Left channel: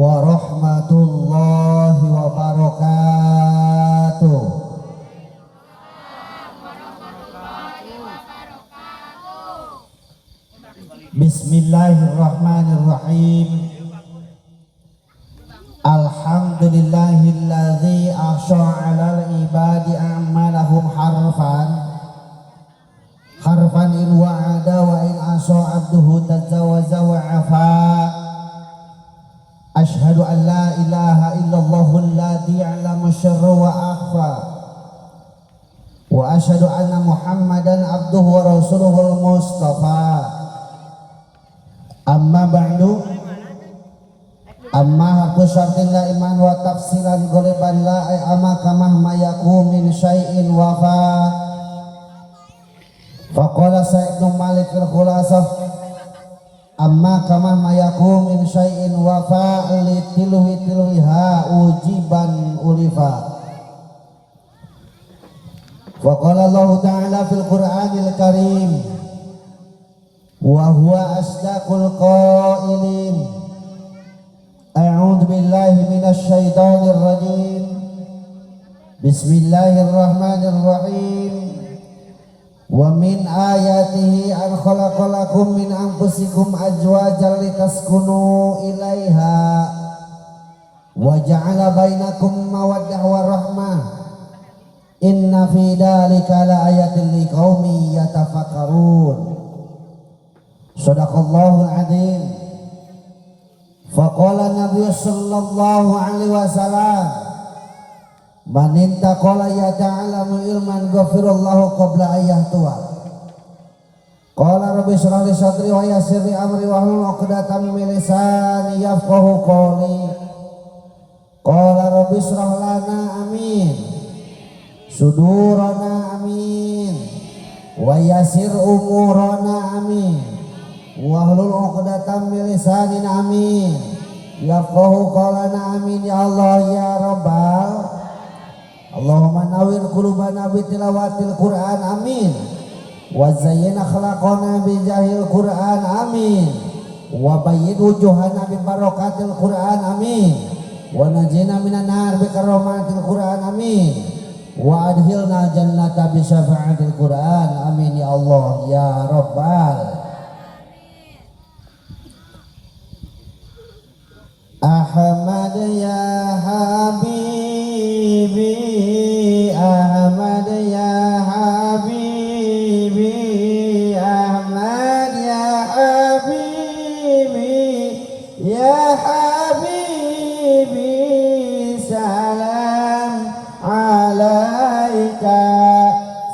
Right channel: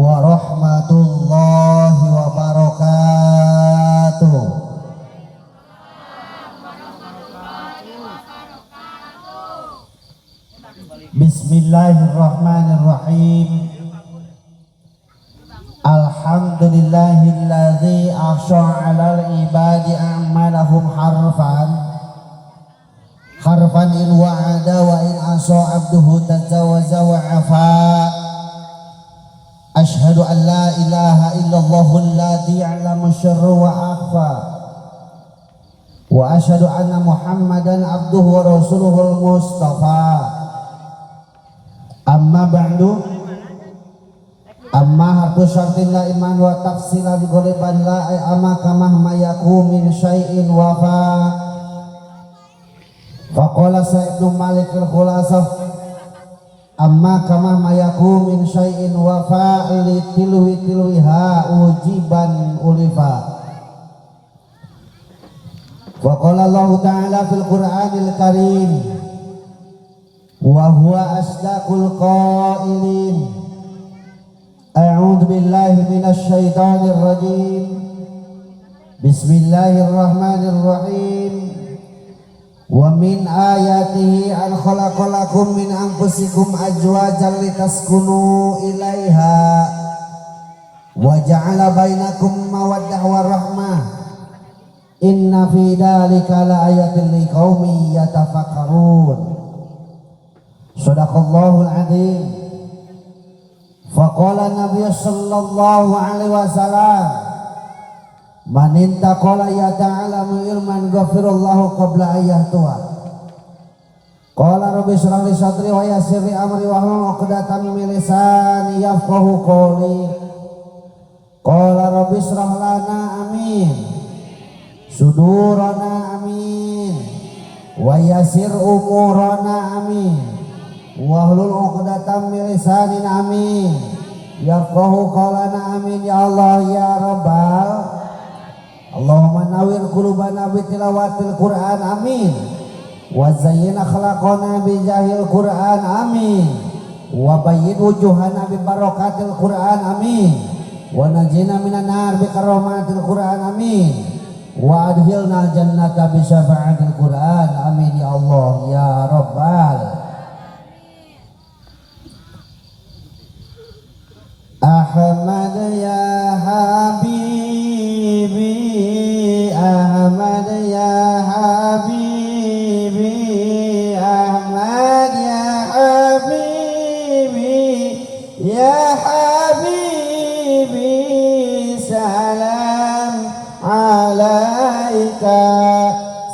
warahmatullahi wabarakatuh. Bismillahirrahmanirrahim. Alhamdulillahilladzi ahsha'a 'alal ibadi a'malahum harfan in wa'ada wa in asa abduhu tajawaza wa afa. Ashhadu an la ilaha illallahul ladzi 'allama syarra wa akhfa. Wa ashhadu anna Muhammadan abduhu wa rasuluhul mustafa. Amma ba'du, amma harfu syartin la iman wa tafsilan ghaliban la amma kamah mayaku min syai'in wafa. Faqala Sa'id bin Malik al-Khulasah, amma kamah mayaku min syai'in wafa li tilwiha ujiban ulifa. Faqala Allah ta'ala fil Qur'anil Karim, wa huwa asdaqul qailin. A'udzu billahi minasy syaithanir rajim. Bismillahirrahmanirrahim. Wa min ayatihi an khalaqalakum min anfusikum azwajan litaskunu ilaiha wa ja'ala bainakum mawaddah wa rahmah. Inna fi dzalika laayatin liqaumin yatafakkarun. Shadaqallahul adzim. Faqala Nabi sallallahu alaihi wasallam, man intaqala yata'alamu ilman ghafirallahu qabla ayyahtuha. Qala rabbi shrah li sadri wa yassir li amri wa hlul 'uqdatam min lisani yafqahu qawli. Qala rabbi shrah lana amin sudurana amin wa yassir umurana amin wahlul 'uqdatam min lisanina amin yafqahu qawlana amin ya Allah ya Rabbal. Allahumma nawwir qulubana bi tilawatil Qur'an amin wa zayyina akhlaqana bi jahil Qur'an amin wa bayyid wujuhana bi barakatil Qur'an amin wa najina minan nar bi karamatil Qur'an amin wa adkhilna jannata bi syafa'atil Qur'an amin ya Allah ya Rabbal. Ahmad ya Habibi, Ahmad ya Habibi, Ahmad ya Habibi, ya Habibi, salam alaika,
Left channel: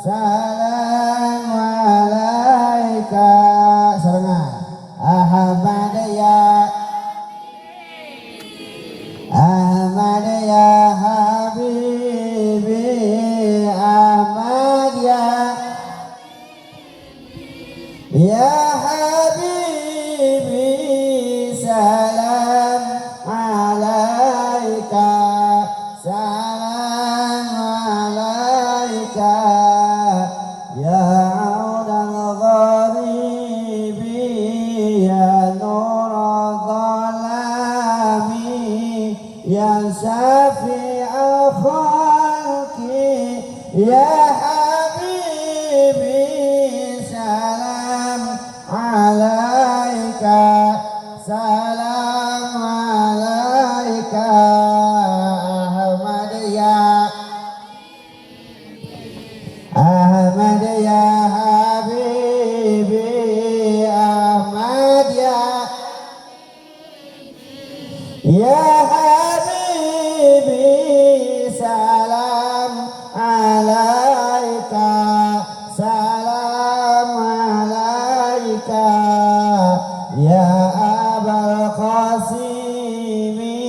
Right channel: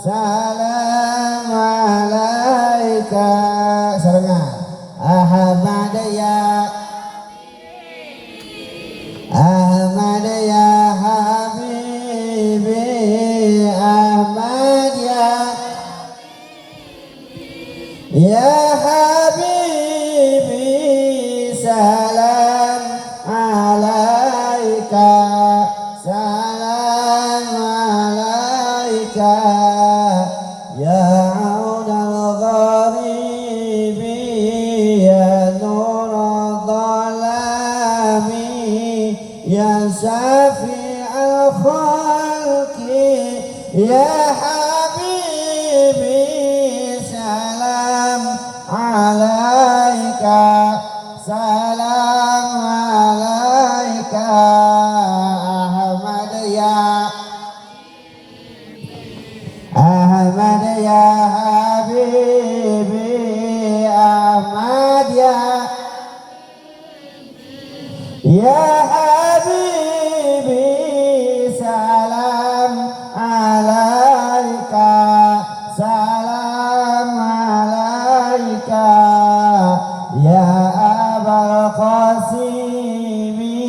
salam alaika. Sarangan Ahmad ya Ahmad ya Habibi, Ahmad ya Habibi, salam alaika, salam alaika, ya aunal gharibi, ya nur dhalami, ya syafi'al khalqi, ya habibi, salam alaika, salam alaika. Ahmad ya Ahmad ya Habibi, Ahmad ya Habibi, salam alaika, salam alaika, ya Abal Qasimi,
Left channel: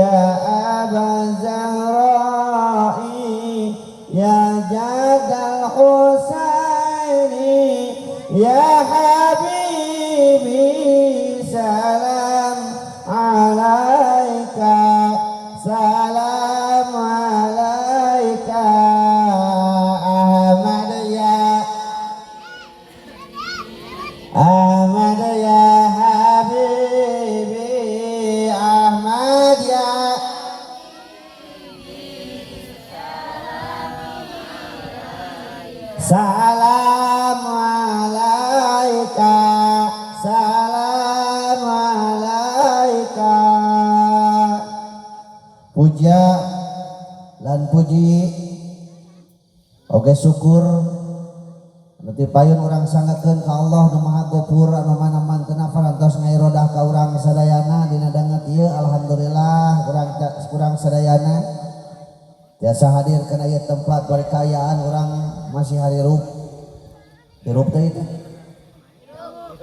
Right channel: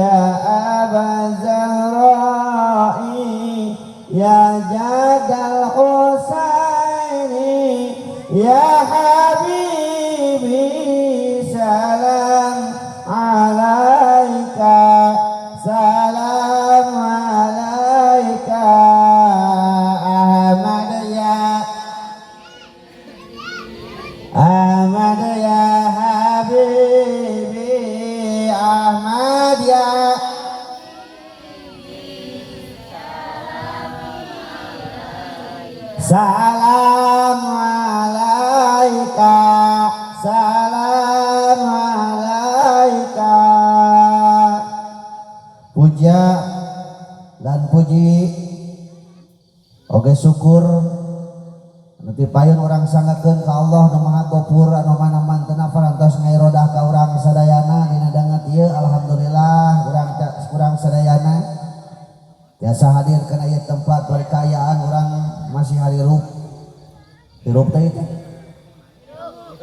ya Abal Zahrai, ya Jadal Husaini, ya Habibi, salam alaika, salam alaika. Ahmad ya Ahmad ya Habibi, Ahmad salam alaika, salam alaika. Puja lan puji oge syukur nanti payun orang sangakeun ka Allah nu Maha Ghafur anu mana mantena parantos ngairodah ka urang sadayana dina danget ieu. Alhamdulillah urang sadayana biasa hadir kana ieu tempat perkayaan orang masih hirup teh teh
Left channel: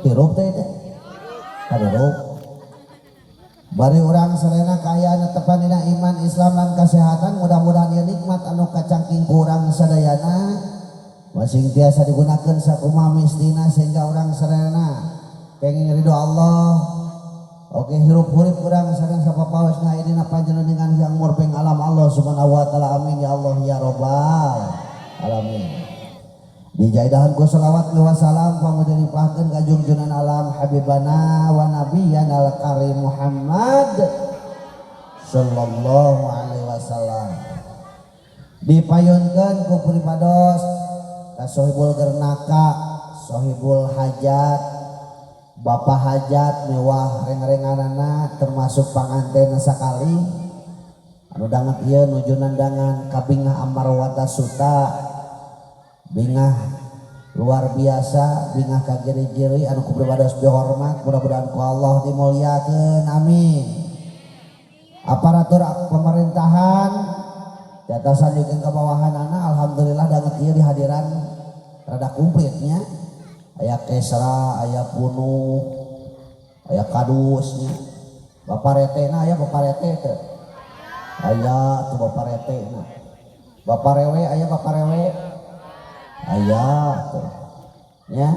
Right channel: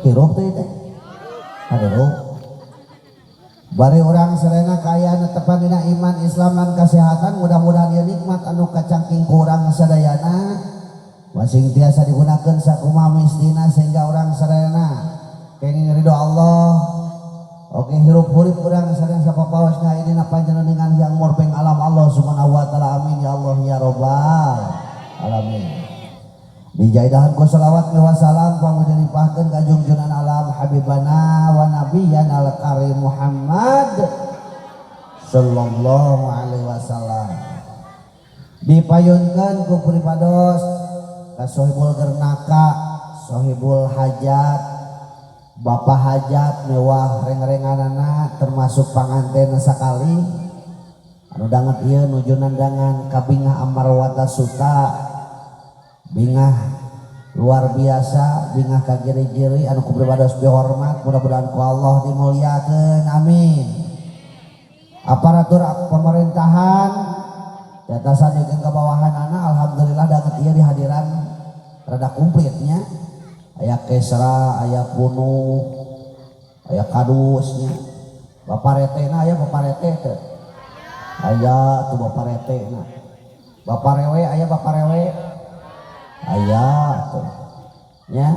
hirup teh teh hirup bari orang sadayana kaya netepan dina iman Islam lan kesehatan. Mudah-mudahan ieu nikmat anu kacangking ku urang sadayana masing tiasa digunakan sakumaha mistina sehingga orang sadayana kenging ridho Allah. Oke hirup hurip urang sadayana sapapaosna idina panjenengan yang murbeng alam Allah subhanahu wa ta'ala. Amin ya Allah ya rabbal alamin. Dijaidahan ku sholawat wa salam pamuja dipahkeun ka junjungan alam habibana wa nabiyyana al-karim Muhammad sallallahu alaihi wasallam. Dipayunkeun ku pripados ka sohibul gernaka, sohibul hajat, bapak hajat mewah reng-renganana termasuk panganten sakali anu danget ieu nuju nandangan ka Bingah Amarwata Suta. Bingah luar biasa, bingah ka giri-giri anu kupribados dihormat, mudah-mudahan ku Allah dimuliakeun. Amin. Aparatur pemerintahan jatasan jeung kabawahanana alhamdulillah danget ieu dihadiran rada kumplitnya. Aya Kesra, aya Punu, aya Kadusnya. Bapak retena aya Bapak rete teh. Aya tuh Bapak retena. Bapak rewe aya Bapak rewe. Aya tuh nya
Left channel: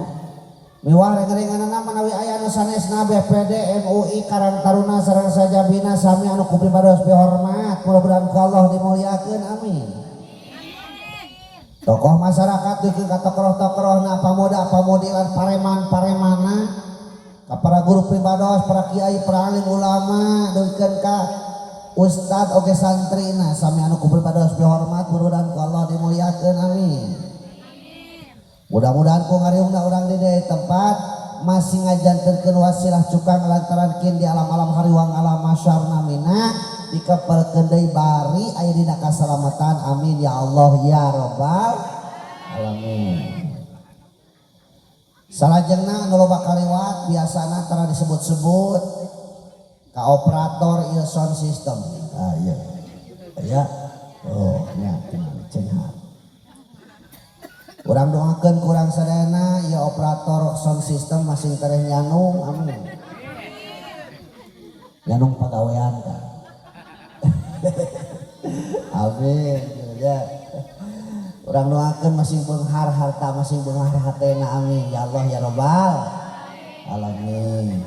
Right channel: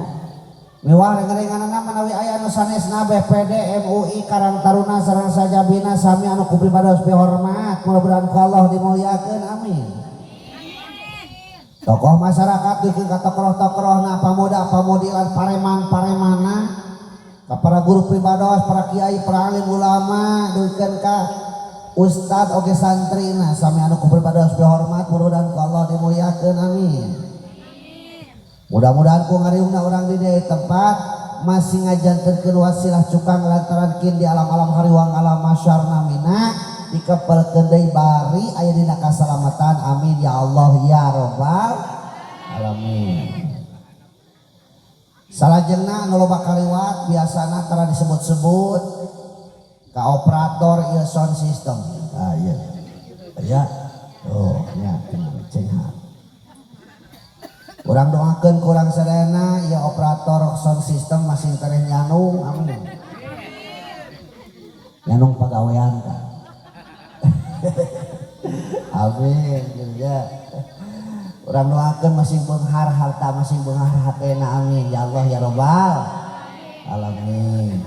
mewah reng-renganana manawi aya anu sanesna BPD MUI Karang Taruna sareng sajabina sami anu kupribados hormat, mudah-mudahan ku Allah dimuliakeun. Amin. Tokoh masyarakat dikeun ka tokoh-tokohna pamuda-pamudi lan pareman-paremana ka para guru pribados, para kiai, para alim ulama, dikeun ka ustad oge santrina sami anu kupribados hormat, mudah-mudahan ku Allah dimuliakeun. Amin. Mudah-mudahan ku ngariungna urang di tempat masih ngajantenkeun wasilah cukang lantaran kin di alam-alam hariwang alam masyarna mina dikepelkeun deui bari aya dina kasalamatan. Amin ya Allah ya rabbal alamin. Salajengna anu loba kaliwat biasana tara disebut-sebut ka operator ieu sound system. Ah ieu. Ya. Oh nya cenah. Urang doakeun ku urang sadayana ya operator sound system masih tereh nyanung. Amin. Nyanung pagawean ka. Amin ya. Urang doakeun masih beunghar harta, masih beunghar hatena. Amin ya Allah ya rabbal alamin.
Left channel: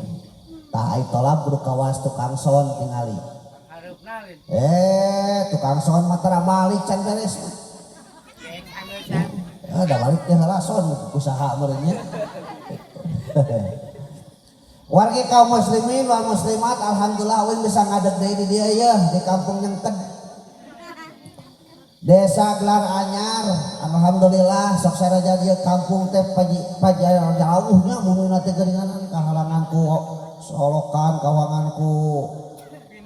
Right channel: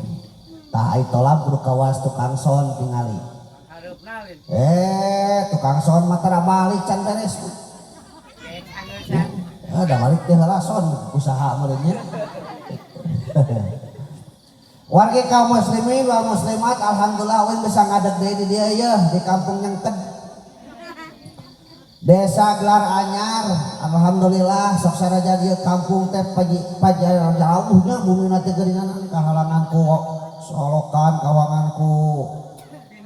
Tah ai tolab kudu kawas tukang sound tingali. Tukang sound mah tara balik can beres. Ada balik teh heula son usaha merenya. Warga kaum muslimin wal muslimat alhamdulillah ulin bisa ngadeg deui di dieu yeuh di kampung Nyengked. Desa Gelar Anyar alhamdulillah sok saraja dieu kampung teh pajar jauhnya bumina teh geuningan kahalangan ku solokan kawangan ku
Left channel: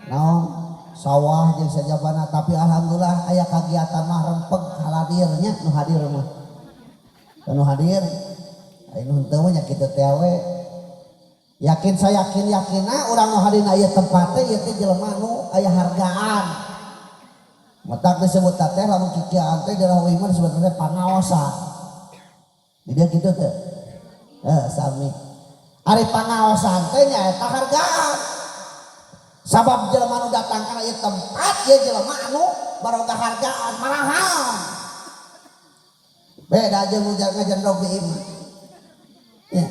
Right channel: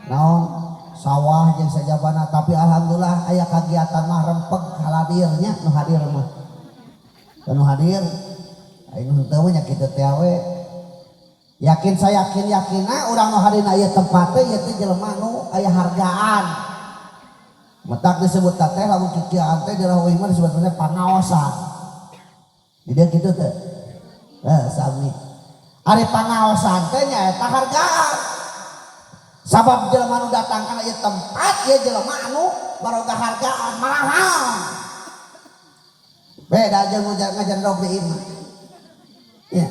naon sawah jeung sajabana, tapi alhamdulillah aya kagiatan mah rempeg haladirnya nu hadir mah. Anu hadir anu henteu nya kitu teh we yakin saya yakin-yakina urang nu hadir aya tempat teh ieu teh jelema nu aya hargaan. Matak disebut teh lamun kikiaan teh di rawi mah disebut teh pangaosan. Di dieu kitu teh. Sami. Ari pangaosan teh nya eta hargaan. Sabab jelema nu datang ka ieu tempat ieu jelema anu baroga hargaan mahal. Beda aja ngajandrog di imah. Ya.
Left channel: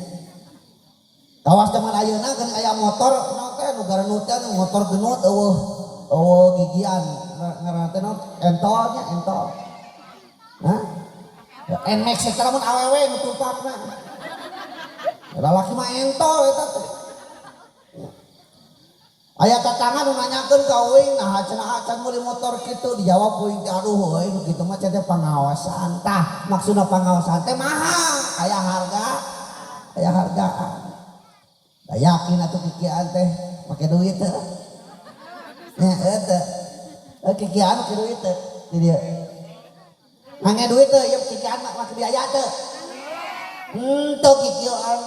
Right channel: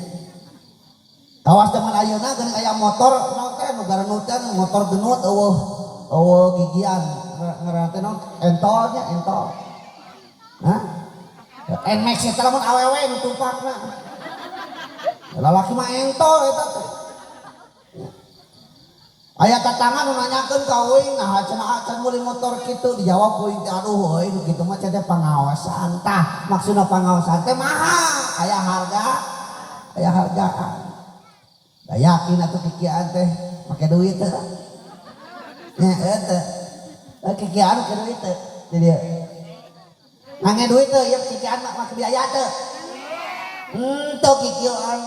Tawas zaman ayeuna geus aya motor naon teh nu garanutan motor genut eueuh gigian ngaranna teh naon entolnya entol. Hah? NMAX eta lamun awewe nu tumpakna. Lalaki mah entol eta teh. Aya tatangga nu nanyakeun ka euy nah cenah acan meuli motor kitu dijawab euy aduh euy nu kitu mah cenah pengawasan tah maksudna pengawasan teh mahal aya hargaan da yakin atuh kikian teh make duit teh nya teh kikian make duit teh di dieu ngange duit teh ieu kikian mah make biaya teh teu kikian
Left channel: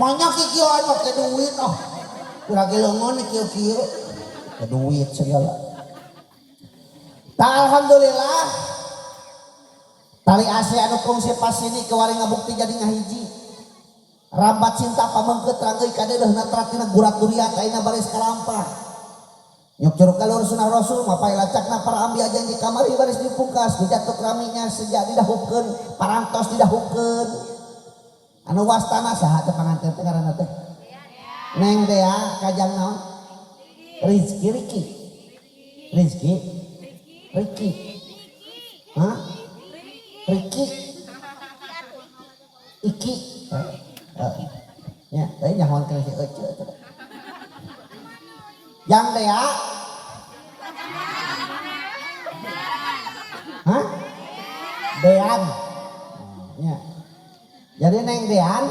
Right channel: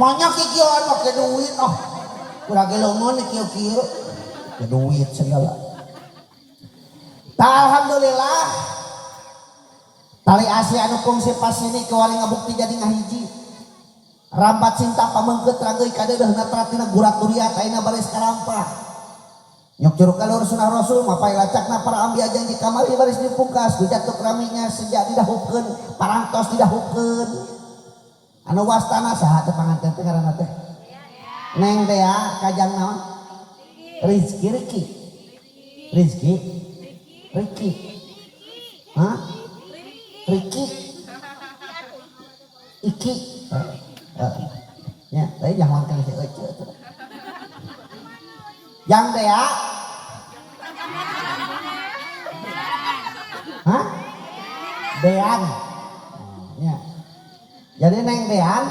maunya kikian make duit oh kurang gelongon kieu-kieu ke duit segala. Alhamdulillah tali Asia anu kungsi pas ini kewari ngabukti jadi ngahiji. Rambat cinta pamengkeut ranggeuy kadeudeuhna tratina gurat duriat ayeuna baris kalampah. Nyuk kalur sunah Rasul mapai lacakna para ambi aja di kamari baris dipungkas dijatuk raminya sejak didahupkeun parantos didahupkeun. Anu wastana saha teh panganten teh ngaranna teh? Neng Dea kajang naon Rizki hah Riki Iki ya tadi jangan kena si ece yang Dea hah Dean ya jadi Neng Dean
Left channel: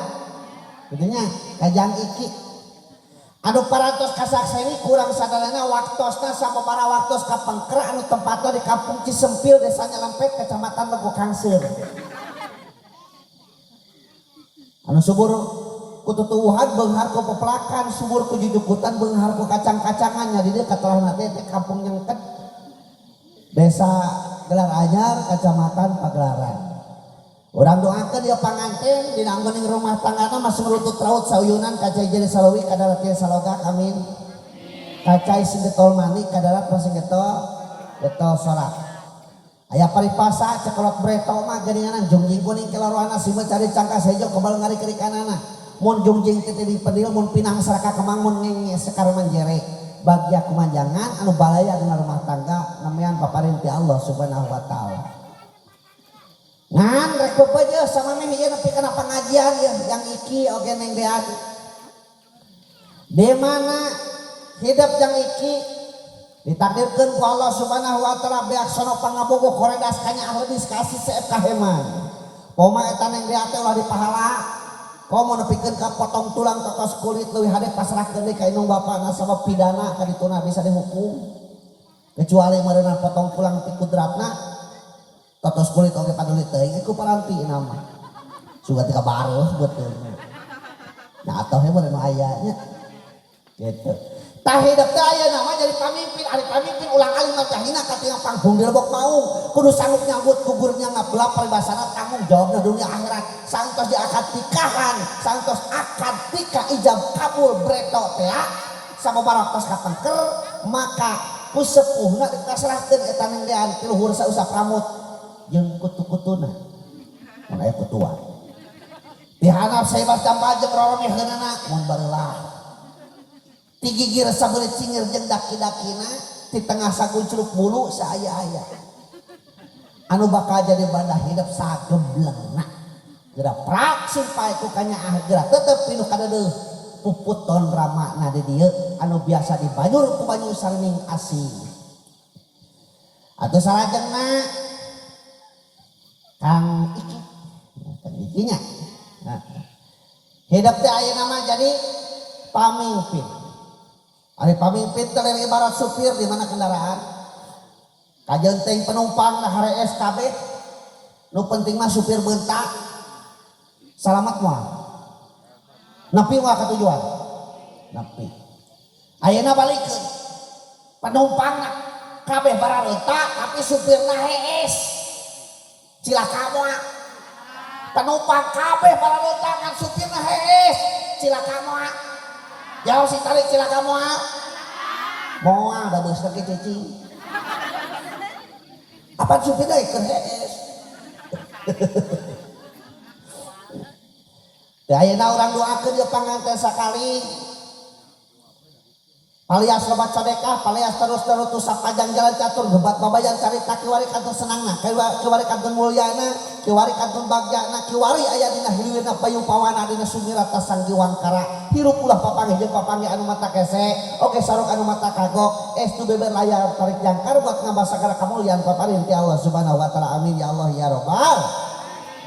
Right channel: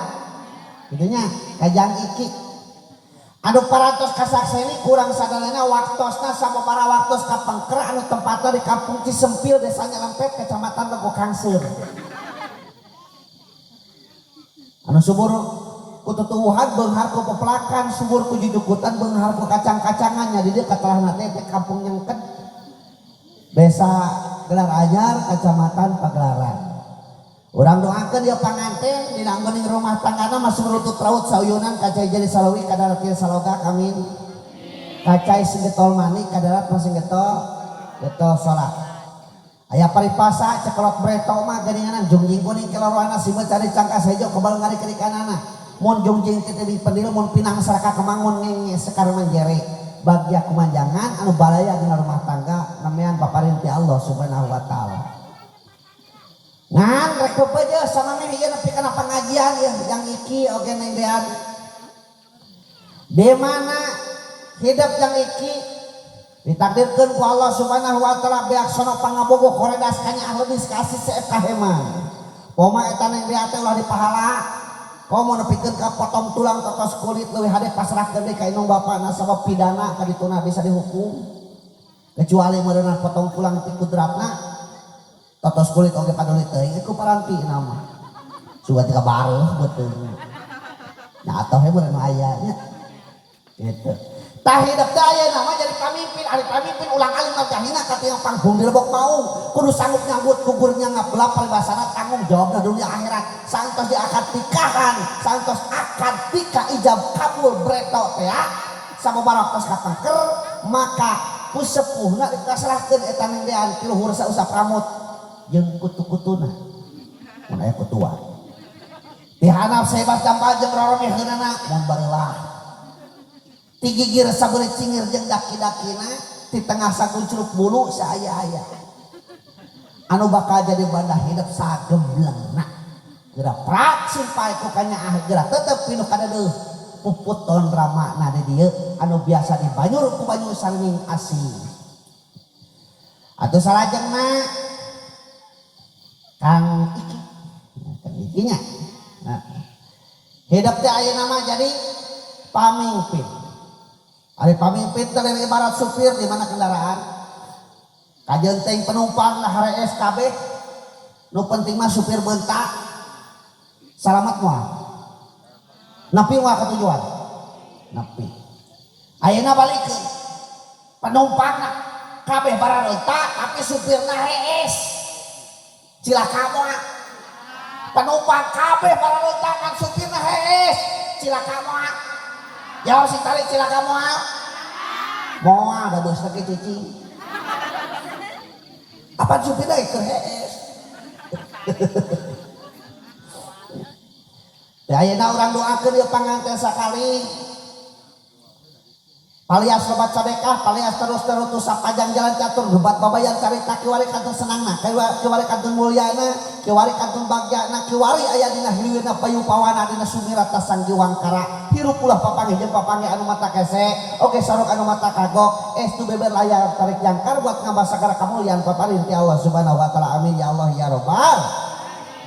gitunya kajang Iki anu parantos kasakseni kurang sadarana waktosna sama para waktos kapangker anu tempatna di kampung Cisempil desa Nyelempet kecamatan Lego Kangseur anu subur ku tutuwuhan beunghar ku pepelakan subur ku jujukutan beunghar ku kacang-kacangannya di dieu katalahna teh kampung Nyengket desa Gelar Anyar kecamatan Pagelaran. Urang doakeun dia panganten dina anggoning rumah tanggana masih lutut raut sauyunan kacai jadi salawi kadarat kieu saloga amin. Kacai sing getol mani kadarat masing getol salat. Aya paripasa cekelok breto mah geuninganan jungjing kuning keloroana simeu cari cangkas hejo kebal ngari kiri kanana. Mun jungjing teh di pendil mun pinang saraka kemangun ngenge sekar menjere. Bagja kumanjangan anu balaya dina rumah tangga namean paparin ti Allah Subhanahu wa taala. Ngan rek bebeujeuh sama meh ieu nepi kana pengajian ya yang Iki oge Neng Dean. Di mana hidup yang Iki ditakdirkeun ku Allah Subhanahu wa taala beak sono pangabogo koredas kanya ahleudis kasih seep kaheman. Poma eta Neng Dean teh ulah dipahala. Komo nepikeun ka potong tulang totos kulit leuwih hade pasrahkeun deui ka indung bapana sabab pidana ka dituna bisa dihukum. Kecuali meureunna potong tulang ti kudratna totos kulit oge paduli teuing iku parampi nama suga tika bareuh beuteung nya atoh he meureun aya nya kitu tah hidup teh ayeuna mah jadi pamimpin ari pamimpin ulang alim marjahina ka teu panggung dilebok maung kudu sanggup nyambut kuburnya ngabelah paribasana tanggung jawabna dunia akhirat santos diakad tikahan santos akad tika ijab kabul breto teh sababaraha tos kapengker maka pusepuhna dikasrahkeun eta Neng Dean ti luhur sausap ramut jeung kutu-kutuna mun aya kutua dihanap sebas jamba jeung roromeh heunana mun barelah ti gigir sabeureut cingir jeung daki-dakina ti tengah sakuncluk bulu saaya-aya anu bakal jadi bandah hidup sagemblengna geura prak simpai ku kanya geura tetep pinu kadeuh puputon ramana di dieu anu biasa dibanyur ku banyu sarning asih atuh salajengna Kang Iki, Kang Ikinya. Nah, hidup teh ayeuna mah jadi pamimpin. Ari pamimpin teh ibarat supir di mana kendaraan. Kajeun teh penumpang lah harees kabeh. Nu penting mah supir beuntak. Salamat moal. Nepi moal ka tujuan. Nepi. Ayeuna balikeun. Penumpangna kabeh barareuntak tapi supirna hees. Cilaka moal penumpang kabeh barareuntak supirna hees cilaka moal jauh si tali cilaka moal da beus lagi cicing apa supirna keur hees teh ayeuna urang doakeun ieu panganten sakali Palias lobat sadekah, palias terus sapajang jalan catur gebat babayan carita kiwari kantun senangna, kiwari kantun mulyana, kiwari kantun bagyana, kiwari aya dina hilirna payupawana dina sumirata sang jiwangkara. Hirup ulah papange jeung papange anu mata kese, oke saruk anu mata kagok, estu beber layar tarik jangkar buat ngambah sagara kamulian paparin ti Allah Subhanahu wa taala. Amin ya Allah ya rabbal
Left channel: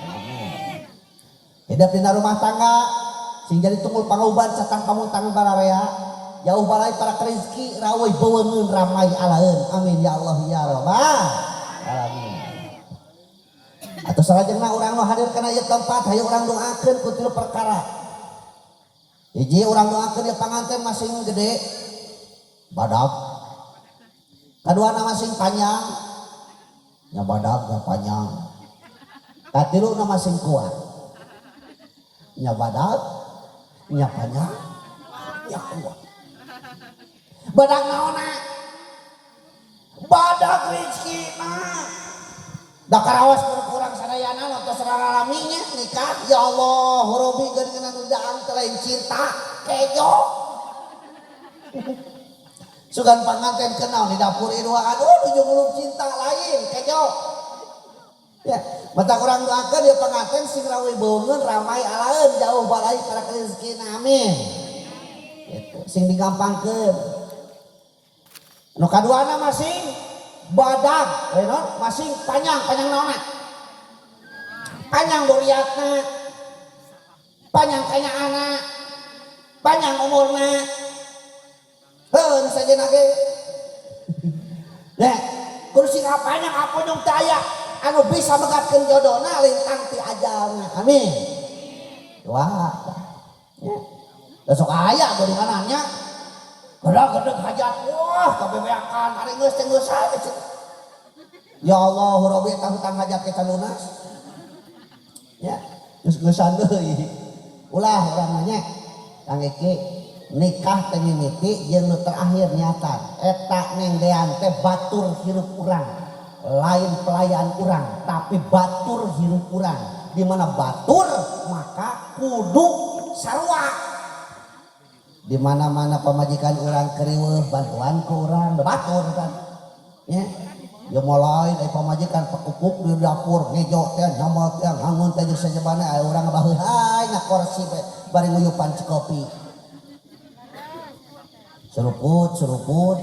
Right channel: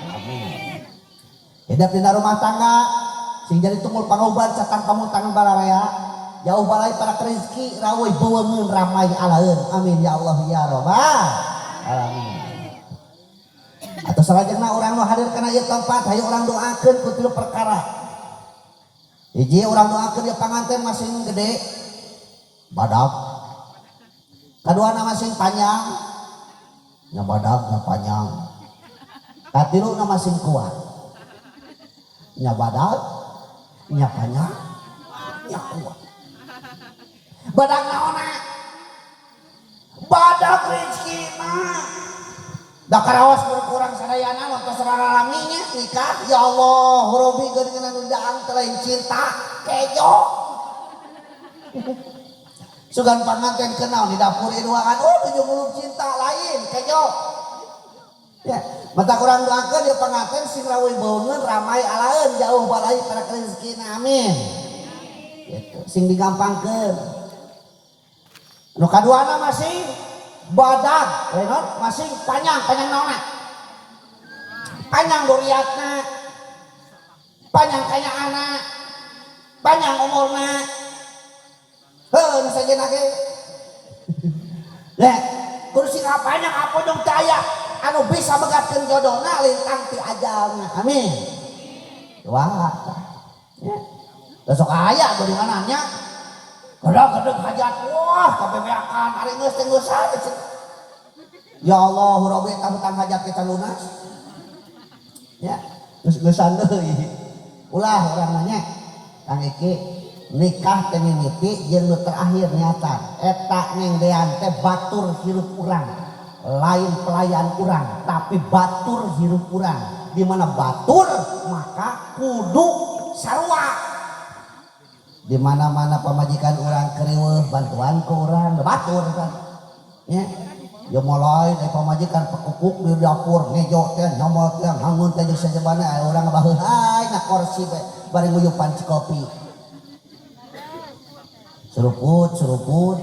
alamin. Hidup dina rumah tangga sing jadi tunggul pangauban satang pamuntangan bararea. Jauh balai para rezeki rawai bawangun ramai alaeun. Amin ya Allah ya rabbal alamin. Atau salajengna urang nu hadir kana ieu tempat hayu urang doakeun ku tilu perkara. Hiji urang doakeun ya panganten masing gede badag. Kaduana masing panjang nya badag nya panjang. Katiluna masing kuat nya badag nya panjang nya kuat. Badak naona badak rezekina da karawas kurang sadayana lontos sarana raminya nikah ya Allah robi geuningan undaang telain cinta kejo sugan panganten kenal di dapur inuaan tujuh muluk cinta lain kejo ya mata kurang doakeun ya panganten sing rawe baungeun ramai alaeun jauh balai para rezekina amin gitu sing digampangkeun. Nu kaduana masing badag, masing panjang naona, panjang duriatna, panjang kanyaana, panjang umurna, nu sajena ge. Nah, kursi panjang apa dong daya, anu bisa megatkeun jodohna lintang ti ajalna, amin. Wah, besok aya doringanannya. Gedeg hajat, wah kabebeakan, hari geus teh geus aja. Ya Allah, Rabbi tang hajat kita lunas. Ya, geus-geusan deui. Ulah urang mah nya. Kang Eki nikah teh mimiti jeung nu terakhir nyata. Eta nengdean teh batur hirup urang. Lain pelayan urang, tapi batur hirup urang. Di mana batur maka kudu sarua. Di mana-mana pemajikan orang kriweuh bantuan ke orang batur kan ya ya mulai dari pemajikan pekupuk di dapur ngejo teh nyomot teh ngangun teh saja bana urang baheul hai na kursi bari nguyupan kopi seruput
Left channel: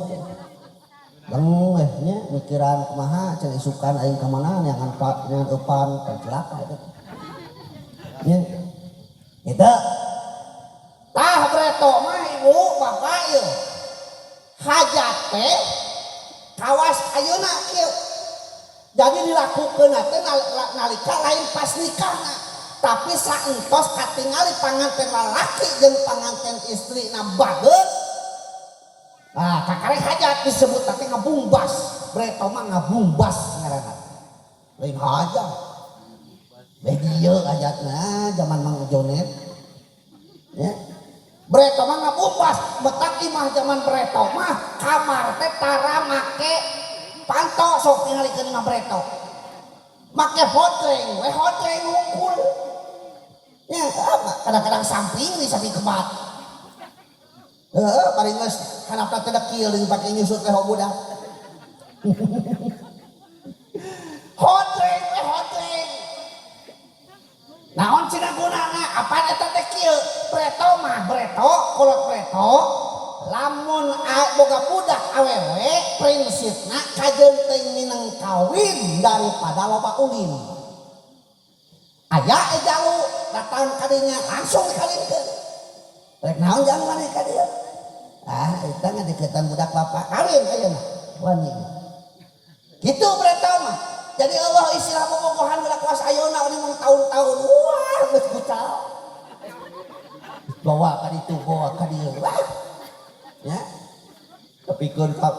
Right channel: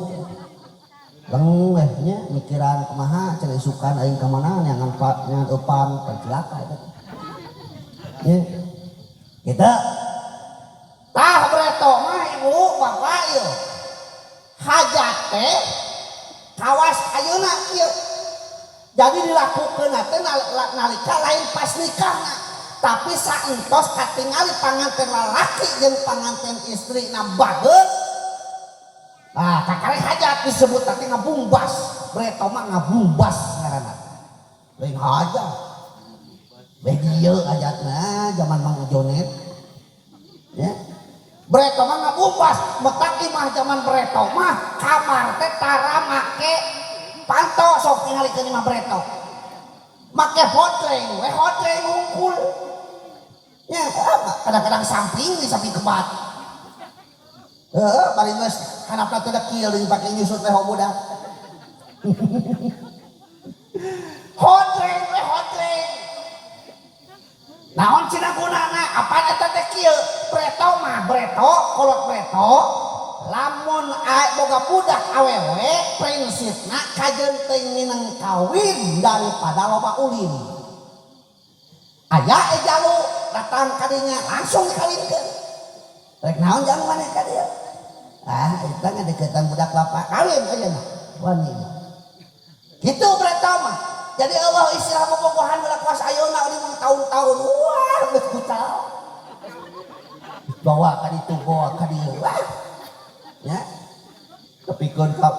leng nya mikiran kumaha cenah isukan aing ka mana nyangan eupan celaka eta ya kita tah bereto mah ibu bapak ieu hajat teh kawas ayeuna ieu jadi dilakukeun teh nalika lain pas nikahna tapi saentos katingali panganten lalaki jeung panganten istrina bageut nah kakarek hajat disebut teh ngabumbas bereto mah ngabumbas ngaranna lain hajat bagi ieu hajatna zaman Mang Jonet ya bereto mah ngabumbas betak imah zaman bereto mah kamar teh tara make panto sok tingalikeun imah bereto make hotreng hungkul ya kadang-kadang samping di samping kebat paling geus handapna teh kieu dipake nyusut teh budak hotreng naon cina gunana apa eta teh kieu preto mah breto kolot preto lamun boga budak awewe prinsipna kajeunteung minang kawin daripada loba ulin aya ejalu datang kadinya langsung dikawinkeun rek naon jang maneh ka dieu eta ngadeukeutan budak bapak kawin ayeuna wani kitu breto mah jadi Allah istilah bobogohan budak kuas ayeuna di tahun-tahun wah geus butal bawa ka ditu bawa ka dieu wah ya kepikeun ka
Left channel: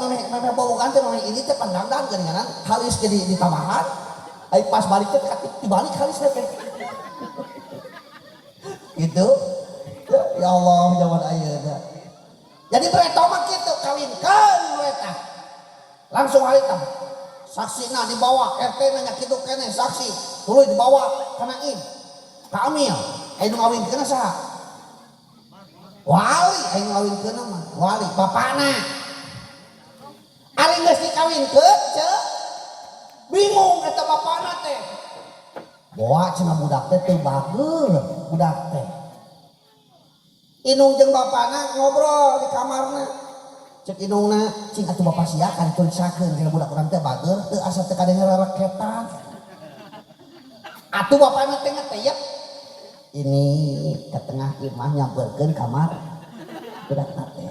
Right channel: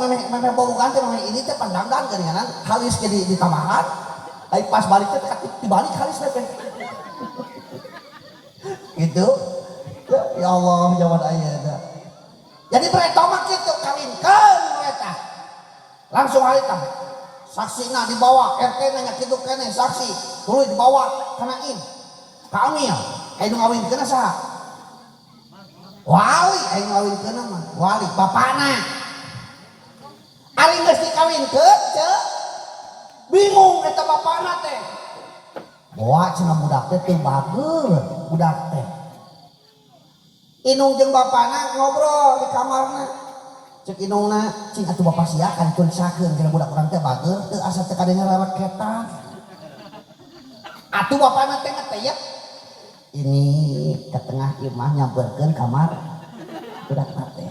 maneh bobogohan teh maneh ini teh pandangdan geuningan halis ge di tamahan ai pas balik teh dibalik halis teh gitu ya Allah jaman ayeuna jadi bereto mah kitu kawinkeun mereka langsung harita saksina dibawa RT nya kitu keneh saksi tuluy dibawa kana in ka amil aya nu ngawinkeun saha wali aing ngawinkeun mah wali bapana ari geus dikawinkeun ceu bingung eta bapana teh bawa cenah budak teh teu bageur budak teh inung jeung bapana ngobrol di kamarna cek inungna cing atuh bapak sia kan tulisakeun jeung budak urang teh bageur teu asa teh kadenge rereketan atuh bapana teh ngeteh ini ke tengah imah nyamperkeun kamar budak teh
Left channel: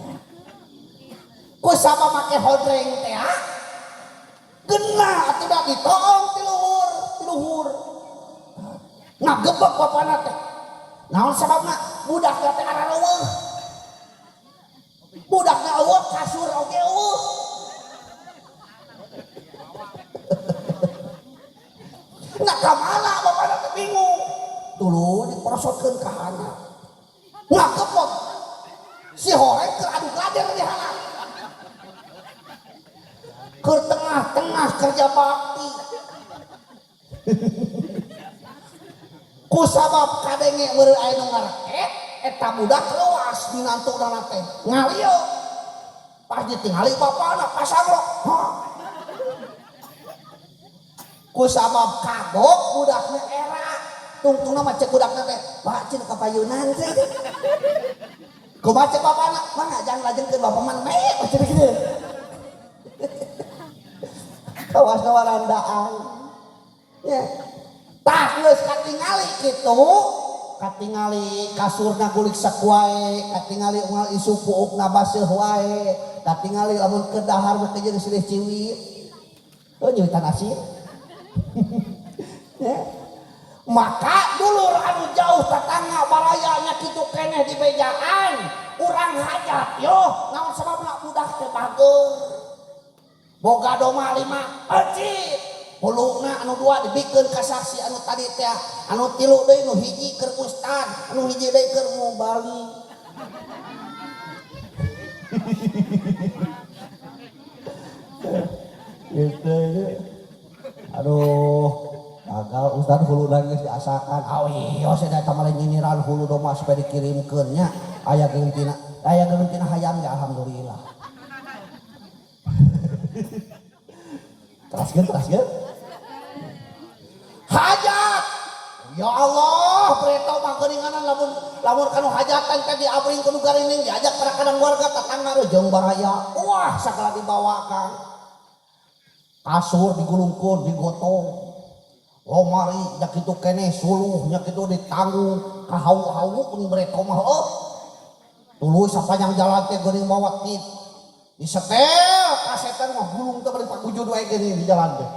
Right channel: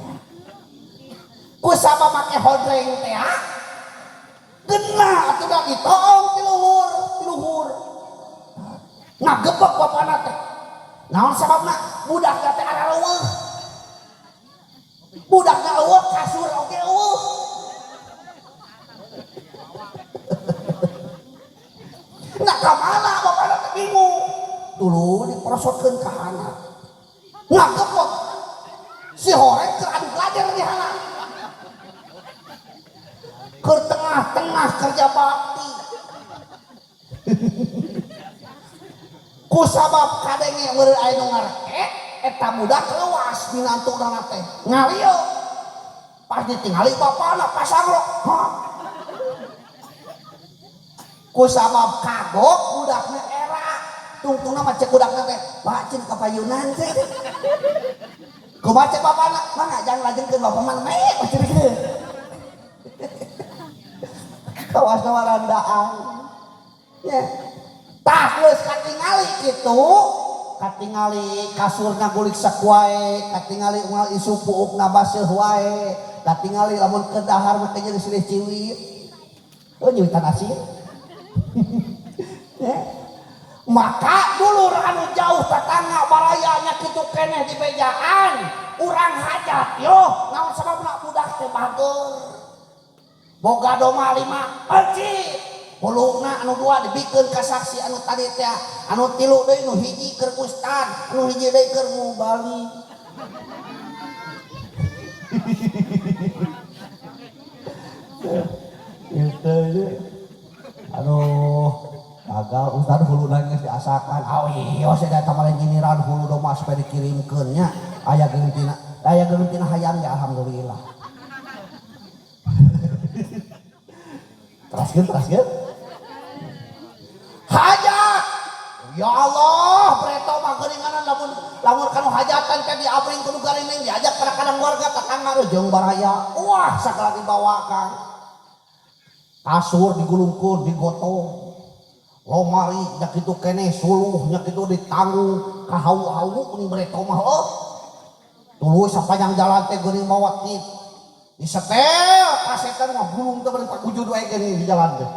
ku sabab make hodreng teh geunah atuh da ditong ti luhur ngagebek bapana teh naon sababna budakna teh ada leuweung budaknya leuweung kasur oge leuweung nah kamana bapana teh bingung dulu diprosotkeun ka handap ngagebek si horeng keur adu belajar di handap ke tengah-tengah kerja bakti ku sabab kadenge meureun aya nu ngareket eta budak leuwas minantuna teh ngalieu pas ditingali bapana pasagrok ku sabab kagok budakna era tungtungna mah cek budakna teh pak cin kapayunan teh kumaha cek bapana mangga jangan lajengkeun bapak mah meh cenah kawas warandaan ya tah geus katingali kitu katingali kasurna gulik sakuae katingali unggal isu puukna baseuh wae katingali lamun kedahar mah teh jadi silih ciwit oh nyiwitan asin ya maka dulur anu jauh tetangga barayanya kitu keneh di bejaan urang hajat yo naon sababna budak teh bageur boga doma 5 ecit pulungna anu 2 dibikeun ka saksi anu tadi teh anu 3 deui nu hiji keur ustad anu hiji deui keur mubali gitu aduh gagal ustad hulu nangis diasakan awi ose da tamaling giniran hulu doma supaya dikirimkeun nya aya geuleuh tina hayam ya alhamdulillah teraskeun hajat ya Allah preto mah geuninganan lamun kanu hajatan teh diabring kudu garineng diajak kadang-kadang warga tetangga rejeung baraya wah sakala dibawakan kasur digulungkeun digotong lomari nya kitu keneh suluh nya kitu ditanggung kahau-hau kuning preto mah tuluy sapanjang jalan teh geuning mawa tit disetel kasetan mah gulung teh bari pakujud wae geuning di jalan teh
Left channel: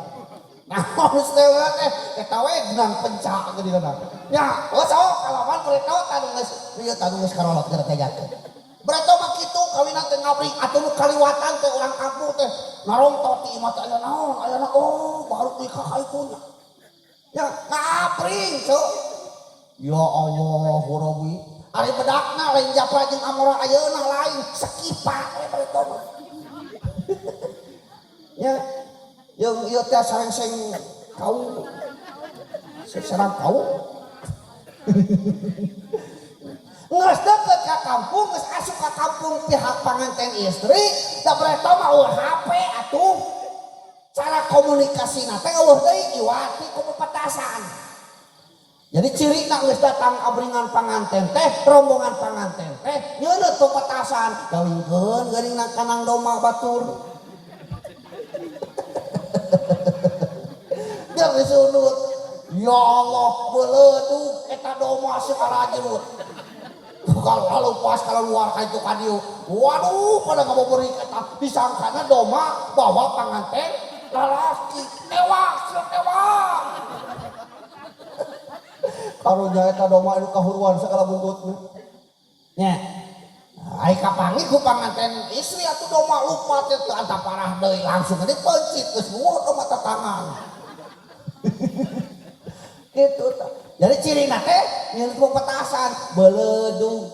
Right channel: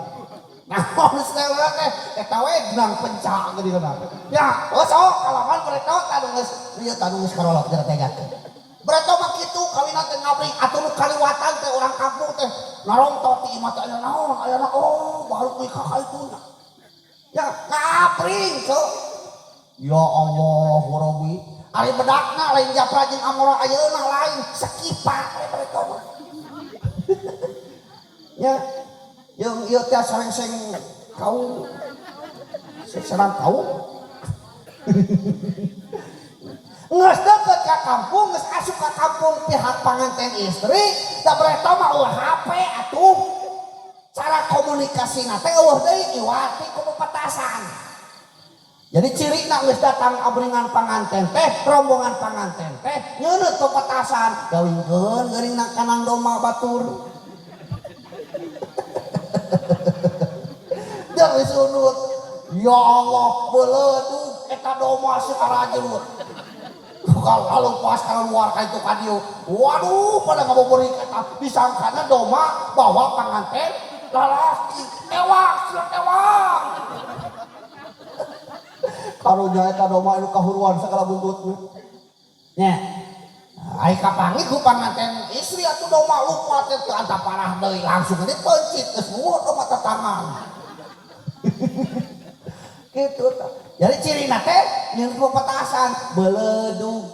nah setel teh eta we genang pencak geuning na nya sok kalaman preto tanu geus karolok teh tegakeun preto mah kitu kawina teh ngabring atuh nu kaliwatan teh urang kampung teh narongtot ti imah teh aya naon aya na oh baru nikah ka itu ya ngabring cuk ya Allah Rabbi ari bedakna lain japra jeung amora ayeuna lain sekipak preto mah ya yang ieu teh sareng-seng kau sareng kau geus deukeut ka kampung geus asup ka kampung pihak panganten istri da preto mah eueuh HP atuh cara komunikasina teh eueuh deui iwati ku petasan jadi cirina geus datang abringan panganten teh rombongan panganten teh nyeuneut ku petasan gawingkeun geuning kanang doma batur dari sunut ya Allah beuleudug eta doma sakarajut kalau pas kalau luar ka itu kadieu waduh pada ngaboborik eta disangkana doma bawa panganten lalaki ewak karunya eta doma anu kahuruan sakala buntutna nya ai kapangi ku panganten istri atuh doma lupa teh anta parah deui langsung dipencit geus mulut doma tatangan gitu jadi cirina teh nyeun pepetasan beuleudug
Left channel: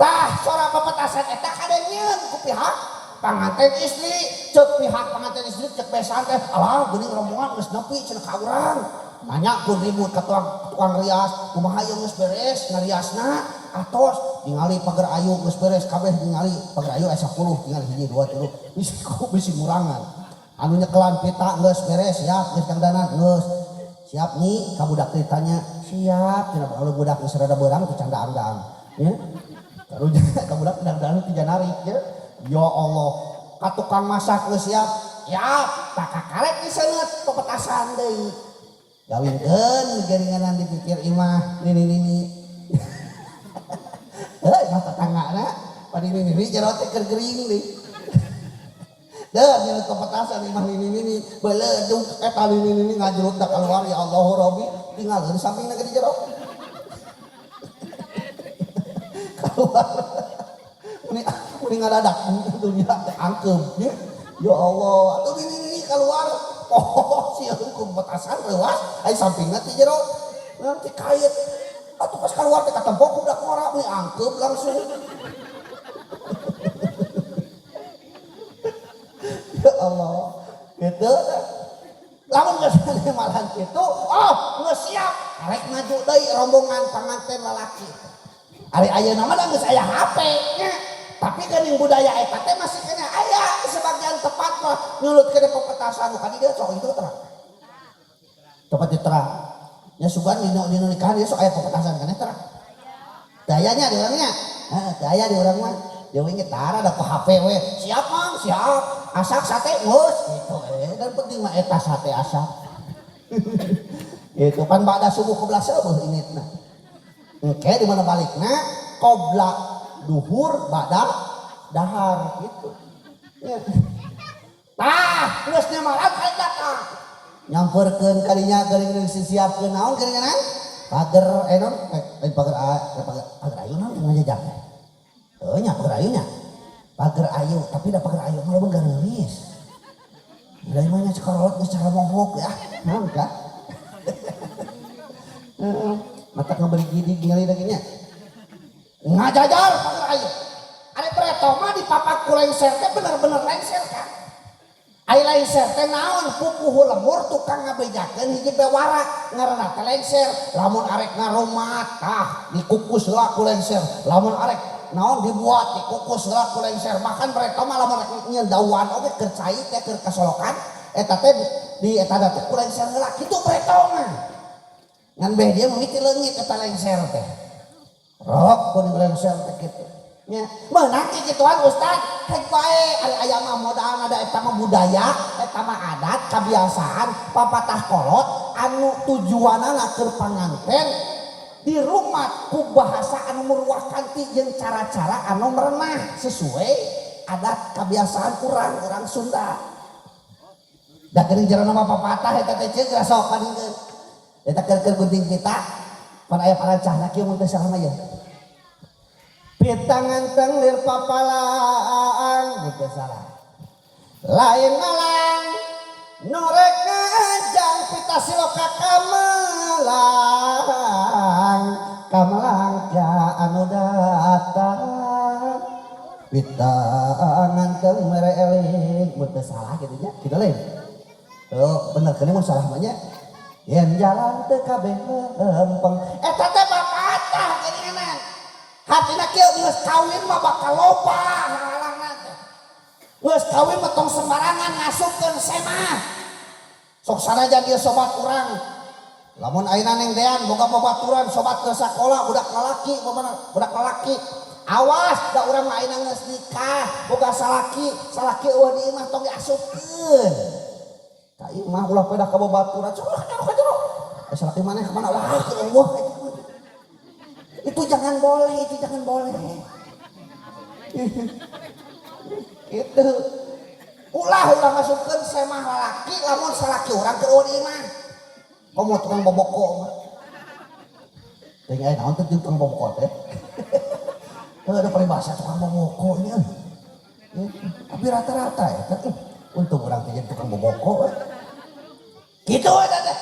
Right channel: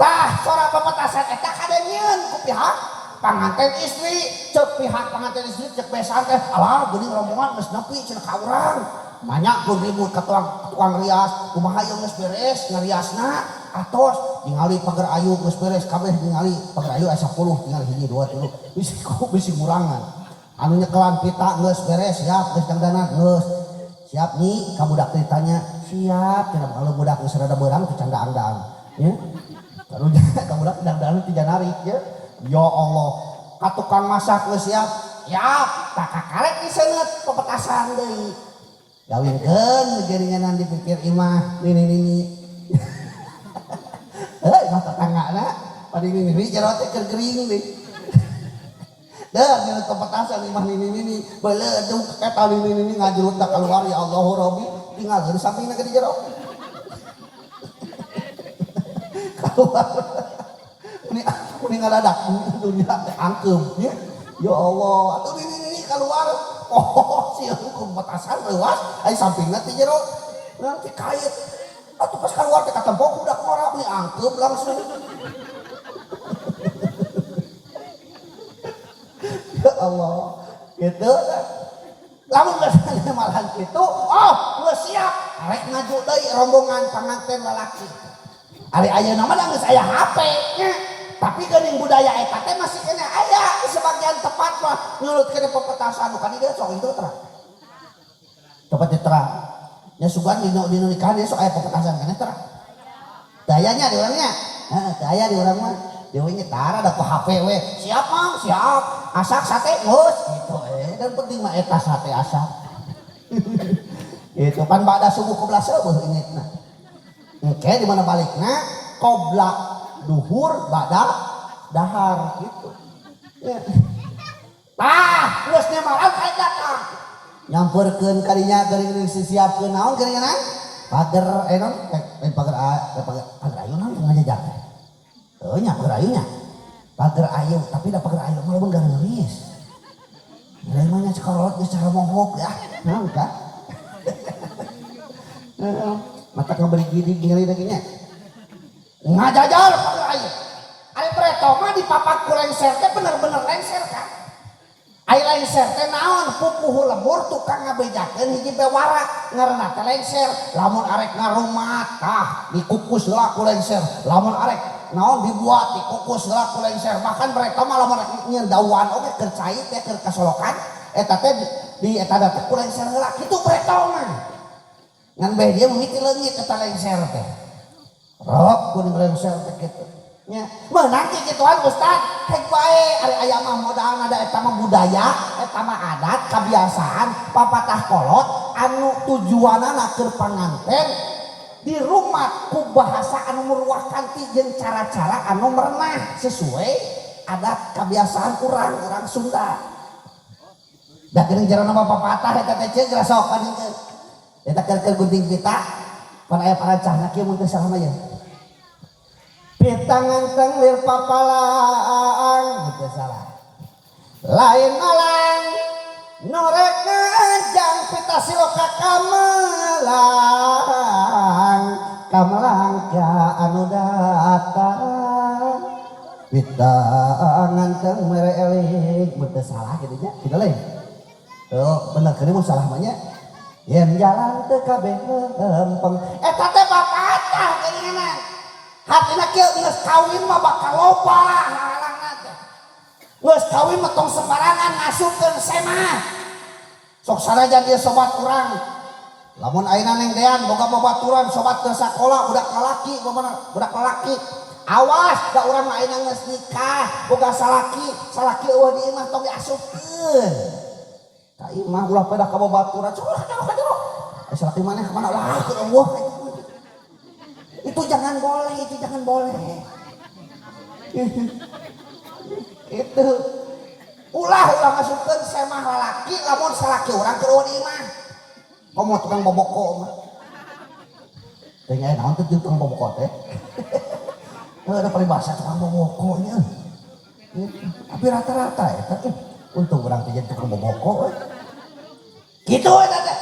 tah sora pepetasan eta kadenyeun ku pihak panganten istri cek pihak panganten istri cek besan teh alah geuning rombongan geus nepi cenah ka urang banyak pun ribut ke tukang rias kumaha yang geus beres ngariasna atos ningali pagar ayu geus beres kabeh ningali pagar ayu aya 10 ningali hiji 2 3 bisi ngurangan anu nyekelan pita geus beres siap geus dangdanan geus siap nih ka budak ditanya siap cenah kalau budak geus rada beurang teu candaan-candaan ya karunya ka budak dangdanan teu narik ya Allah ka tukang masak geus siap tak kakarek diseungeut pepetasan deui gawinkeun geringanan dipikir imah nini mata tanggana pada ini jero teh keur gering deui dah ngeut pepetasan imah nini beuleuduk eta nini ngajerut tak keluar ya Allahu Rabbi tinggal di sampingna ke di jero keluar ini ngadadak dunia angkeum ya Allah atuh ini keluar si hukum petasan leuas ai sampingna ti jero nanti kait atuh pas keluar teh katempok udah ngora we angkeum langsung ya Allah gitu lamun geus malahan kitu geus siap arek ngaju deui rombongan panganten lalaki ari ayeuna mah geus aya HP nya tapi geuning budaya eta teh masih kena aya sebagian tempat mah nyulut kene pepetasan bukan dia sok itu terang tempat terang nya sugan dino nikahan dia sok aya pepetasan kana terang dayanya di urangnya daya di urang mah dia we nyetara da ku HP we siap mang siap asak sate geus gitu dan penting mah eta sate asak itu pan bada subuh ke 11 eueuh ingetna engke di mana balikna qobla duhur badak dahar gitu ya. Terus dia malam kayak datang nyamperkeun kadinya geuning siapkeun naon geuningan pager non pager ayu naon ngajak nya pager ayunya pager ayu tapi da pager ayu mah leuweung gaeulis lain mah nya sakolot geus cara momok ya naon ka mata ngaberi gini ningali da nya ngajajar pager ayu ari preto mah di papat ku lengser teh bener-bener lengser kan ai lengser teh naon pupuh lemur tukang ngabejakeun hiji bewara ngaranna teh lengser lamun arek ngarumat tah dikukus heula ku lengser lamun arek naon dibuat dikukus heula ku lengser bahkan preto mah lamun arek nyeun dawan oge keur cai teh keur kasolokan eta teh di eta teh ku lengser heula kitu preto mah ngan bae dia mimiti leungit eta lengser teh rok kuning lengser teh kitu nya meunang ti kituan Ustad hek bae ari aya mah modalna da eta mah budaya eta mah adat kabiasaan papatah kolot anu tujuanna keur panganten di rumah ku bahasa anu meruahkan ti jeung cara-cara anu merenah sesuai adat kebiasaan urang Sunda da geuning jarana mah papatah eta teh ceuk sok kadingkeun eta keur gunting kita pan aya parancahna kieu mun teu salah mah ya pitangan tenglir papalang gitu salah lain malang norek ngajang pita siloka kamelang ka anu datang pitangan teng mereeling betul salah gitu nya gitu lain tuh bener kene mun salah mah nya yen jalan teu kabeh lempeng eta teh papatah geuningan hatina kieu geus kawin mah bakal loba halangan teh. Geus kawin mah tong sembarangan ngasupkeun semah. Sok sanajan dia sobat urang. Lamun ayeuna neng dean boga babaturan sobat ke sakola budak lalaki budak lalaki. Awas da urang mah ayeuna geus nikah boga salaki eueuh di imah tong diasupkeun. Ka imah ulah pada ka babaturan sok kadero. Salaki maneh ka mana ulah ke eueuh itu jangan boleh itu ulah masukkan semah lalaki lamun salaki orang ke imah komo tukang boboko mah tengah naon teh tukang boboko teh ada peribahasa tukang boboko nya tapi rata-rata ya untung orang teh jadi tukang boboko gitu teh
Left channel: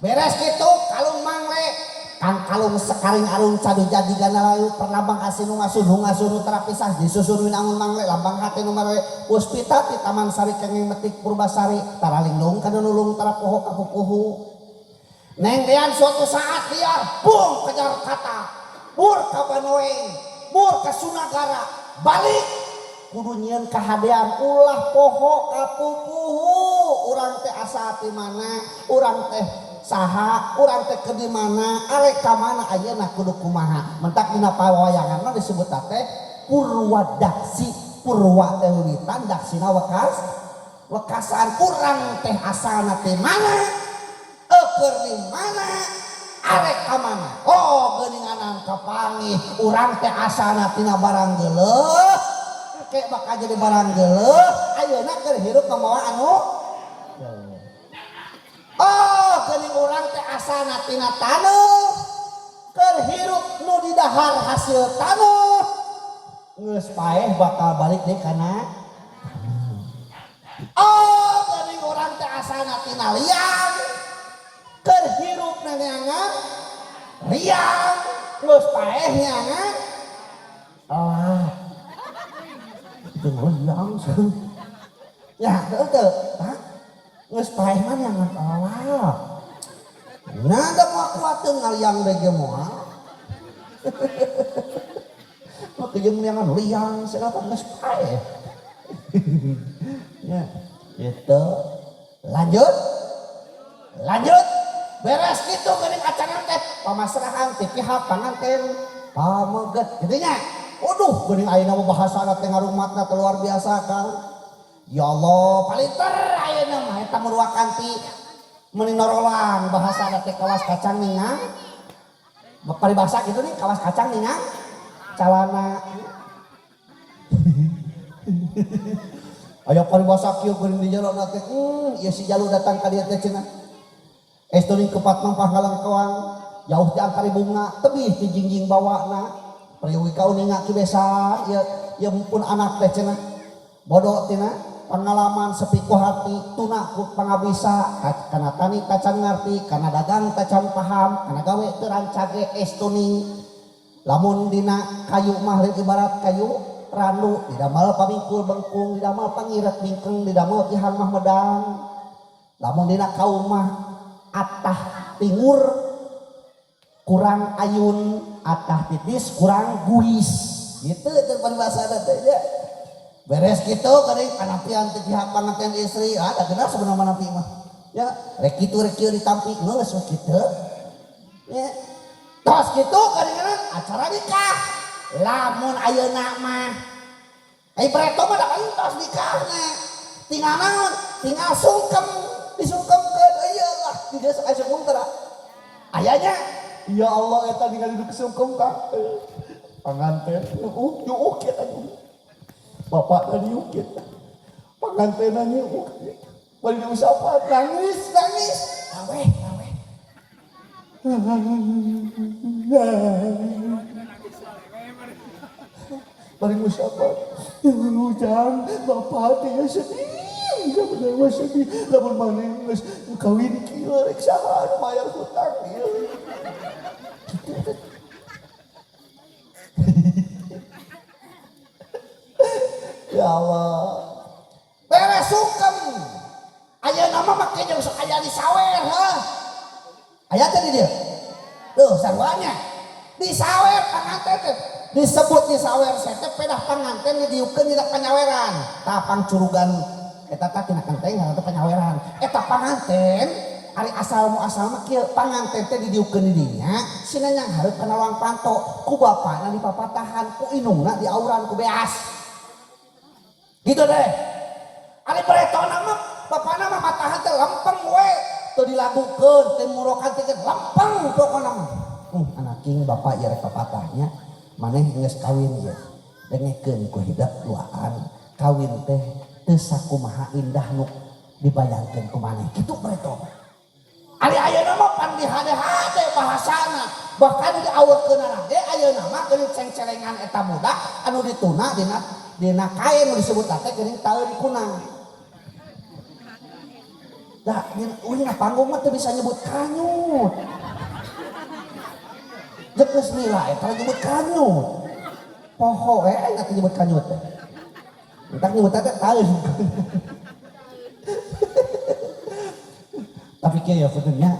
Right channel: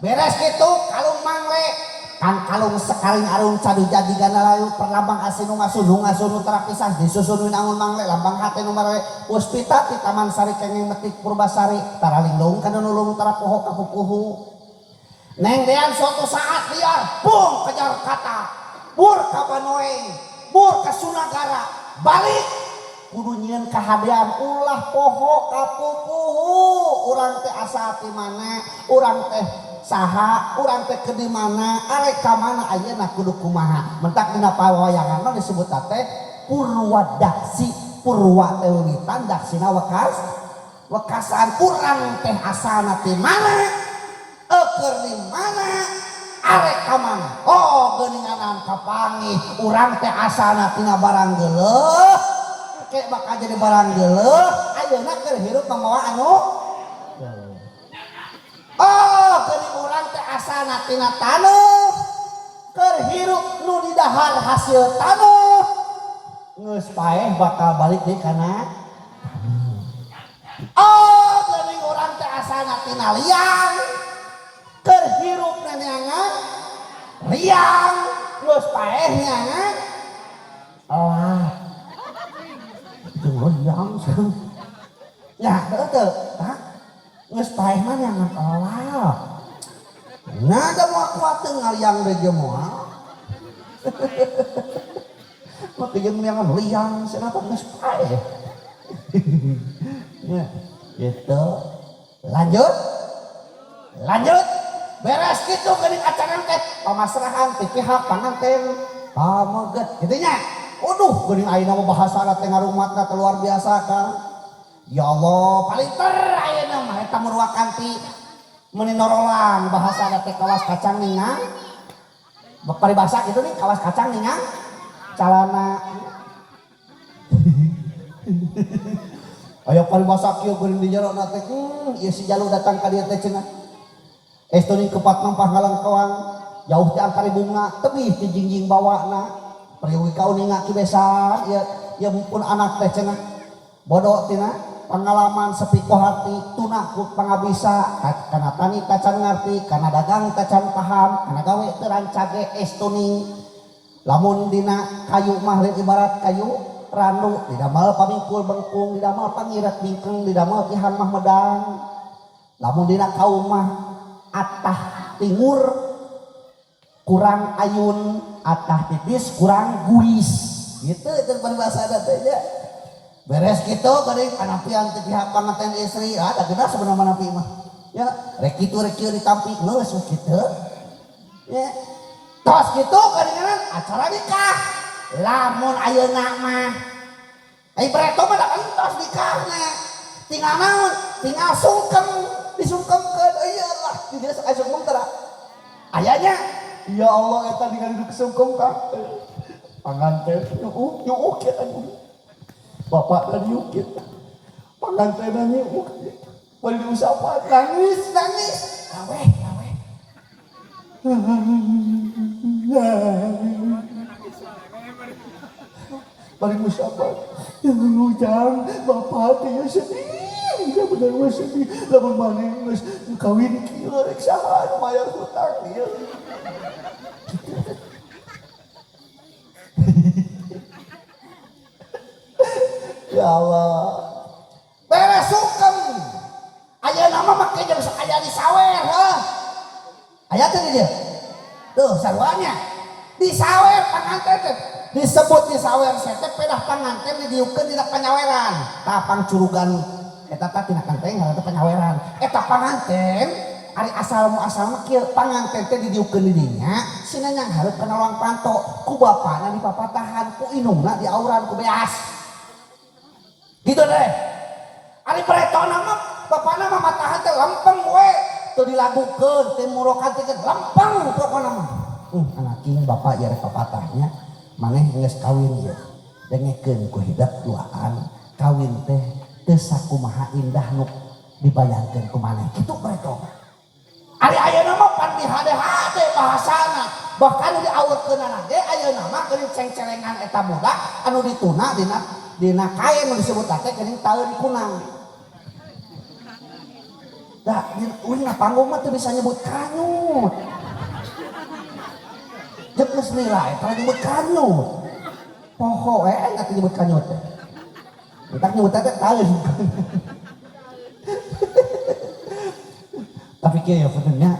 beres gitu kalung mangle kan kalung sekaring arung cadu jadi gana layu perlambang asinu ngasunu terapisah disusunuin angun mangle lambang hati nomor puspita di taman sari kengeng metik purbasari taraling dong kana nulung tara poho kapupuhu Neng dean suatu saat liar, bung kejar kata, bur ka Banoeng, bur ka Sunagara, balik kudu nyieun kahadean ulah poho kapupuhu, urang teh asa ti mana, urang teh saha, urang teh ke di mana, arek ka mana ayeuna kudu kumaha. Mentak dina pawayangan disebut teh Purwadaksi, Purwa teh wiwitan, daksina wekasan, urang teh asana ti mana, keur di mana, arek ka mana. Oh geuninganan kapangih, urang teh asana tina barang geuleuh, kayak bakal jadi barang geuleuh, ayeuna keur hirup membawa anu. Oh geuning urang teh asana tina taneuh, keur hirup nu di dahar hasil taneuh, geus paeh bakal balik deui kana. Oh geuning urang teh asana tina liang, keur hirup neangan liang, geus paeh neangan oh itu liang ya betul tak geus paeh mah neangan Allah nada mau kuat ngaliang deui moal mah jeung neangan liang cenah geus paeh ya gitu lanjut beres gitu geuning acara teh pamasrahan ti pihak panganten pamoget kitu nya. Waduh geuning ayeuna mah bahasana teh ngarumatna teh luar biasa kan. Ya Allah paling ter ayeuna mah eta meruakan ti meuni norolang bahasana teh kawas kacang ningang. Paribasa kitu nih kawas kacang ningang calana. Aya paribasa kieu geuning di jero na teh ieu si Jalu datang ka dieu teh cenah. Estuni kepat nampah ngalangkawang jauh ti angkari bunga tebih ti jingjing bawana priyogi kauninga ki besa ya mumpun anak teh cenah bodoh tina pengalaman sepi ku hati tuna ku pangabisa kana tani tacan ngarti kana dagang tacan paham kana gawe teu rancage estuni lamun dina kayu mah ibarat kayu randu didamel pamingkul bengkung didamel pangirat bingkeng didamel pihan mah medang lamun dina kaum mah atah timur kurang ayun atah tipis kurang guis gitu itu bahasa teh beres gitu geuning panampian teh pihak panganten istri ada geus sebenarnya napi mah ya rek kitu rek kieu ditampi geus kitu ya tos kitu geuningan acara nikah lamun ayeuna mah ai bareto mah da tos nikahna tinggal naon tinggal sungkem disungkemkeun iyalah dieu sok sungkem tara ayanya ya Allah eta ningali nu sungkem ka panganten nyuuk ya anu bapak tadi ukit pangantenna nyuuk bari diusapan nangis aweh bari diusapan ujang bapak teh sedih udah bener mah sedih lamun maneh geus kawin kieu rek saha anu mayar hutang ieu ya Allah beres sungkem ayeuna mah make jeung sok aya di sawer heuh aya teh di dieu tuh saruanya di sawer panganten teh disebut di sawer teh pedah panganten didieukeun dina panyaweran tah pangcurugan eta teh tina kanteng ngaranna panyaweran eta panganten ari asal mah kieu panganten teh didieukeun di dinya sina nyang hareup kana lawang panto ku bapana di papatahan ku indungna di auran ku beas gitu deh ari paretona mah bapana mah matahan teh lempeng we teu dilagukeun teh murokan teh lempeng pokona mah anak king bapak ieu rek papatahnya maneh geus kawin ieu dengekeun ku hidup duaan kawin teh teu sakumaha indah nu dibayangkeun ku maneh kitu paretona ari ayeuna mah pan dihade-hade bahasana bahkan diawekeunana ge ayeuna mah geuning ceng-celengan eta budak anu dituna dina kain nu disebut teh geuning taeun kunang da uing panggung mah teu bisa nyebut kanyut jeung geus nilai eta nyebut kanyut poho enggak nyebut kanyut teh entak nyebut teh taeun tapi kieu ya benernya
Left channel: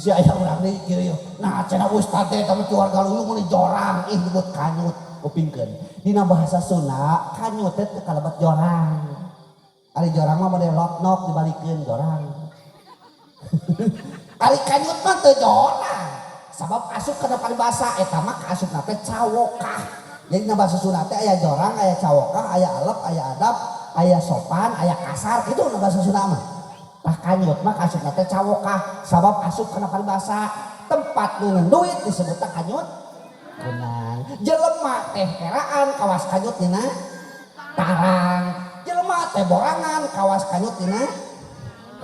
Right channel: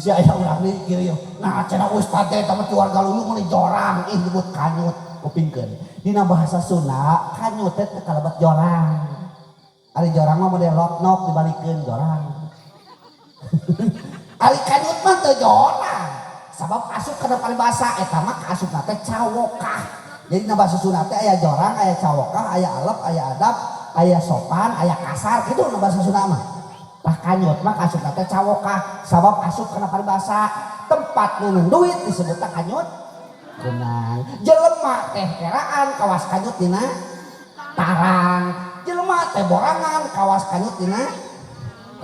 Bisa aya urang deui kieu yeuh. Nah cenah ustad teh mah keluarga luyung meuli jorang ih disebut kanyut kupingkeun. Dina bahasa Sunda kanyut teh kalebat jorang. Ari jorang mah model lotnok dibalikeun jorang. Ari kanyut mah teu jorang. Sabab asup kana paribasa eta mah asupna teh cawokah. Jadi na bahasa Sunda teh aya jorang, aya cawokah, aya alep, aya adab, aya sopan, aya kasar kitu na bahasa Sunda mah. Tah kanyut mah asupna teh cawokah sabab asup kana paribasa. Tempat nuneun duit disebutna kanyut. Beunang. Jelema teh eraan kawas kanyut dina tarang. Jelema teh borangan kawas kanyut dina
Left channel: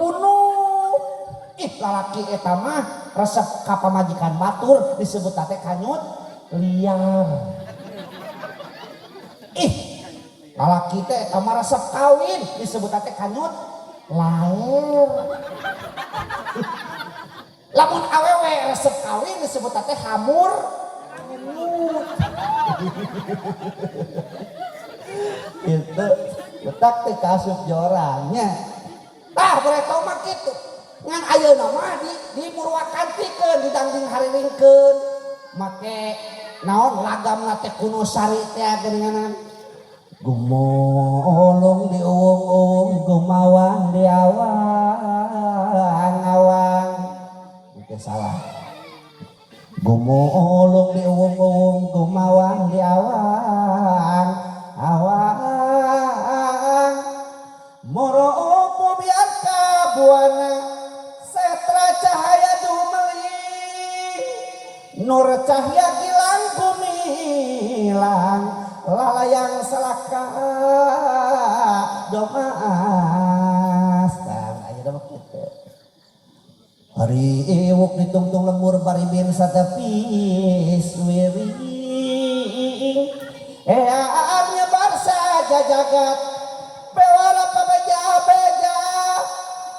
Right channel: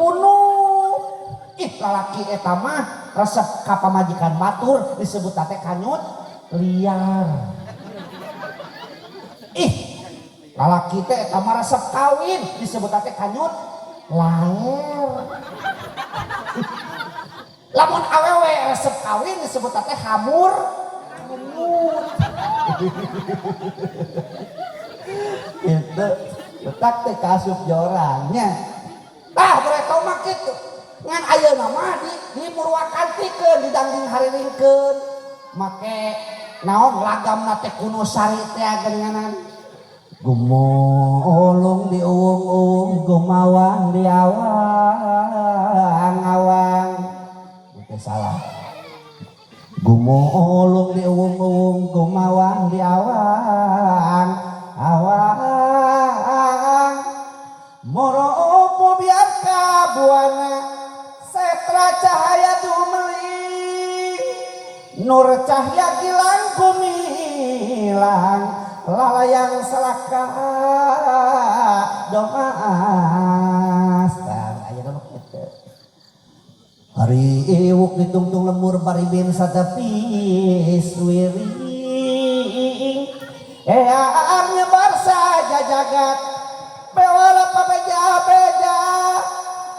punuh. Ih lalaki eta mah resep ka pamajikan batur disebut teh kanyut liar. Ih lalaki teh eta mah resep kawin disebut teh kanyut laler. Lamun awewe resep kawin disebut teh hamur. Itu letak teh kasup jorangnya. Tah boleh tau mah kitu. Ngan ayeuna mah di murwakantikeun didanding hariringkeun. Make naon lagamna teh kuno sari teh geuninganan. Gumolong di uwung-uwung gumawang di awang-awang. Itu salah. Gumolong di uwung-uwung gumawang di awang-awang. Moro opo biar kabuana setra cahaya dumeli nur cahaya gilang gumilang lalayang selaka domaas. Aya mah kitu. Hari iwuk ditungtung lembur paribin satepis wiring. Nyebar saja jagat pewala pabeja-beja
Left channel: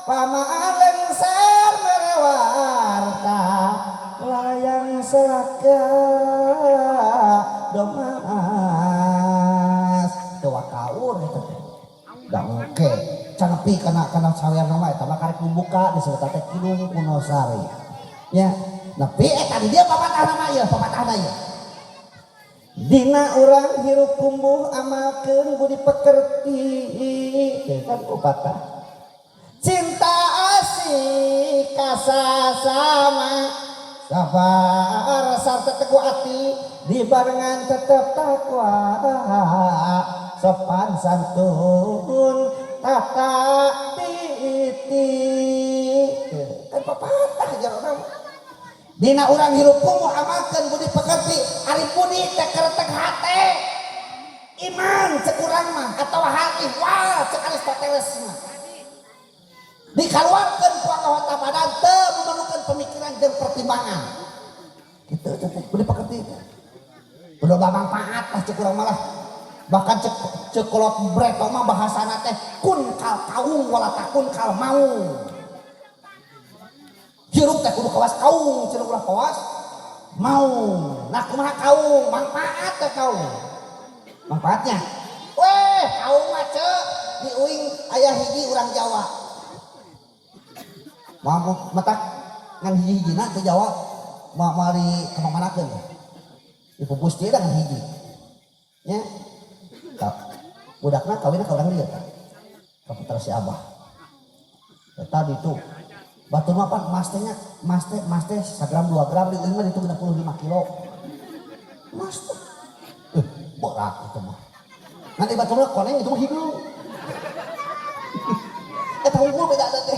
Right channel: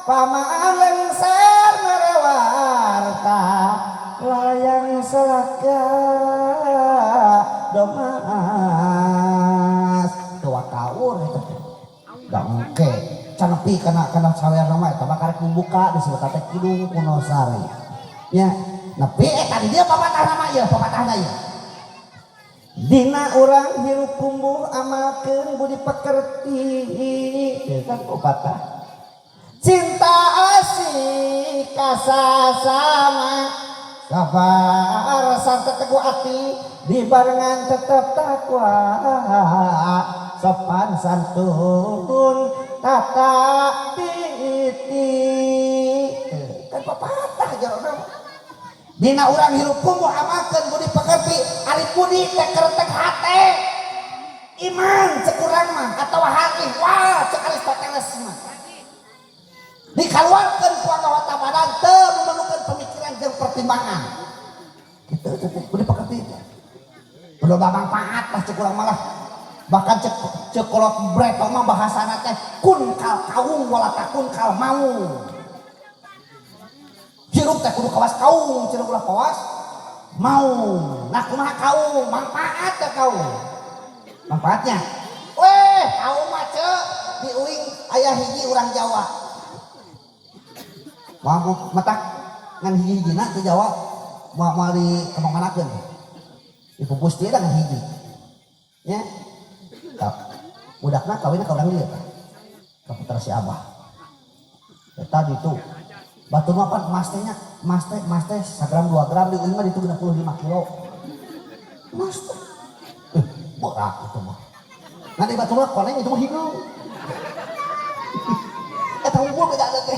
pamaan lengser merewarta layang selaka domaas. Tua kaur gangke canepi kana sawean mah eta mah karek membuka disebut teh kidung kuno sari nya nepi tadi dia papatahna mah ieu papatahna ieu. Dina urang hirup kumbuh amalkeun budi pekerti kan pepatah. Cinta asih kasasama sabar sarta teguh ati dibarengan tetep takwa sopan santun tata titi kan pepatah jarona. Dina urang hirup kumbuh amalkeun budi pekerti ari budi teh kereteng hate iman cekurang mah atawa hati wah cek Aristoteles mah dikaluarkeun ku anggota badan teu memerlukan pemikiran jeung pertimbangan kitu budi pekerti udah babang paat lah cekurang malah bahkan cekolot breto mah bahasana teh kun kal kaung bola takun kal mau. Hirup teh kudu kawas kaung, cenah ulah kawas mau. Nah kumaha kaung? Manfaat teh kaung. Manfaatnya, weh kaung mah ceu di uing aya hiji urang Jawa. Mau metak ngan hiji-hijina di Jawa mau di kemana-manakeun. Dipupus teh dengan hiji. Nya. Budakna kawinna ka urang dieu. Ka putra si Abah. Eta ditu batu mapan mas teh sagram 2 gram di mah itu 65 kilo mas teh berat itu mah nanti batu mah koneng itu mah hidung eta unggul beda ada teh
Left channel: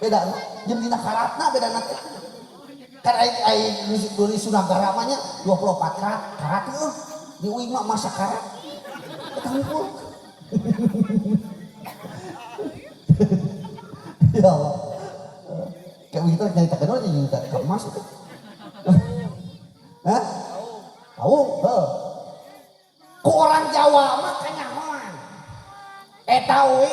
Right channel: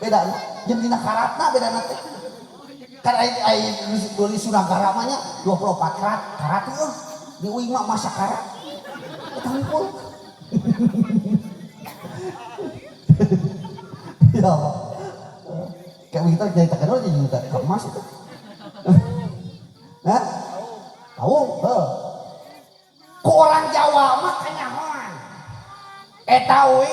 beda jeung dina karatna beda na teh kan ai duli Sunagara mah nya 24 karat heuh di uing mah masa karat eta unggul ya Allah. Kayak begitu nyaritakeun aja juta emas itu. Hah? Tahu? Ku orang Jawa mah kanyahoan. Eta we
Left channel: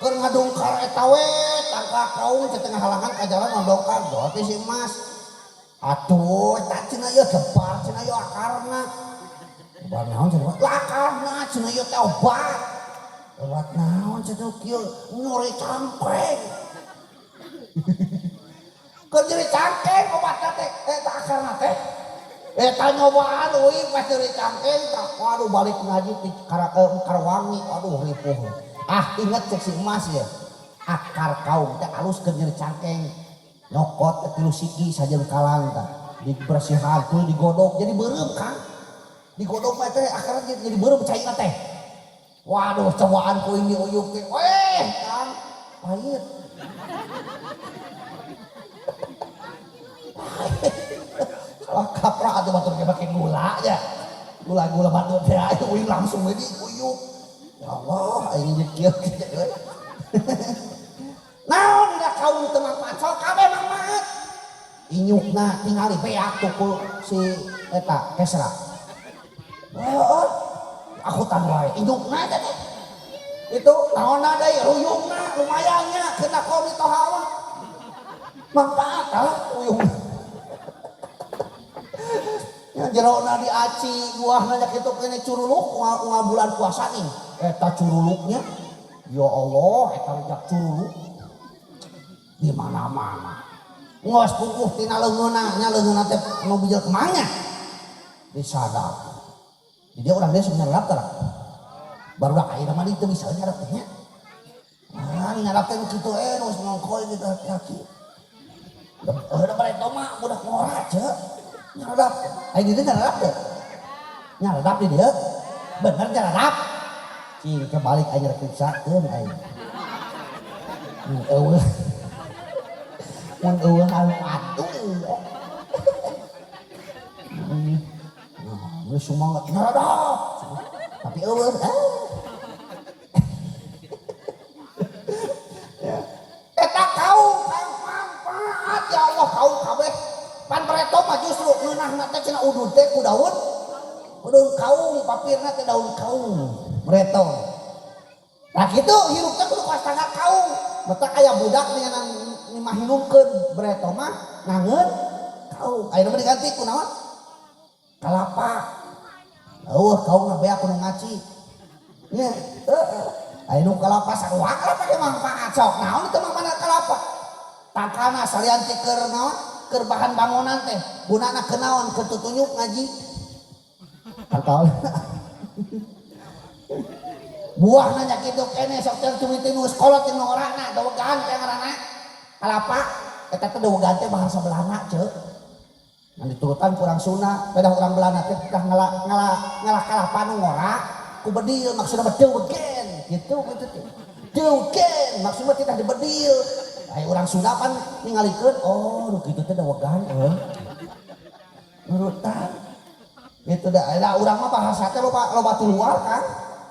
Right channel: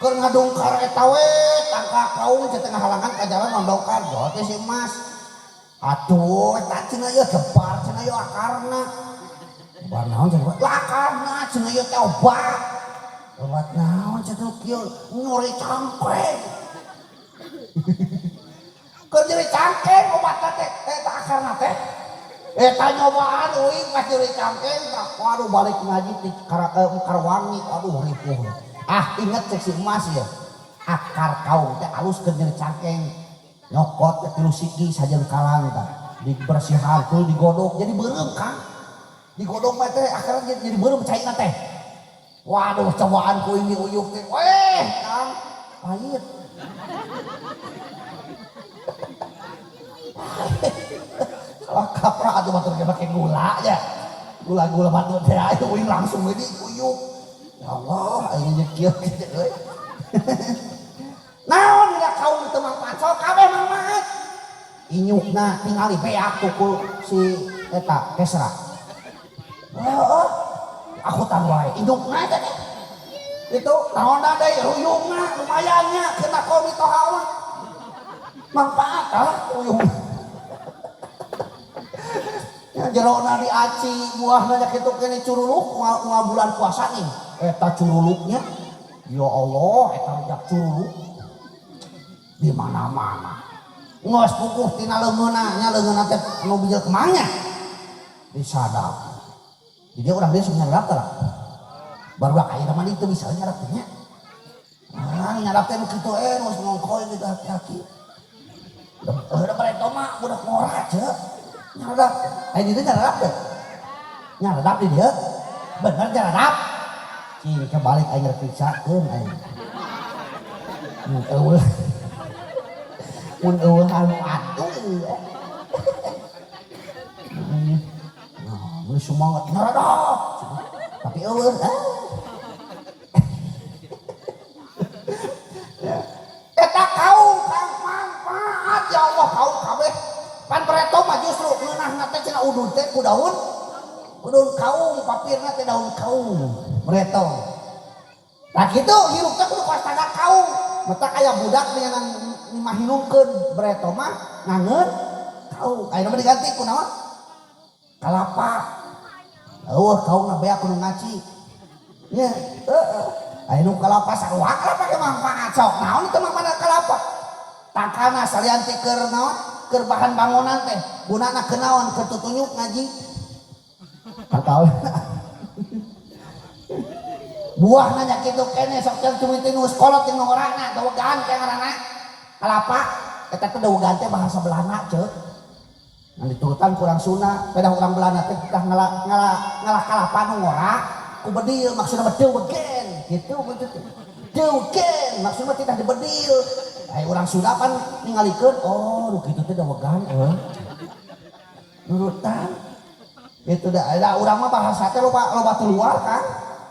keur ngadongkar eta we tangka kaung di tengah halangan ka jalan ngadongkar doa teh si emas. Atuh eta cenah ieu gebar cenah ieu akarna. Obat naon cenah? Lakarna cenah ieu teh obat. Obat naon cenah kieu? Nyori cangkreng. Keur nyeri cangkeng obatna teh eta akarna teh. Eta nyobaan euy pas nyeri cangkeng tah waduh balik ngaji ti Karawangi aduh ripuh. Ah inget cek si emas ya. Akar kaung teh alus keur nyeri cangkeng. Nyokot teh 3 siki sajeun kalang tah. Dibersihan tuh digodok jadi beureum kan. Digodok mah teh akarna jadi beureum cairna teh. Waduh cobaan ku ini uyuk teh. Kang pahit. Kalau kapra atuh batur ge pake gula ya. Gula-gula batur teh aya uyuk langsung ini uyuk. Ya Allah aing nyekil kieu euy. Naon udah kaum teu manfaat sok kabeh manfaat. Inyukna tingali beak tuh si eta Kesra. Heeh. Aku tan wae inyukna tadi. Itu naonna deui uyukna lumayan nya kena komi toha mah. Manfaat uyuk. Ya jerona diaci buahna nya kitu kene curuluk unggal bulan puasa nih. Eta curuluknya ya Allah eta rujak curuluk di mana-mana. Ngos pupuh tina leungeunna nya leungeunna teh anu bijil kemahnya disadap. Jadi orang dia nyarap tah. Baru ayeuna mah ditu bisa nyarap teh nya. Ah nyarap teh kitu geus ngongkoy gitu hati-hati. Da bareto mah budak ngora ceuk. Nyarap. Ayeuna ditu nyarap teh. Nyarap di dieu. Bener nyarap. Cing kebalik ayeuna periksakeun ayeuna. Eueuh. Mun eueuh anu atuh. Lu semangat nyaradap. Tapi eueuh eta kaum kang manfaat ya Allah kaum kabeh. Pan pareto mah justru leunahna teh cenah udud teh ku daun. Udud kaum papirna teh daun kaum pareto. Nah kitu hirup teh kudu pastana kaum. Betak aya budak dengan mahinungkeun pareto mah ngangeun kaum. Ayeuna mah diganti ku naon? Kalapa. Eueuh kaumna beak kudu ngaci. Nya, ayeuna kalapa saruak kalapa ge manfaat sok. Naon teu mangmana kalapa? Takana salian ti keur naon? Keur bahan bangunan teh. Gunana keur naon? Keur tutunyuk ngaji. Tahu. Buahna nya kitu kene sok teu tumiteuh nu sekolot nu ngorana dawegan teh ngaranna. Kalapa eta teh dawegan teh bahasa Belanda ceuk. Nah diturutan kurang Sunda, pedah orang Belanda teh tah ngalah kalapa nu ngora ku bedil maksudna mah deugen gitu maksud teh. Deugen maksudna teh dibedil. Ai urang Sunda pan ningalikeun oh nu kitu teh dawegan nurutan. Itu da urang mah bahasa teh loba luar kan.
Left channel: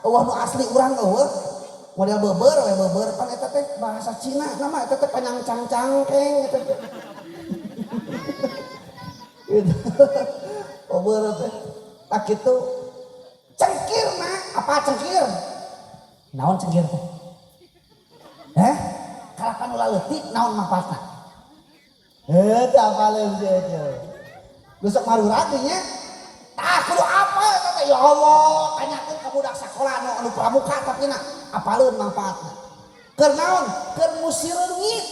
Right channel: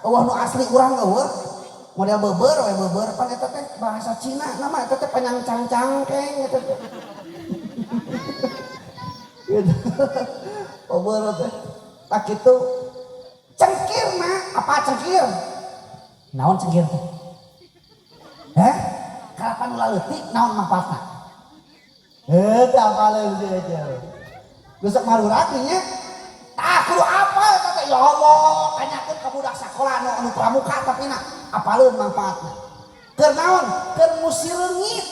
Eueuh nu asli urang eueuh. Model beubeur pan eta teh bahasa Cina nama eta teh panyangcang-cangkeng eta teh. Beubeur teh. Tak kitu cengkirna apa cengkir? Naon cengkir teh? Kalapa nu leutik naon manfaatna? Teu apaleun teh. Geus marurang nya. Tah kudu apa eta teh ya Allah, tanyakeun ka budak sakola anu pramuka tapi na apaleun manfaatna? Keur naon? Keur musir leungit.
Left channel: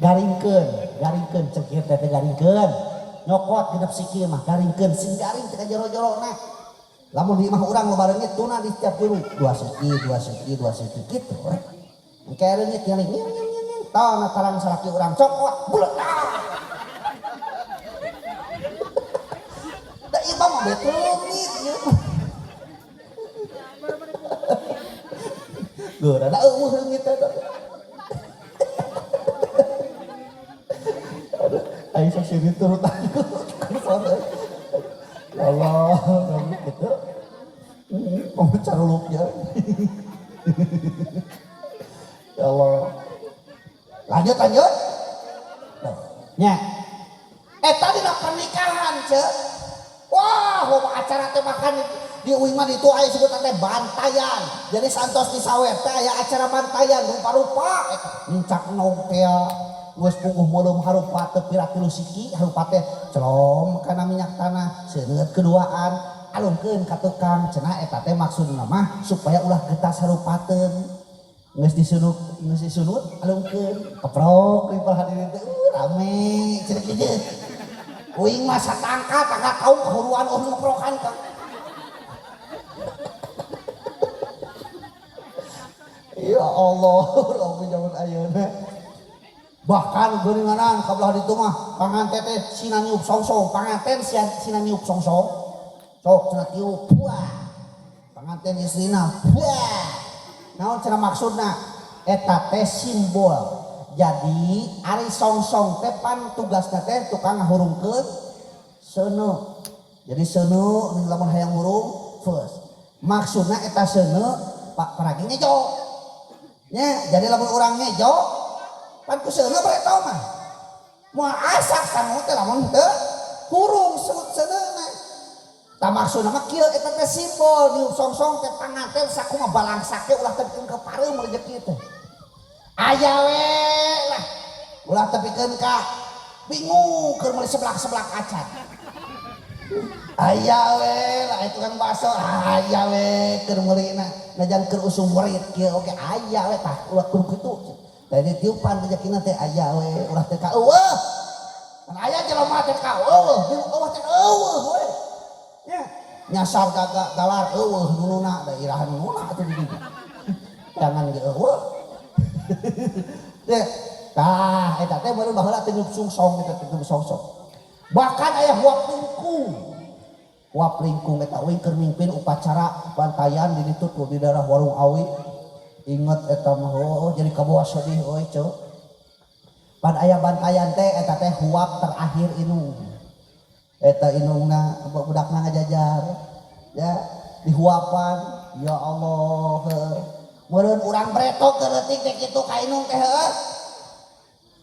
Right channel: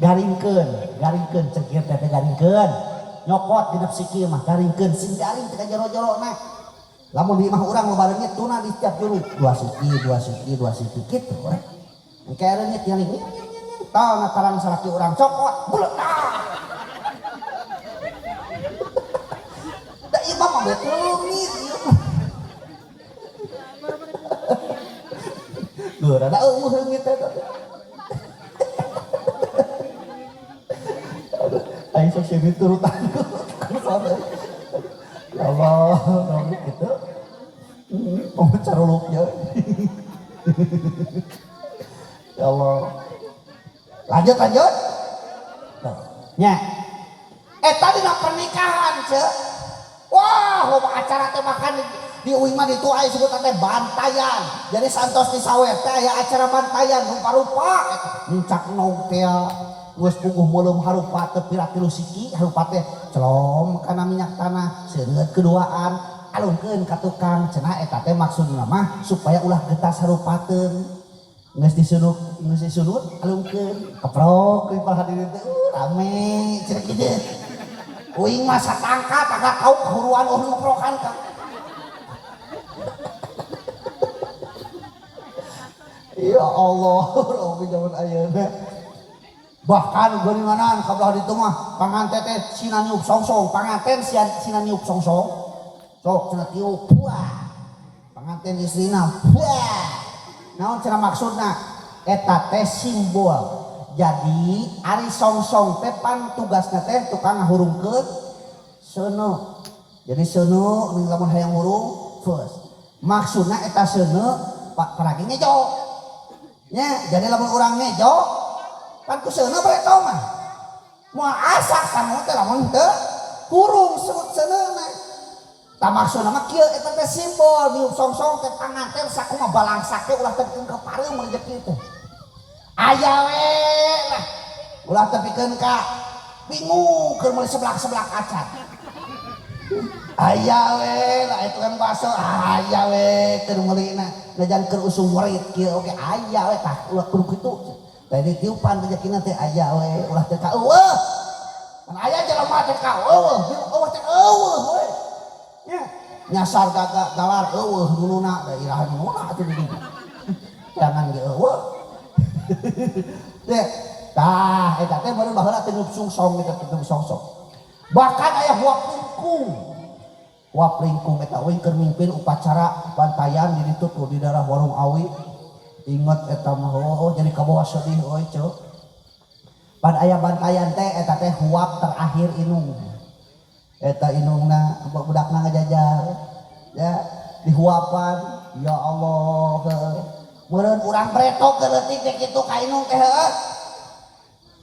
Garingkeun cengkir teh garingkeun. Nyokot genep sikil mah garingkeun sing garing teh jero-jerona. Lamun di imah urang loba leungit tuna di tiap guru 2 siki kitu. Engke leungit nyaling. Tah ngatalan salaki urang cokot bulet. Da imam mah betul leungit gitu. Geura da eueuh leungit teh. Aing sok sini turutan. Ya Allah, gitu. Mau caruluknya. Ya Allah. Lanjut. Nya. Eta dina pernikahan, Cek. Wah, loba acara teh makan di uing mah ditu aya sebutan teh bantayan. Jadi santos di sawer teh aya acara bantayan rupa-rupa eta. Encak nopel. Geus pungguh meuleuh harupa teu pira 3 siki harupa teh celom kana minyak tanah seungeut keduaan alungkeun ka tukang cenah eta teh maksudna mah supaya ulah getas harupateun Geus disunut alungkeun keprok di hadirin teh rame ceuk kieu. Uing mah satangka kagak kau kahuruan ngoprokan ka. Ya Allah, lamun zaman ayeuna. Bahkan geuninganan kabelah ditu mah panganten teh sina niup songsong, panganten sina niup songsong. Sok cenah tiup. Wah. Panganten istrina. Wah. Naon cenah maksudna? Eta teh simbol. Jadi ari songsong teh pan tugasna teh tukang ngahurungkeun seuneu. Jadi seuneu ning lamun hayang ngurung first. Maksudna eta seuneu paragi ngejo. Nya, jadi lamun urang ngejo pan ku seuneu bae tau mah. Moal asak sanu teh lamun teu kurung seuneu. Tah maksudna mah kieu eta teh simbol niup songsong teh panganten sakumaha balangsake ulah teh ke pareum rezeki teh. Aya we lah. Ulah teh pikeun ka bingung keur meuli seblak-seblak acan. Aya we lah itu kan baso aya we keur meulina najan keur usum murid kieu oge aya we tah ulah kudu kitu. Tadi tiupan rezekina teh aya we ulah teh ka eueuh. Kan aya jelema teh ka eueuh, eueuh teh eueuh we. Nya nyasar galar eueuh nununa da irahan nununa atuh di dieu. Jangan ge eueuh. Teh tah eta teh baru baheula teh niup sungsong eta teh songsong. Bahkan aya huap lingkung. Huap lingkung eta we keur mimpin upacara bantayan di ditu di daerah Warung Awi. Inget eta mah oh jadi kabawa sedih we ceuk. Pan aya bantayan teh eta teh huap terakhir inung. Eta inungna budakna ngajajar. Ya dihuapan ya Allah. Meureun urang pretok geuretik teh kitu ka inung teh heuh.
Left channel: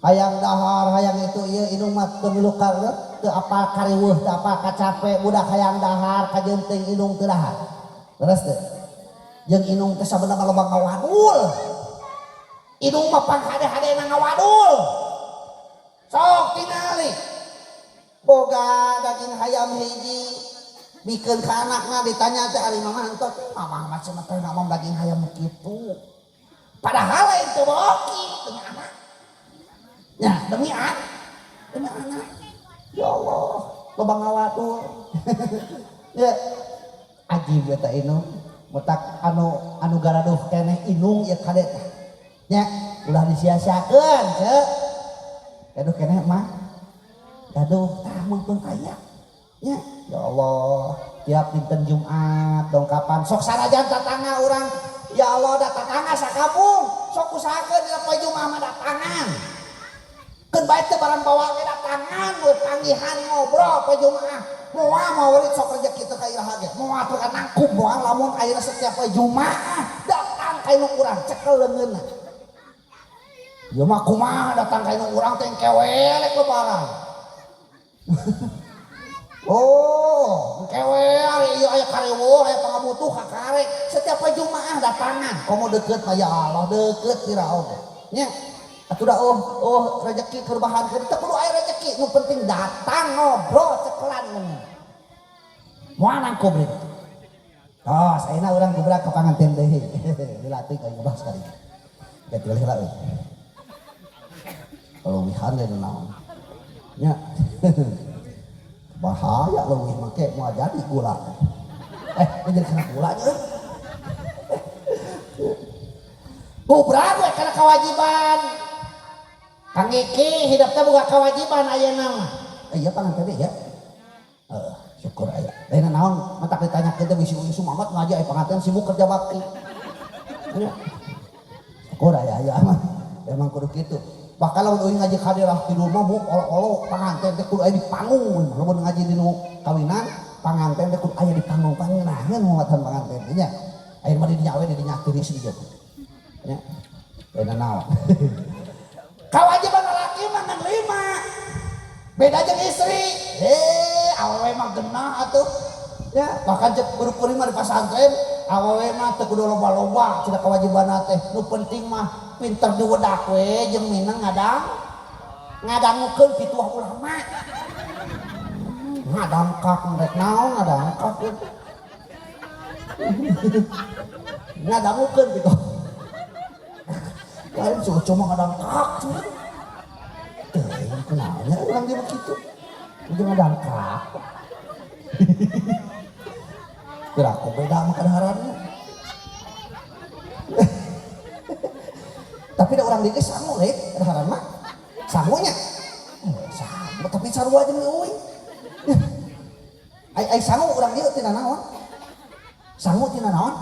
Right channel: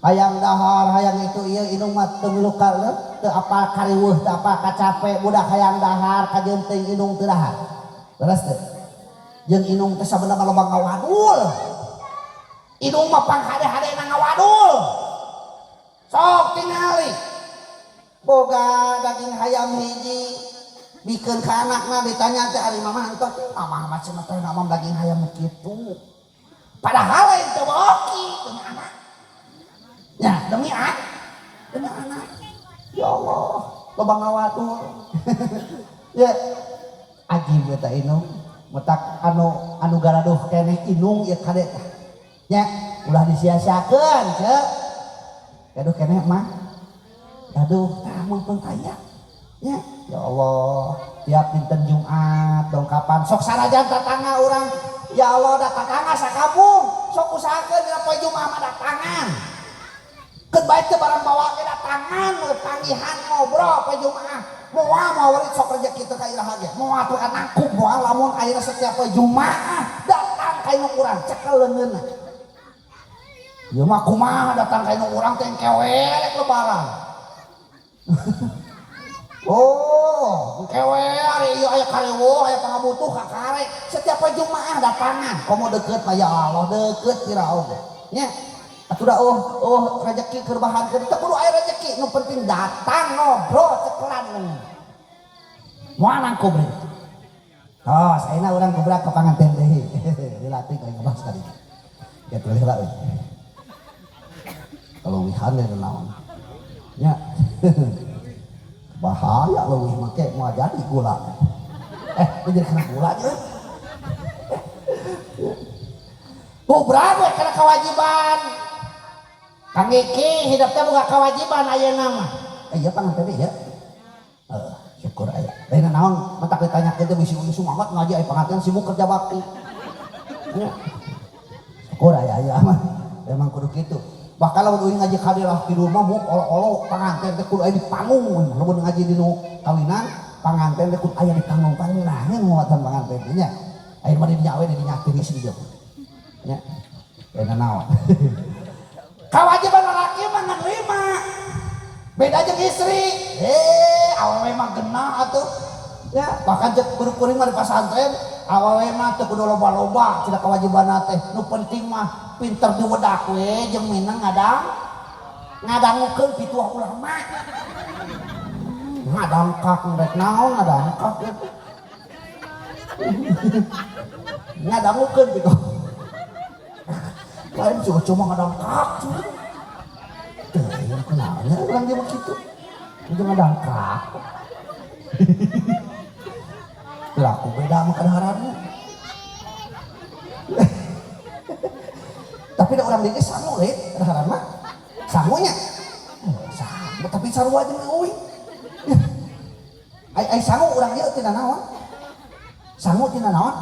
Hayang dahar hayang itu ieu inung mah teu milu teu apal kariweuh teu apal kacape budak hayang dahar kajeunting inung teu dahar. Beres teh. Jeung inung teh sabenerna mah loba ngawadul. Inung mah panghade-hadena ngawadul. Sok tingali. Boga daging hayam hiji bikeun ka anakna ditanya teh ari mama henteu mama macam teh ngomong daging hayam kitu. Padahal lain teu boki demi anak. Ya demi anak. Ya Allah, loba ngawadul. Ya ajib eta inung. Metak anu garaduh keneh inung ya kade teh. Nya ulah disia-siakeun ceuk. Gaduh keneh mah. Aduh, mumpung kaya. Ya Allah, tiap dinten Jumat dongkapan sok sanajan tatangga urang. Ya Allah, da tatangga sakampung. Sok usahakeun dina poe Jumat mah datangan. Keun bae teu barang bawa ge datangan we panggihan ngobrol poe Jumat. Moal maurid sok rezeki teu ka iraha ge. Moal atuh nangkum moal lamun ayeuna setiap poe Jumat datang ka inung urang cekel leungeunna. Ya mah kumaha datang ka inung urang teh kewe rek lebaran. Oh, kewe ari ieu aya kareueuh aya pangabutuh ka karek. Setiap poe Jumaah datangan, komo deukeut mah ya Allah deukeut Firaun. Nya, atuh da rezeki keur bahan keur teu kudu aya rezeki, nu penting datang ngobrol cekelan neungeun. Moal nangkum deui. Oh, saena urang gebrak ka panganten deui. Dilatih ka ngebahas tadi. Ya teu heula euy. Kalau wihan ya naon. Nya. Bahaya leuwih make moal jadi gula. Jadi kena gula aja. Bubrag we kana kewajiban. Kang Iki hidup teh boga kewajiban ayeuna mah. Iya panganten teh ya. Syukur aya. Lain naon matak ditanyakeun teh bisi sumamat ngaji aya panganten sibuk kerja bakti. Ya. Syukur aya mah. Emang kudu kitu. Bahkan lamun euy ngaji hadirah di rumah mau olo-olo panganten teh kudu aya di panggung. Lamun ngaji di nu kawinan panganten teh kudu aya di panggung pangeunangan muatan panganten teh nya. Aya mah di dinya we di dinya tiris di dieu. Nya. Beda naon. Kewajiban lalaki mah nerima. Beda jeung istri. Awewe mah genah atuh. Ya, bahkan cek kuring mah di pasantren awewe mah teu kudu loba-loba cenah kewajibanna teh. Nu penting mah pinter diwedak we jeung minang ngadangukeun pituah ulama. Ngadangkak rek naon ngadangkak. Ngadangukeun pitu. lain cuma ngadangkak. Yang kenalnya orang dia begitu. Dia ngadangkak. Kira aku beda sama kedaharannya. Tapi ada orang dia sangu deh, kedaharan mah. Sangunya. Sangu tapi sarua aja ngeuing. Ai sangu orang dia tina naon? Sangu tina naon?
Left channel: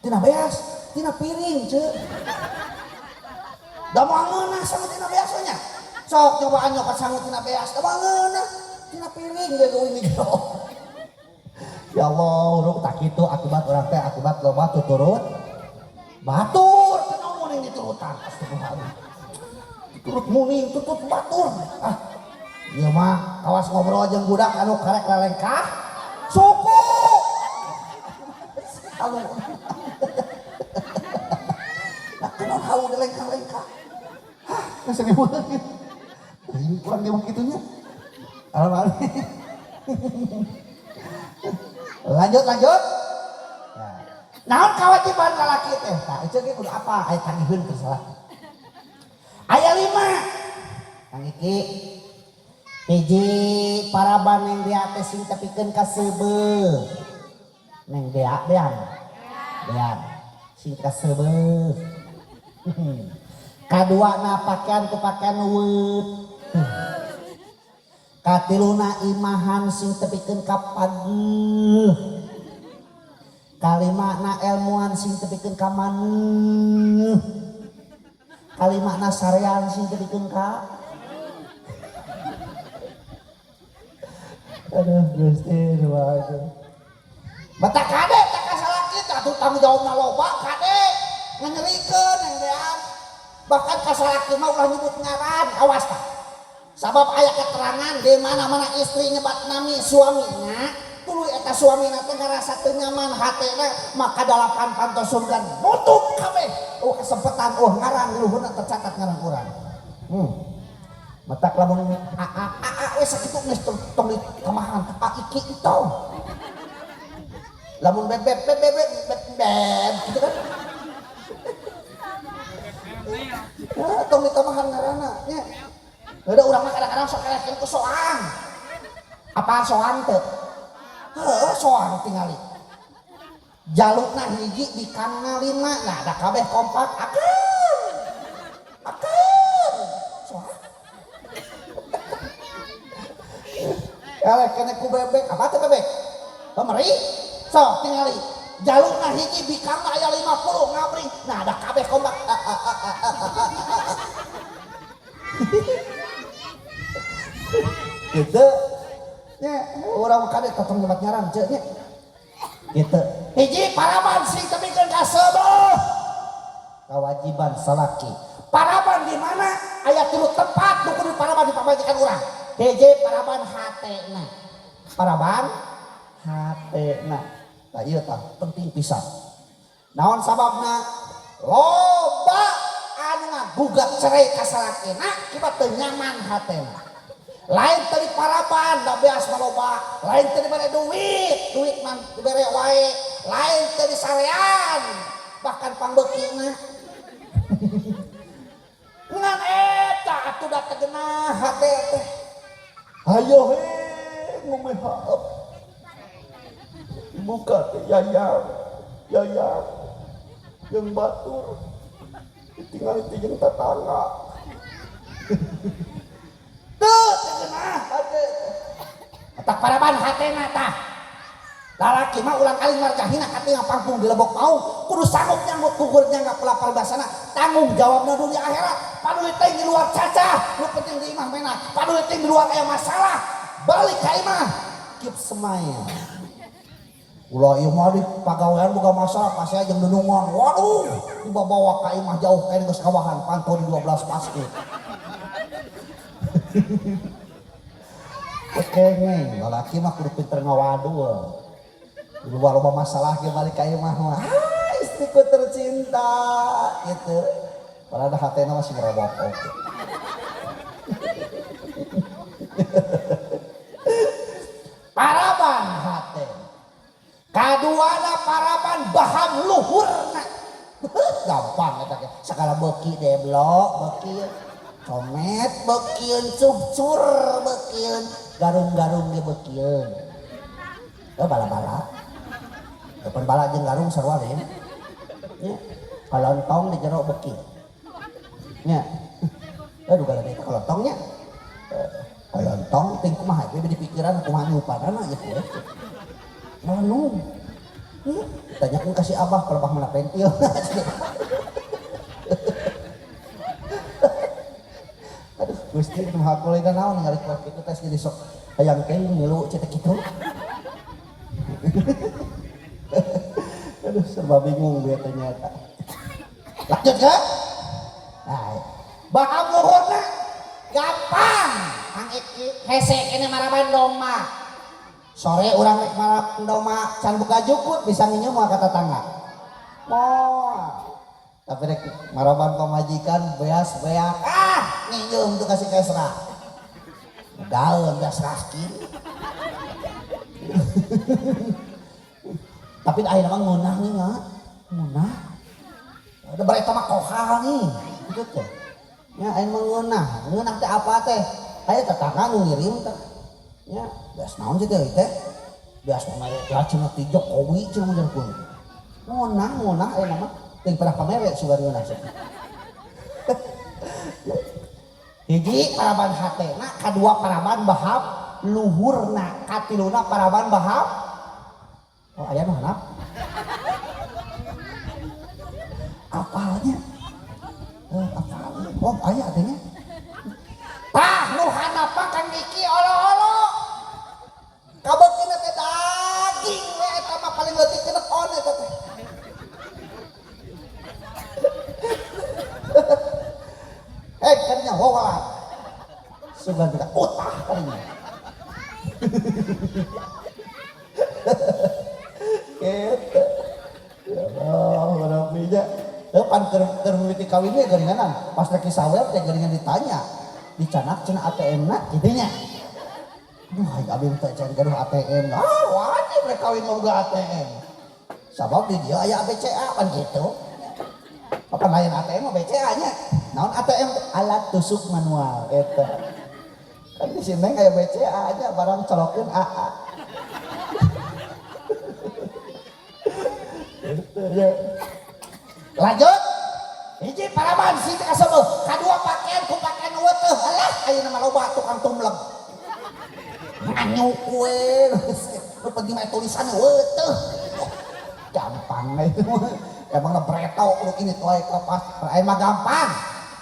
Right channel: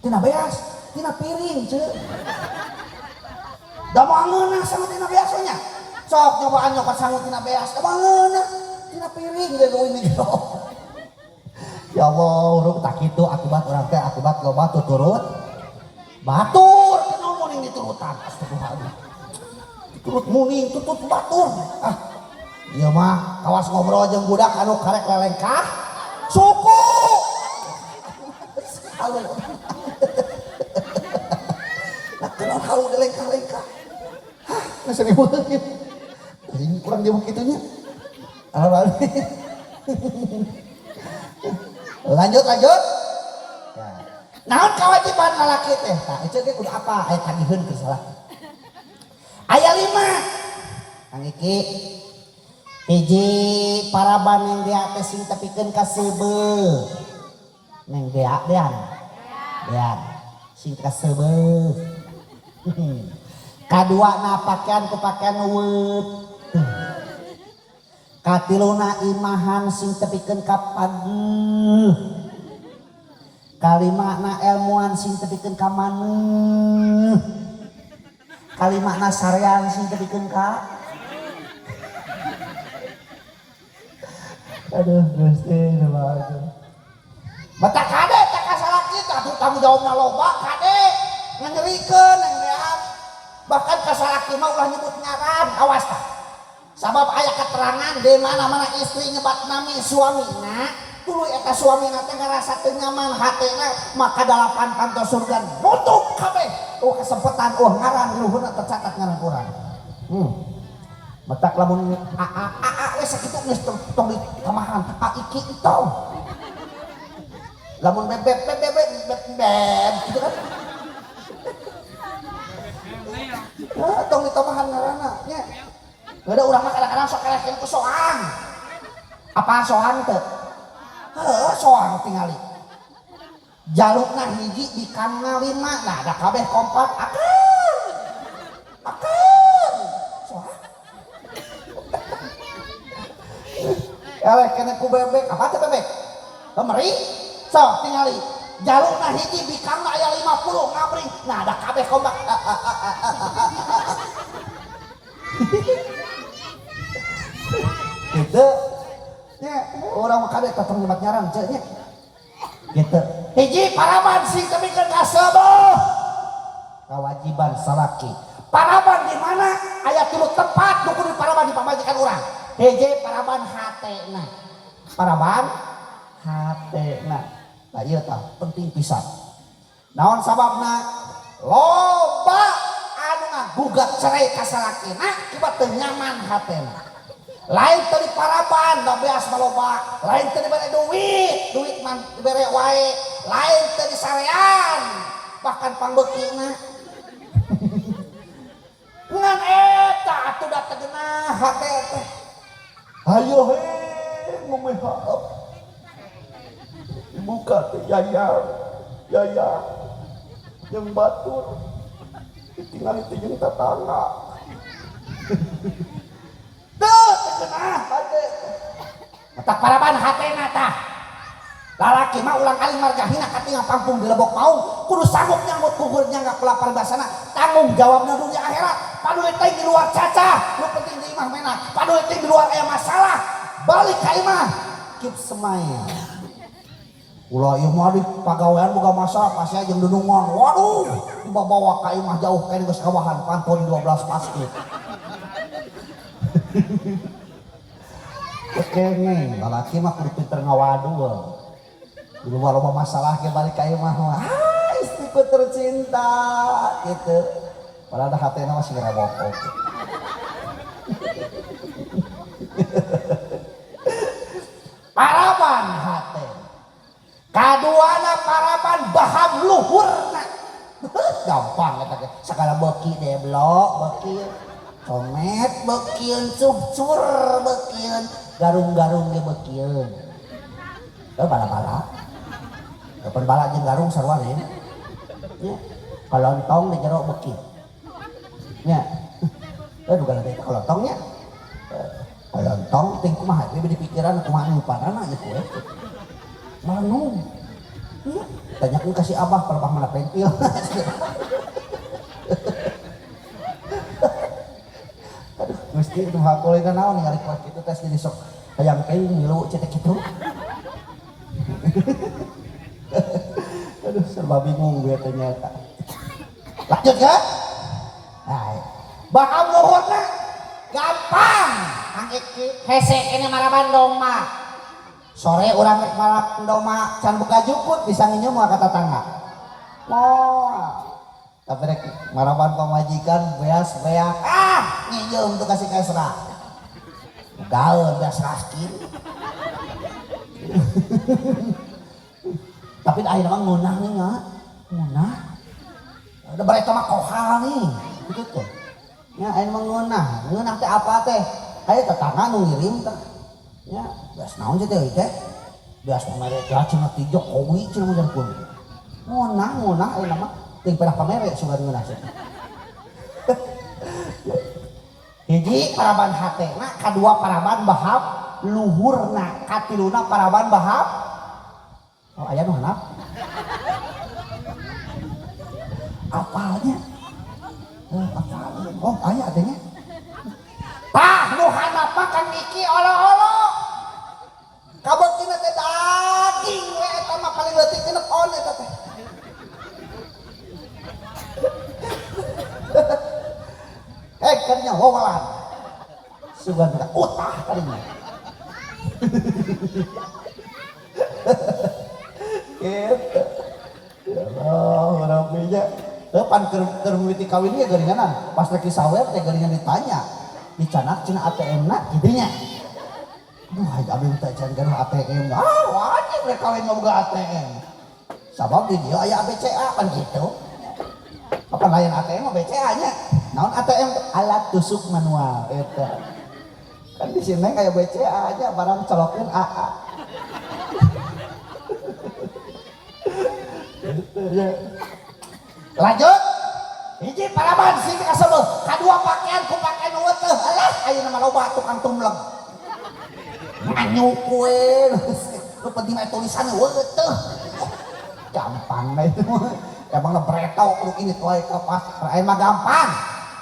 Tina beas, tina piring ce. Da mangeuna sangu tina beasnya. Sok cobaan nyokot sangu tina beas, da mangeuna tina piring ge geuing gitu. Ya Allah, urang tak kitu akibat urang teh akibat loba tuturut batur kenal muning diturutan. Astagfirullah. Turut muning tutut batur. Iya mah kawas ngobrol jeung budak anu karek lelengkah. Suku. Nah, kenal halu lelengkah-lelengkah. Hah, sedih banget. Ini kurang dia begitunya. Lanjut. Naon kewajiban lalaki teh? Tah itu ge kudu apa? Aya tagihun ke salaki. Aya 5. Kang Iki. Hiji paraban yang dia teh sing tepikeun ka seubeuh. Neng dia dean. Sing ka seubeuh. Kaduana pakaian ku pakaian weut. Katiluna imahan sing tepikeun ka pageuh. Kalimana ilmuan sing tepikeun ka maneuh. Kalimana sarean sing tepikeun ka aduh Gusti waduh. Mata kade tak kasalaki atuh tanggung jawabna loba kade ngangerikeun ngerean. Bahkan kasalaki mah ulah nyebut ngaran awas tah. Sabab aya keterangan di mana-mana istri nyebat nami suamina tuluy eta suamina teh ngarasa teu nyaman hatena maka 8 pantos surga nutup kabeh. Kesempatan ngaran luhurna tercatat ngaran urang. Matak lamun we sakitu geus tong kamahan Iki itu. Lamun beb gitu kan. Ya tong ditamahan ngaranna nya. Ada urang mah kadang-kadang sok kelekeun ku soang. Apa soang teh? Heuh soang tingali. Jalukna hiji di kana 5. Nah da kabeh kompak akeun. Soang. Eleh kena ku bebek, apa teh bebek? Meri, sok tingali. Jalurna hiji bikangna aya 50 ngabring. Nah, da kabeh kompak. Gitu. Nya, urang mah kadek katong nyebat nyaran ce nya. Gitu. Hiji paraban sing tepikeun ka seubeuh. Kewajiban salaki. Paraban di mana? Aya 3 tempat nu kudu paraban dipabajikan urang. Hiji paraban hatena. Paraban hatena. Lah ieu tah penting pisan. Naon sababna? Loba anu ngagugat cerai ka salakina kibat teu nyaman hatena. Lain teu diparaban da beas maloba, lain teu dibere duit mah dibere wae, lain teu disarean, bahkan pangbeukina. Ngan eta atuh da teu geunah hate teh. Hayo he ngomehap. Buka teh yayar yang batur tinggal itu yang tetangga tuh terkenal hati tak paraban hatena tah lalaki mah ulang kali margahina katingal pangpung di lebok mau kudu sanggup nyambut kuburnya nggak pelapar basana tanggung jawabnya dunia akhirat padahal teh di luar caca lu penting di imah mena padahal teh di luar aya masalah balik ke imah keep smile. Ulah ieu mah di pagawean boga masalah pas aja jeung denungan. Waduh, dibawa ka imah jauh kae geus kawahan pantau di 12 paskeut. Kengeng, lalaki mah kudu pinter ngawadul. Di luar loba masalah ge balik ka imah mah. Istriku tercinta gitu. Padahal hatena masih ngerabok. Paraban hate. Kaduana paraban baham luhurna gampang eta segala beuki deblok beuki comet beukieun cucur beukieun garung-garung ge beukieun bala-bala depan bala jeung garung sarua lain nya kalontong di jero beuki nya duga lagi kalontong nya kalontong ting kumaha we di pikiran kumaha ngupadanna nya kueh manu tanyakeun kasih abah kalau abah mana pentil aduh gusti itu hakul itu naon ningali kok kitu tes jadi sok hayang teh ngilu cetek kitu aduh serba bingung gue ternyata lanjut ya nah baham luhurna gampang angiki hese kene maraban doma sore urang rek maraban doma can buka jukut bisa nginjem mah ka tetangga tapi rek maraban pamajikan beas beak nginjem tuh kasih kesra daun dah seraskin tapi akhirnya mah ngunah nih nggak ngunah udah balik sama kohal nih gitu tuh ya akhirnya mah ngunah teh apa teh ayo tetangga ngirim teh ya bias naon sih teh bias mereka cina ti Jokowi cina dan pun ngunah ayo nama ting pernah pamer sudah ngunah sih hiji paraban hatena kadua paraban bahap luhurna katiluna paraban bahap oh aya nu hanap apalnya oh aya adanya tah nu hanap kan iki olo-olo kabeutina teh daging we eta mah paling leutik kenepon eta teh kadinya howalan sugan tidak utah kadinya gitu rapinya depan kermiti kawinnya geringanan pas lagi sawir teh geringan ditanya dicanak cina ATM na kidinya duh abing teh can gaduh ATM wajib rek kawin mah boga ATM sabab di dieu aya BCA kan gitu apa lain ATM mah BCA nya naon ATM alat tusuk manual eta kan di sini kayak BCA aja barang colokin AA ya. Lanjut hiji paraban sing kasebeuh kadua pakaian ku pakaian weuteuh alah ayeuna mah loba tukang tumleng nyanyu kue lu penting aya tulisanna weuteuh gampang na itu emang lebreto lu ini toy kepas aya mah gampang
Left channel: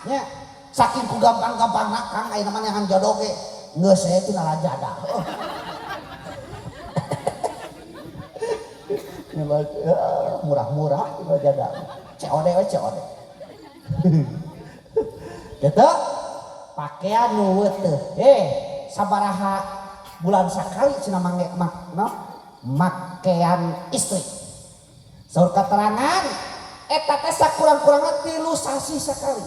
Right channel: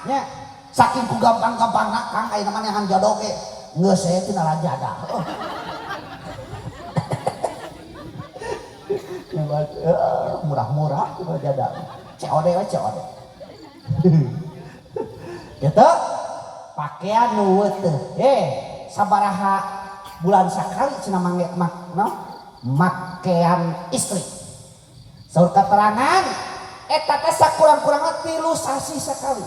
nya saking ku gampang-gampangna kang aya mah nehan jodoh ge geus saya tina rajada murah-murah itu rajada COD we COD gitu pakaian nu weuteuh sabaraha bulan sakali cenah mangge makaian istri saur keterangan eta teh sakurang-kurangna 3 sasi sakali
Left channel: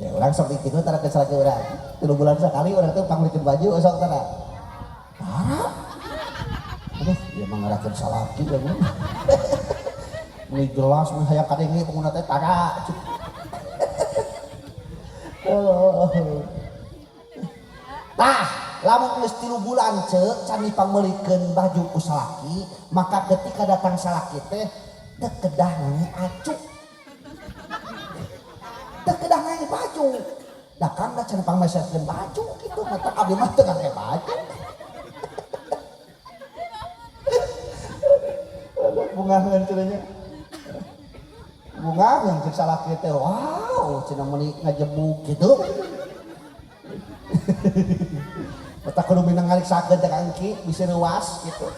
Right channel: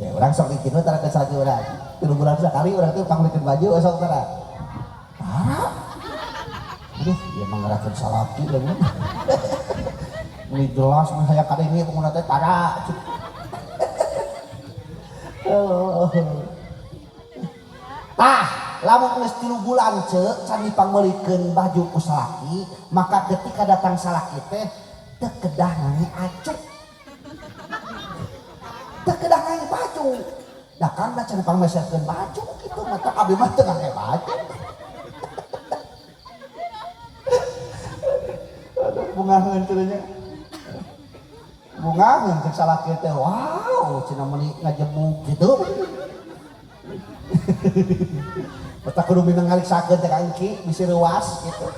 ya urang sok bikinna tara ke salaki urang 3 bulan sakali urang teh panglikeun baju sok tara aduh ya mangarakeun salaki lamun ini jelas mun hayang kadenge penguna teh tara tah lamun geus 3 bulan ceuk can dipangmeulikeun baju ku salaki maka ketika datang salaki teh teu kedah ngange acuh teu kedah ngange baju da kang da can pangmeserkeun baju kitu mah teh abdi mah teu ngange baju aduh bungaheun cenanya bungaheun cek salaki teh wow cenah meuni ngajebuk kitu kita kudu minang ngaliksakeun teh ka engki bisi ruas gitu.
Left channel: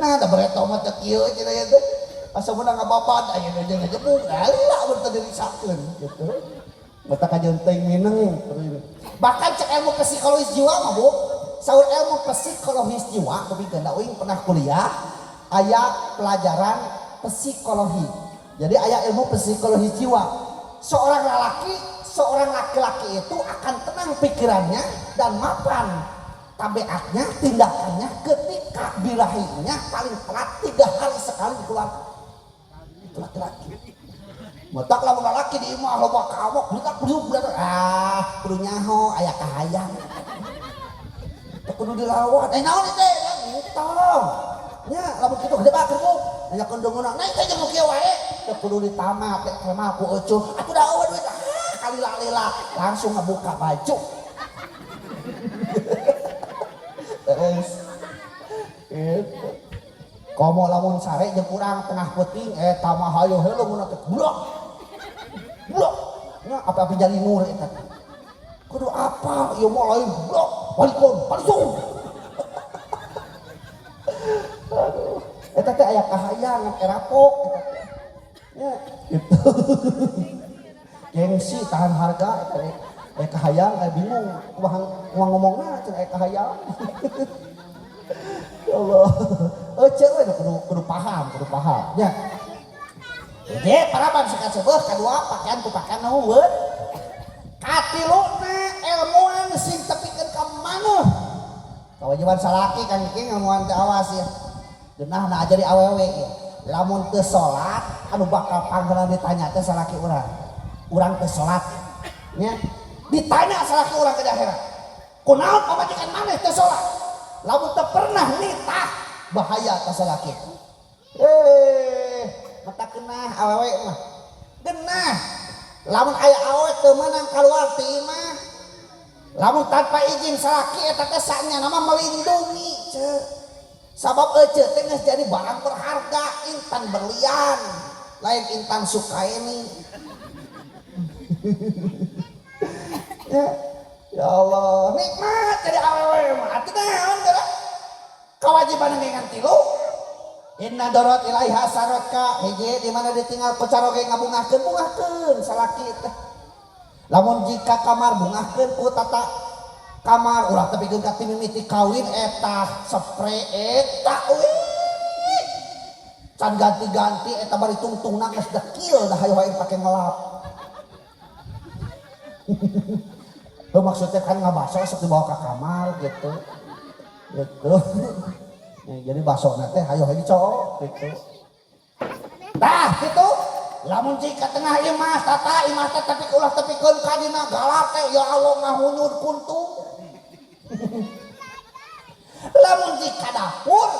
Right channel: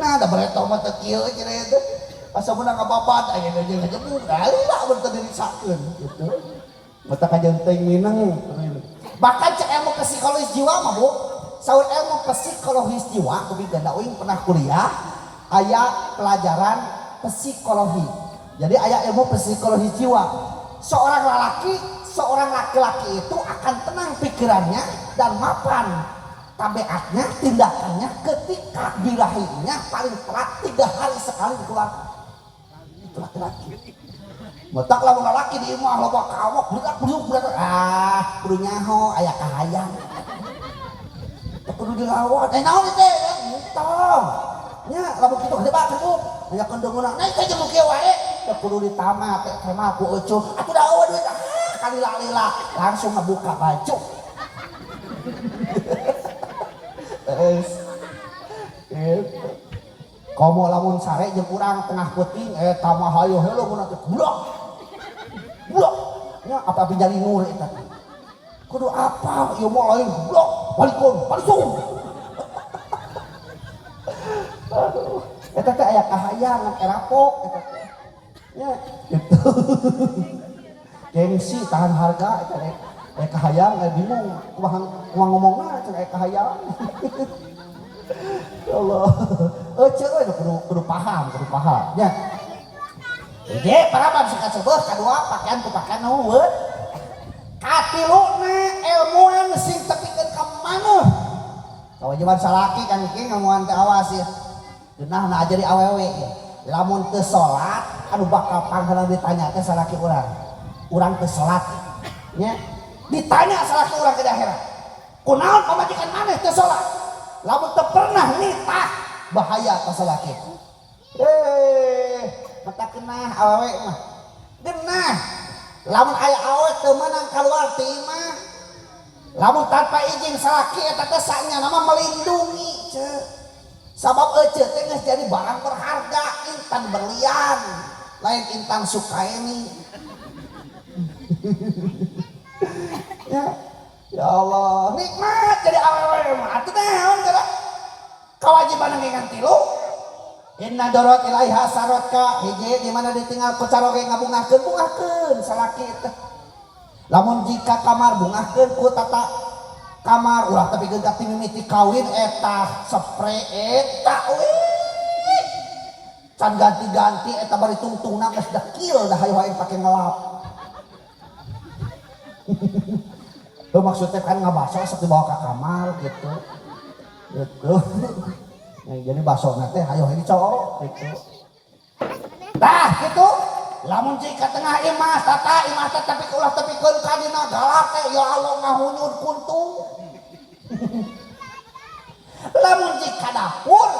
Nah ada bereto mah teu kieu cenah ieu teh. Asa meunang ngababad aya nu jeung ngajebuk alila mun teu dirisakkeun gitu. Mata kajonteng minang. Bahkan cek ilmu psikologis jiwa mah Bu. Saur ilmu psikologis jiwa kudu ganda uing pernah kuliah aya pelajaran psikologi. Jadi aya ilmu psikologis jiwa. Seorang laki-laki itu akan tenang pikirannya dan mapan tabiatnya, tindakannya ketika birahinya paling telat 3 hari keluar. Itu laki-laki. Motak lamun lalaki di imah loba kawok budak kudu nyaho aya kahayang. Kudu dilawat. Naon teh? Ngutong. Nya lamun kitu debat ku. Aya kendungeuna naik ka jeung kieu wae. Teu kudu ditamat teh mah ku eucuh. Atuh daun we kalila-lila langsung ngebuka baju. Komo lamun sare jeung urang tengah peuting eta mah hayo heuleuh mun teh blok. Blok. Nya apa jadi nur eta. Kudu apa ieu mah lain blok, balikon, balisung. Aduh, eta teh aya kahayangan erapok eta teh. Ya, gitu. Gengsi tahan harga eta aya kahayang bingung kumaha ngomongna cenah aya kahayang. Ya Allah. Euceuk we kudu paham. Ya. Oke, parapan sekat sebuah kadua pakaian ku pakaian nuhun. Katiluna ilmuan sing tepikeun ka maneh. Kawajiban salaki kan iki ngamuan teh awas ya. Geunahna ajari awewe ya. Lamun teu salat anu bakal panggilan ditanya teh salaki urang. Urang teu salat. Nya ditanya salaki urang ke akhirat. Kunaon pamajikan maneh teu salat? Lamun teu pernah nitah bahaya ka salaki. Mata kenah awewe mah genah lamun aya awewe teu meunang kaluar ti imah lamun tanpa izin salaki eta teh sanya nama melindungi ceuk sabab euceuk teh geus jadi barang berharga intan berlian lain intan sukaini. Ya Allah nikmat jadi awewe mah atuh naon geura kawajiban ngeungan tilu. Inna dorot ilahi hasarat ka hiji di mana ditinggal ku caroge ngabungahkeun salaki teh. Lamun jika kamar bungahkeun ku tata kamar ulah tapi geus ka mimiti kawin eta spray eta wih. Can ganti-ganti eta bari tungtungna geus dekil dah hayu-hayu pake ngelap. Tuh maksudnya kan ngabaso sok dibawa ka kamar gitu. Gitu. Jadi basona teh hayu-hayu cowok gitu. Tah gitu. Lamun jika tengah imah tata imah teh tapi ulah tepikeun ka dina galak teh ya Allah ngahunyud kuntung. Lamun jika dapur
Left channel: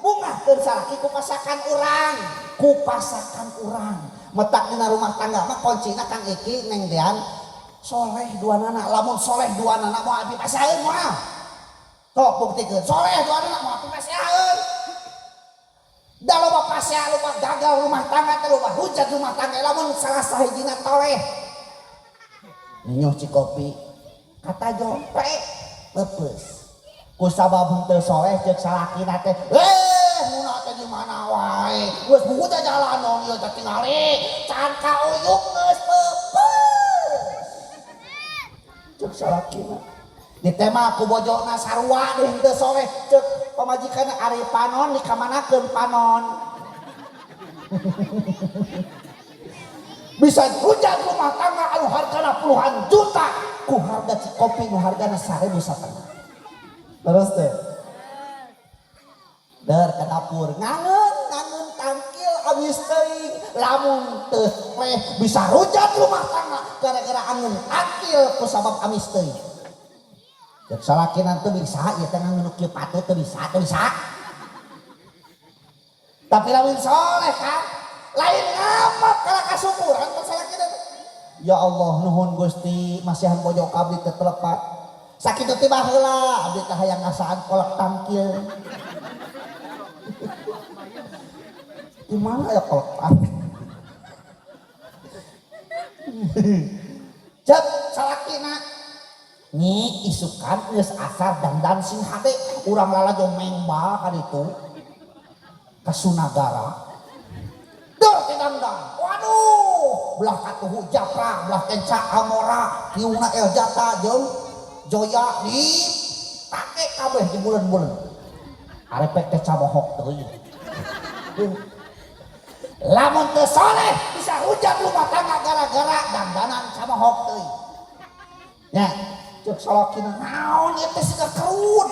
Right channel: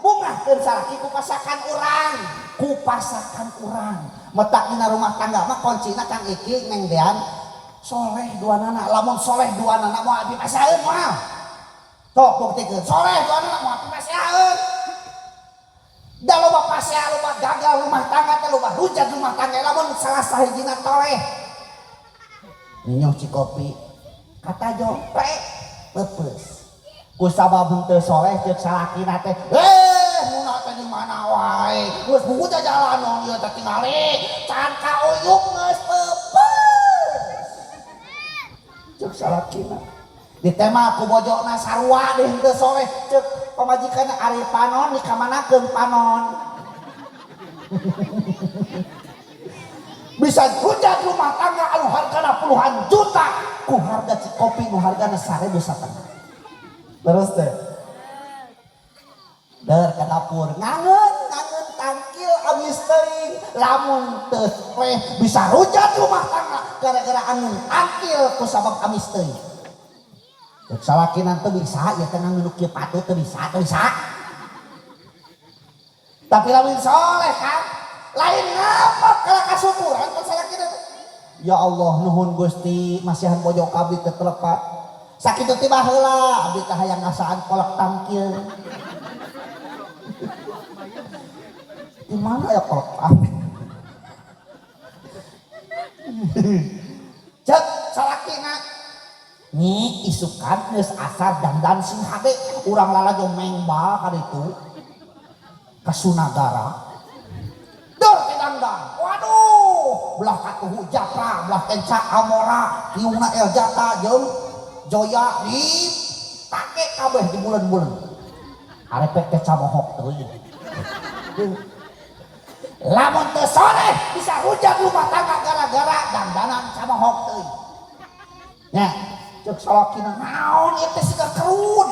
bungahkeun salaki ku pasakan urang. Metak dina rumah tangga mah kuncina Kang Iki Neng Dean soleh duanana lamun soleh duanana moal dipasaeun mah. Tok buktikeun soleh duanana moal dipasaeun. Da loba pasea loba gagal rumah tangga teh loba hujat rumah tangga lamun salah sahijina toleh. Nyuci kopi kata jompe lepeus. Ku sabab henteu soleh ceuk salakina teh munah teh di mana wae. Geus buta jalanon ieu teh tingali can kauyuk geus peupeus. Ceuk salakina ditema ku bojona sarua deui henteu soleh ceuk pamajikanna ari panon dikamanakeun panon. Bisa hujat rumah tangga anu hargana puluhan juta ku harga kopi nu hargana 1.000 satengah. Terus teh der ka dapur ngangeun tangkil abis teuing lamun teu teh bisa hujat rumah tangga gara-gara angin tangkil ku sabab amis teuing. Cek salakina teh bisa ieu teh ngangeun kieu patut teu bisa. Tapi lamun soleh kan lain ngamak kalau kasupuran masalah kita. Ya Allah nuhun Gusti masihan pojok abdi teu telepat. Sakitu teh baheula abdi teh hayang ngasaan kolak tangkil. Di mana ya kolak tangkil? Cek salakina nih isukan geus asar dandan sing hade urang lalajo mengbal ka ditu ka Sunagara. Dor dandan. Waduh, belah katuhu Japra, belah kenca Amora, kiuna Eljata jeung Joya di take kabeh di bulan-bulan. Ari pek cabohok teuing. Lamun teu soleh bisa hujat rumah tangga gara-gara dandanan cabohok teuing. Nya, ceuk salakina naon ieu teh siga keruun.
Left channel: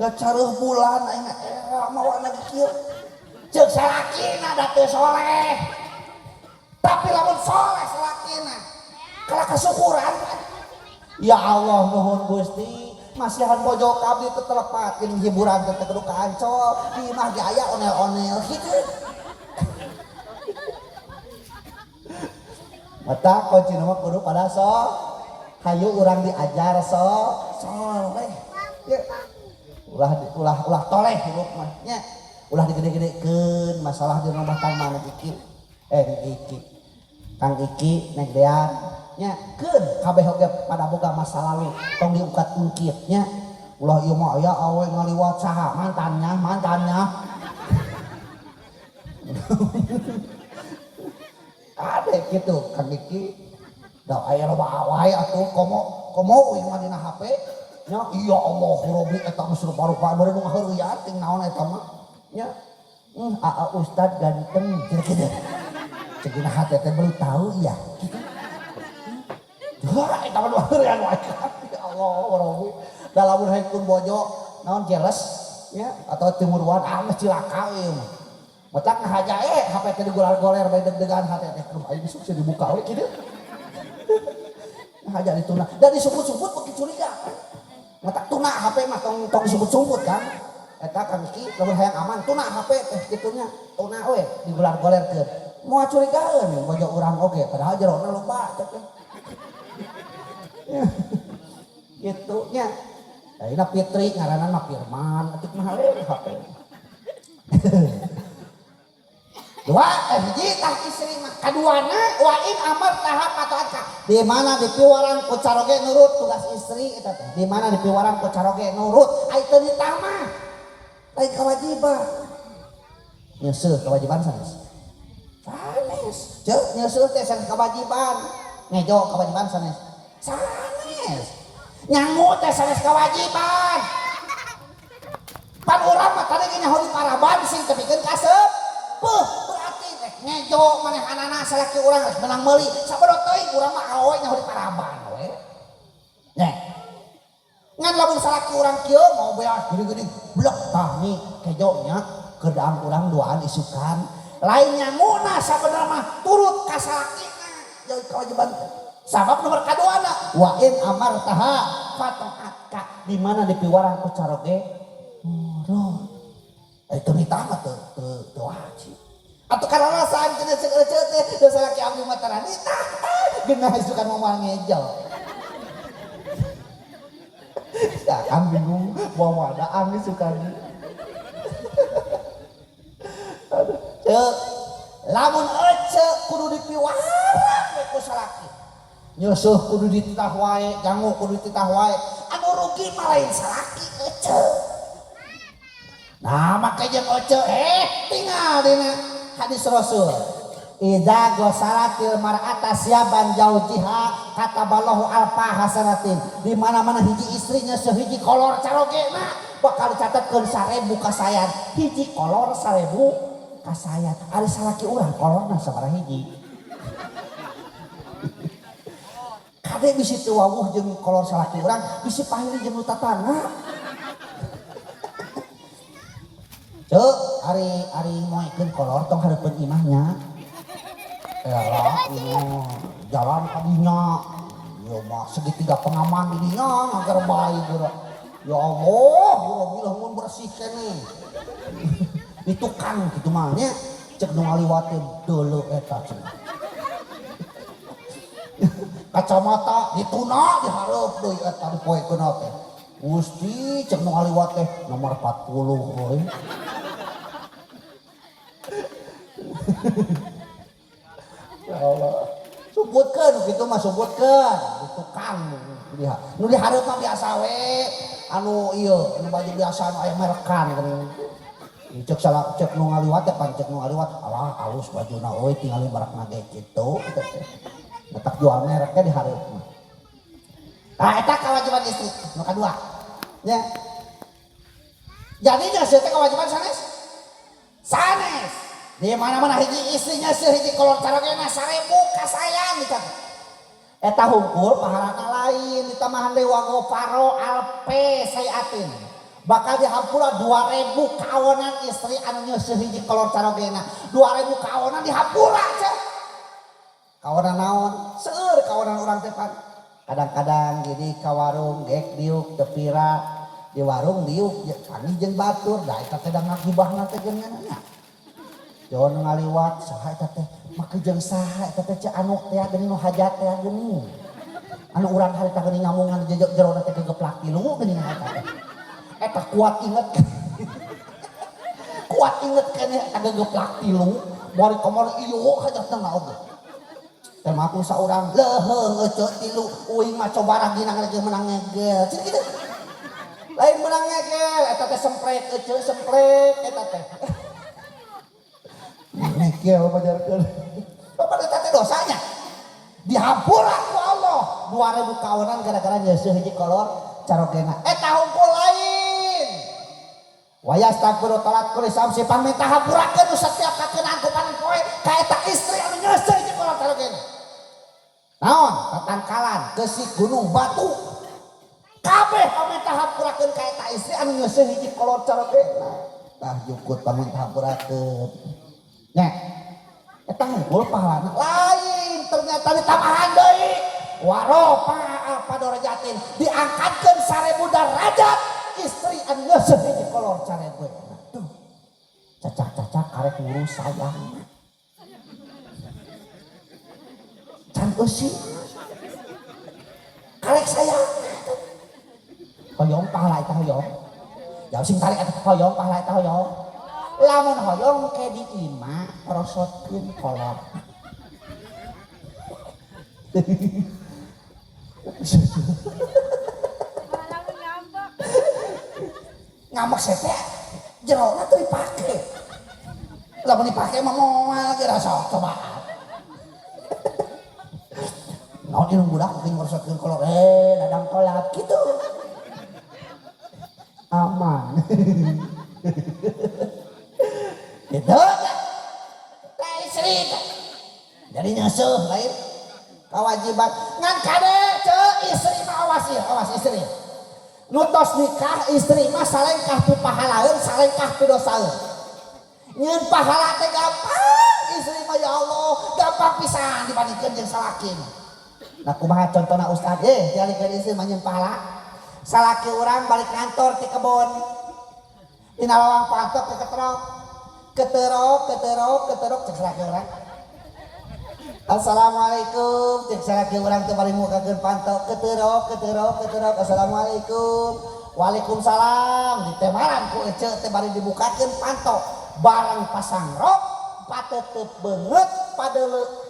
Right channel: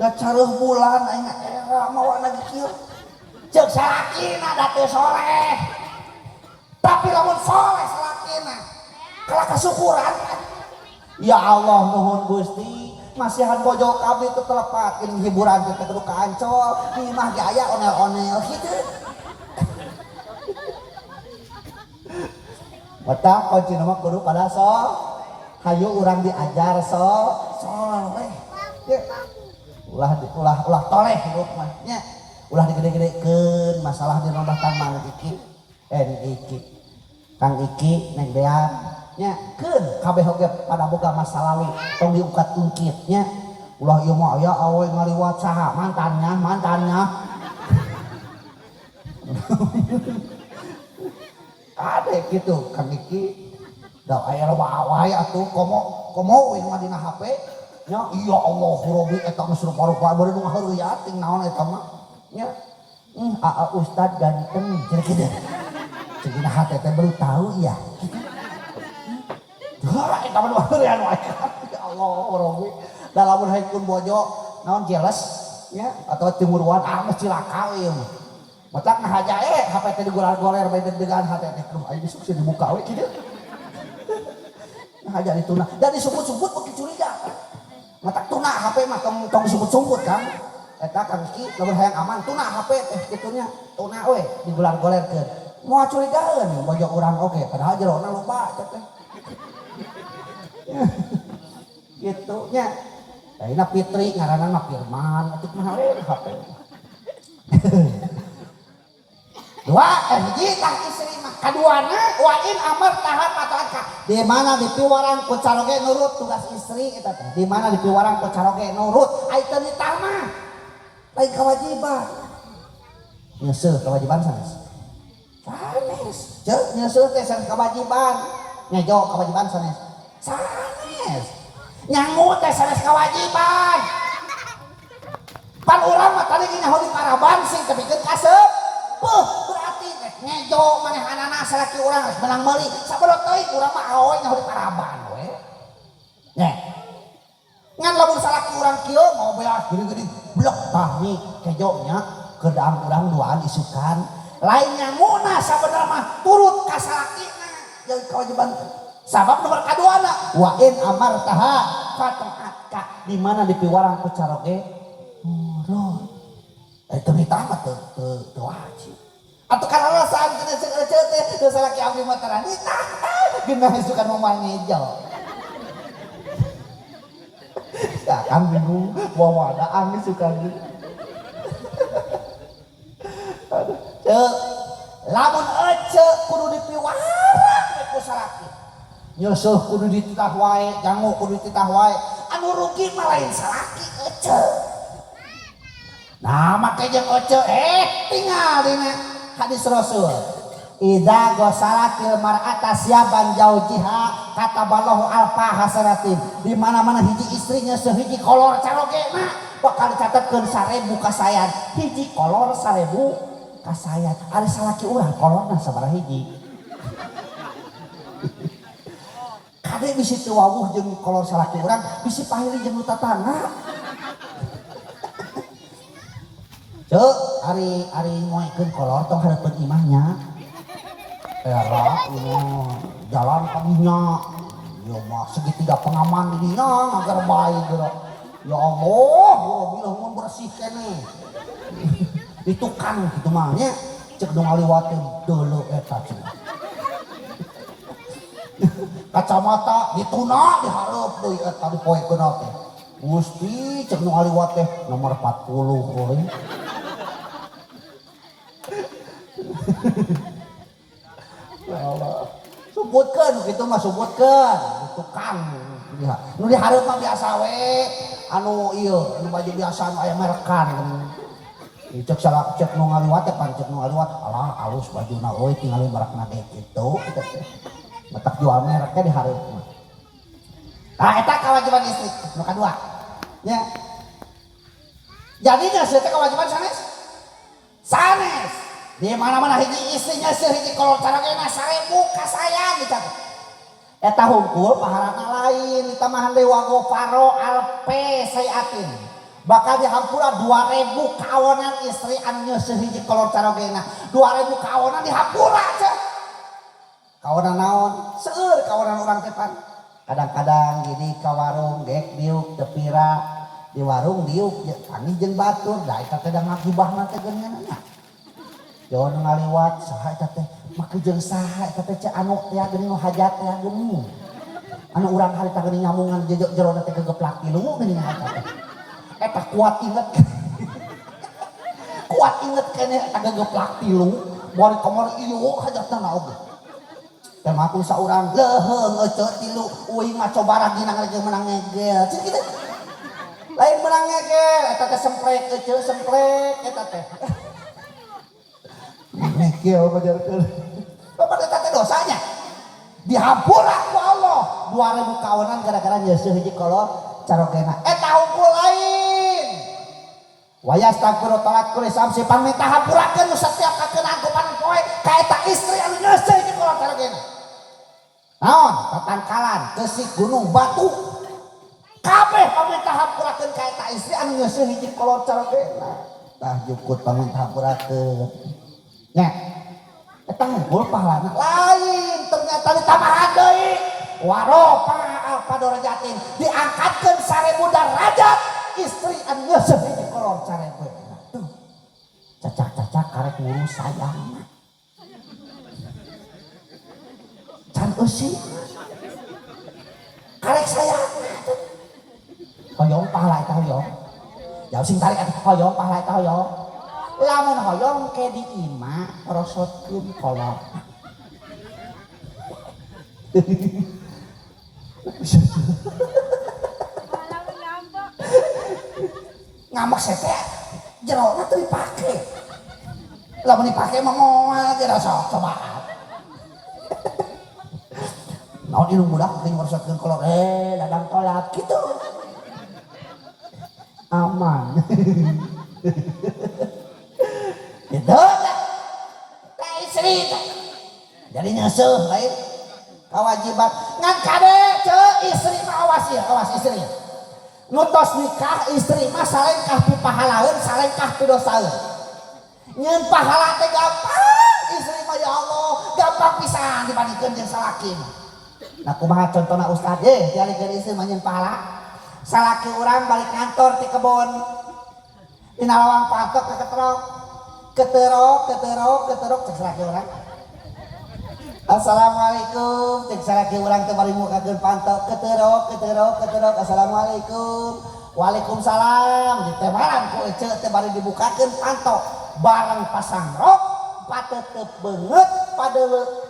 Gak caruh bulan aing era mawa lagi kieu. Ceuk salakina da teu soleh. Tapi lamun soleh salakina kalah kasukuran. Ya Allah nuhun Gusti, masihan pojok abdi teu telepat ini hiburan teh kudu kancol, di mah ge aya onel-onel kitu. Mata kunci nama kudu pada hayu urang diajar weh. Ulah toleh hirup mah nya. Ulah digede-gedekeun masalah di rumah tangga Iki. Iki. Kang Iki nek dean nya keun kabeh oge pada boga masa lalu tong diungkat-ungkit nya. Ulah ieu mah aya awe ngaliwat saha mantannya. Ada gitu Kang Iki. Da aya wae atuh komo uing mah dina HP. Ya iya Allah Robi eta geus rupa-rupa beureun nu ngaheureuyan ting naon eta mah nya Ustad ganteng kitu ceuna hate teh baru tahu ya kitu eta mah ngaheureuyan wae ya Allah Robi da lamun hayeun bojo naon jealous ya atau timuruan geus cilaka ieu mah matak ngahaja HP teh digoler-goler bae deg-degan hate teh aduh aya bisa dibuka we kitu ngahaja dituna da disebut-sebut beuki curiga. Matak tuna HP mah tong sumput-sumput kan. Eta Kang Ki lamun hayang aman tuna HP teh kitunya. Tuna we digoler-golerkeun. Moal curigaeun bojo urang oge padahal jerona loba cek teh. Kitu nya. Ayeuna Fitri ngaranna mah Firman, atik mah we HP. Dua hiji tah istri mah kaduana wain amar tahap atau akak di mana dipiwarang ku caroge nurut tugas istri eta teh di mana dipiwarang ku caroge nurut ai teu ditah mah lain kewajiban nyeuseul kewajiban sanes ceuk nyeuseul teh sanes kewajiban ngejo kewajiban sanes nyangu teh sanes kewajiban pan urang mah tadi nyaho di paraban sing tepikeun kasep berarti ngejo maneh anana salaki urang geus menang meuli sabaraha teuing urang mah awe nyaho di paraban we nya ngan lamun salaki urang kieu mau beas gede-gede blok tah nih kejo nya kedaang urang duaan isukan lain nyanguna sabenerna mah turut ka salakina jeung kewajiban sabab nomor kaduana wa in amartaha fata'aka di mana dipiwarang ku caroge nurut itu ditama tuh wajib atau karena alasan kena cek teh salaki abdi mah tara ditah geuna suka ngomong ngejel ya kan bingung bawa wadaan nih suka gitu cek lamun ece kudu dipiwarang ku salaki nyeusuh kudu dititah wae jango kudu dititah wae anu rugi mah lain salaki ece. Nah makanya oce tinggal dina hadis Rasul idza ghasalatil mar'ata siaban jaujiha kataballahu alfa hasanatin di mana-mana hiji istrinya sehiji kolor carogena bakal dicatatkeun 1000 kasayan hiji kolor 1000 kasayan ari salaki urang kolorna sabaraha hiji kade bisi teu wawuh jeung kolor salaki urang bisi pahili jeung nu tatangga. Cuk, hari ngoekeun kolor tong hareupeun imahnya. Era ini jalan ka dinya. Ya mah segitiga pengaman di dinya agar bae geura. Ya Allah, bila mun bersih keneh. Ditukang kitu mah nya. Cek nu ngaliwateun deuleu eta cenah. Kacamata dituna dihareup deui eta dipoekeun teh. Gusti cek nu ngaliwat teh nomor 40 euy. Allah sebutkan gitu mah sebutkan tukang lihat nu dihareup mah biasa we anu ieu anu baju biasa anu aya merekan kan cek salah cek nu ngaliwat teh pan cek nu ngaliwat alah halus bajuna euy tinggal merekna ge kitu betak jual mereknya dihareup mah nah eta kewajiban istri nu kadua nya jadinya saya teh kewajiban sanes di mana-mana hiji istrinya sehiji kolor carogena 1000 kasayan dicatat eta hungkul pahalana lain ditamahan dewa goparo alpe sayatin bakal dihampura 2000 kaonan istri anu nyeuseut hiji kolor carogena 2000 kaonan dihampura cek kaonan naon seueur kaonan urang teh pan kadang-kadang jadi ka warung gek diuk tepira di warung diuk kami jeung batur da eta teh da ngagibahna teh geungeunna Jon ngaliwat saha eta teh make jeung saha eta teh anu teh geuning hajat teh geuning anu urang harita geuning nyamungan jero teh kegeplak tilu geuning eta teh eta kuat inget kene ada geplak tilu mori kamar iyo hajatna naoge teh matung saurang leuheung eceu tilu uing mah coba ragina geus menang ngegel cik kitu lain menang ngegel eta teh semprek eceu semprek eta teh ngegel bajarkeun bapak eta teh dosanya dihampura ku Allah 2000 kaonan gara-gara nyeuseut hiji kolor carogena eta hungkul lain wayastagfiru talat kulis samsi pamita hampurakeun setiap kakeunaan ku panen poe ka eta istri anu nyeuseut hiji kolor carogena naon tatangkalan keusik gunung batu kabeh pamita hampurakeun ka eta istri anu nyeuseut hiji kolor carogena tah jukut pamita hampurakeun nya eta ngumpul pahalana lain ternyata ditambahan deui warofa padarajatin diangkatkeun 1000 derajat istri anu nyeuseut hiji kolor carogena tuh cacak-cacak karek ngurus sayang can eusi karek sayang hoyong pahala eta hoyong jauh sing tarik eta hoyong pahala eta hoyong lamun hoyong ke di imah rosotkeun kolor ngamak sete jerona teu dipake lamun dipake mah moal ge rasa cobaan naon ieu budak teh ngorosotkeun kolor dadang kolot kitu aman gitu lain cerita jadi nyeuseut lain kewajiban ngan kade ceu istri mah awas ya awas istri nutos nikah istri mah salengkah pi pahalaeun salengkah pi dosaeun nyeun pahala teh gampang istri mah ya Allah gampang pisan dibandingkeun jeung salaki nah kumaha contohna ustad dialikeun istri mah nyeun pahala salaki urang balik kantor ti kebon tina lawang patok ke keterok cek salaki urang assalamualaikum cek salaki urang teh bari mukakeun pantok keterok assalamualaikum waalaikumsalam di teh malam ku eceu teh bari dibukakeun pantok bareng pasang rok patetep beungeut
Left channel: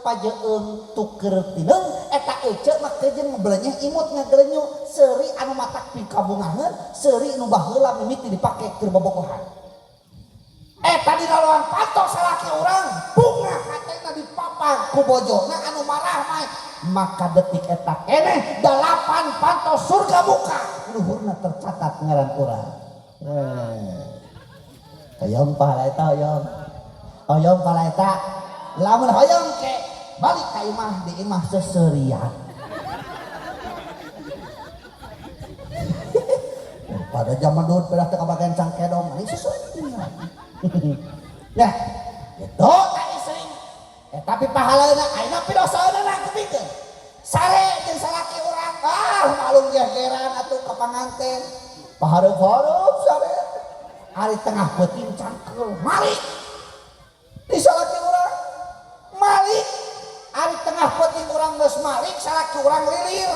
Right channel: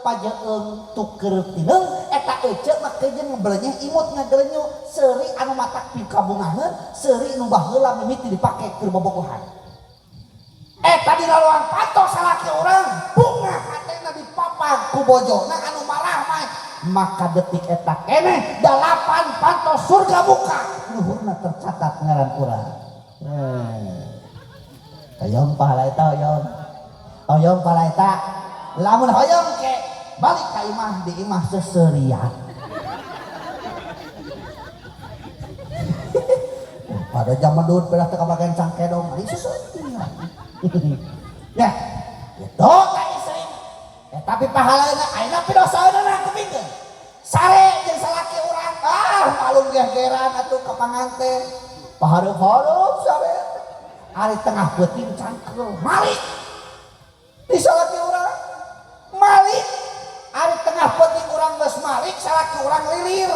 pajeung tuker tineung eta eceu mah teh jeung ngabelenyeh imut ngagelenyu seuri anu matak pikabungaheun seuri nu baheula mimiti dipake keur bobogohan eta di laluan pantok salaki urang bunga katena dipapang ku bojona anu marah mah maka detik eta keneh 8 pantos surga buka luhurna tercatat ngaran urang hoyong pahala eta hoyong pahala eta lamun hoyong ke balik ka imah di imah seseurian pada zaman dulu pada teu kabagian cangkedong ini seseurian ya gitu ka istri tapi pahalana ayeuna pi dosaeuna kupingkeun sare jeung salaki urang malung gegeran atuh ka panganten paharup-harup sare hari tengah beuting cangkel malik di salaki urang malik hari tengah beuting urang geus malik salaki urang lilir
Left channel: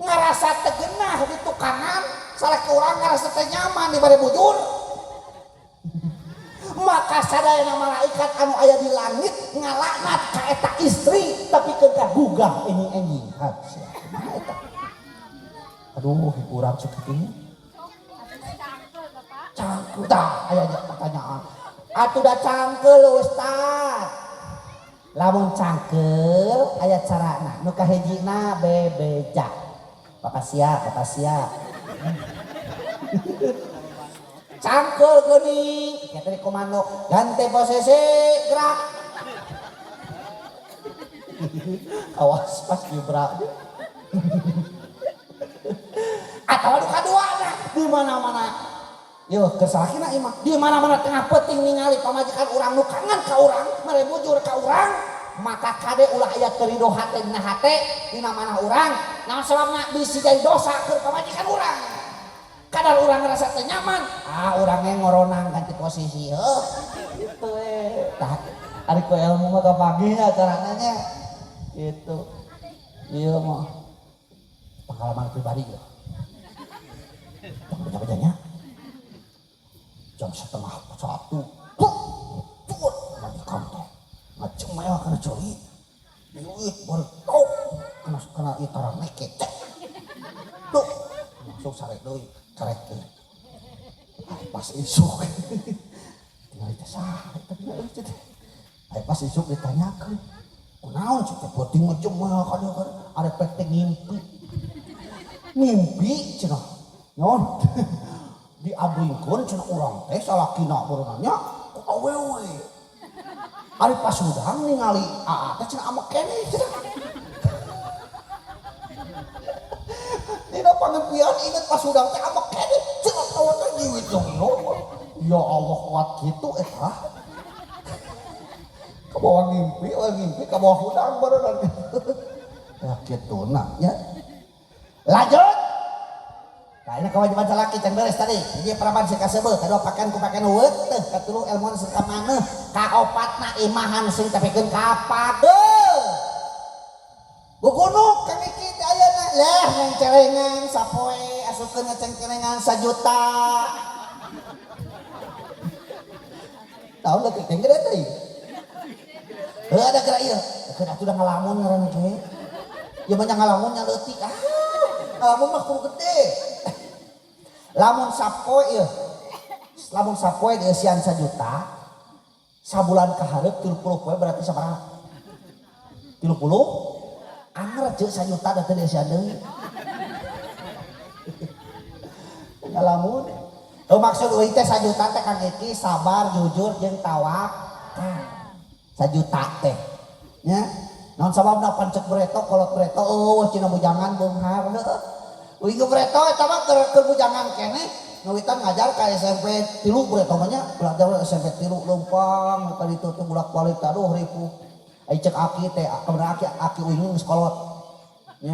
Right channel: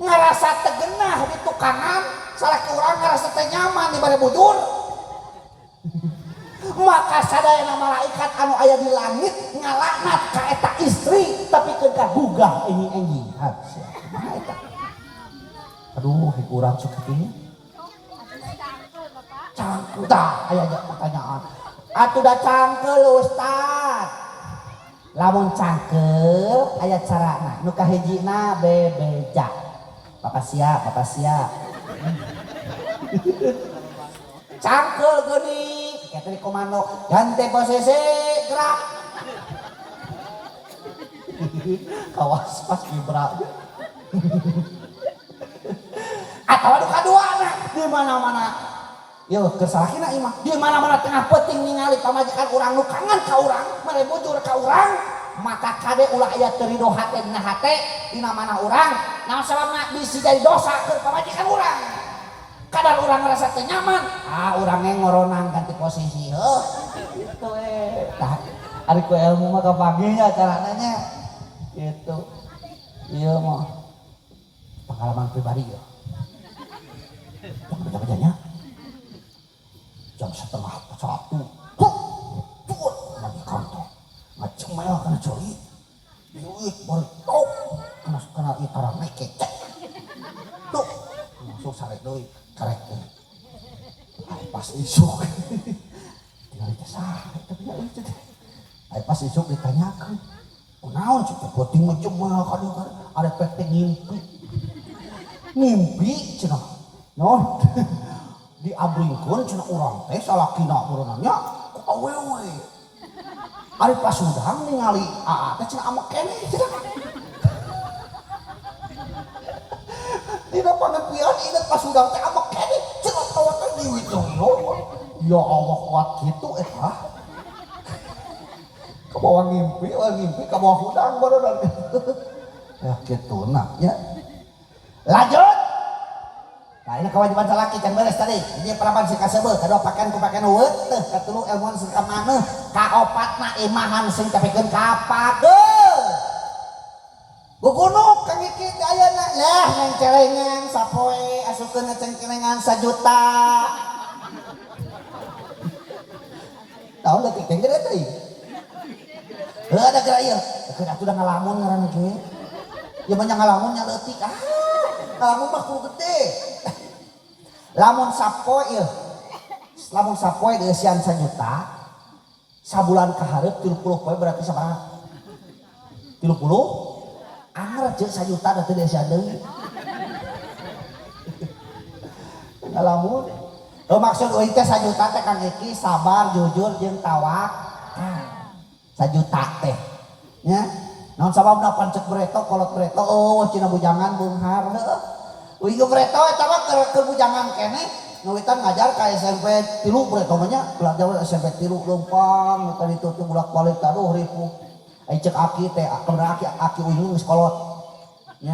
ngarasa tegenah di tukangan salaki urang ngarasa teh nyaman di bade bujur maka sadayana malaikat anu aya di langit ngalaknat ka eta istri tapi kedah gugah ini anjing kumaha eta aduh urang sakitu cangkeul tah aya pertanyaan atuh da cangkeul ustad lamun cangkeul aya carana nu kahijina bebeja papasia cangkeul geuning eta di komando gante posisi gerak awas pas gebrak Atau anu kaduana di mana-mana. Yo kesalahina imah di mana-mana tengah penting ningali pamajikan urang nu kangen ka urang, mere bujur ka urang, maka kade ulah aya terido hate dina hate dina mana urang, naon sababna bisi jadi dosa keur pamajikan urang. Kadar urang ngerasa teu nyaman, urang ngoronang ganti posisi. Heuh, kitu tah ari ku ilmu mah kapagi nya carana nya. Gitu. Iya mah pengalaman pribadi ya. Baca-bacanya jam 1:30 lagi kantor ngaceng maya kana coli duit baru tau kena itarang naik kecek tuh langsung sarek doi karek doi pas isuk tinggal ditesah pas isuk ditanyakan kunaon cik penting macam mana kadang ada pektek ngimpi cenah non diabringkeun cenah urang teh salakina berenangnya ku awewe ari pasudang ningali teh cenah amek keneh cenah dina pangeupian inget pasudang teh amek keneh cenah tawa teh diwidono ya Allah kuat kitu eta kabawa ngimpi kabawa hudang berenang ya kitu nah nya lanjut. Nah ini kewajiban salaki can beres tadi. Jadi parapan si kasebeuh, kadua pakaian ku pakaian eueuh teh, katulu ilmuan sing ka maneh, kaopatna imahan sing tapikeun ka pageuh. Gugunuk kang iki teh ayeuna lah yang celengan sapoe asukeun cengcenengan 1 juta. Tahu leutik teh gede teh. Heuh ada geura ieu. Keur atuh da ngalamun ngaran ge. Ya banyak ngalamunnya leutik ngalamun mah kudu gede. Lamun sapoe dieusian 1 juta sabulan kahareup 30 poe berarti sabaraha 30 anggar ceuk 1 juta da teu dieusian deui ngalamun maksud euy teh 1 juta teh Kang Eki sabar jujur jeung tawakal 1 juta teh nya naon sababna pancet bereto kolot bereto cenah bujangan beunghar heuh Wigo Breto eta mah keur bujangan keneh nuwitan ngajar ka SMP 3 Breto nya belajar SMP 3 leumpang tadi itu bolak-balik aduh ripuh ai cek aki teh aki uyung geus kolot nya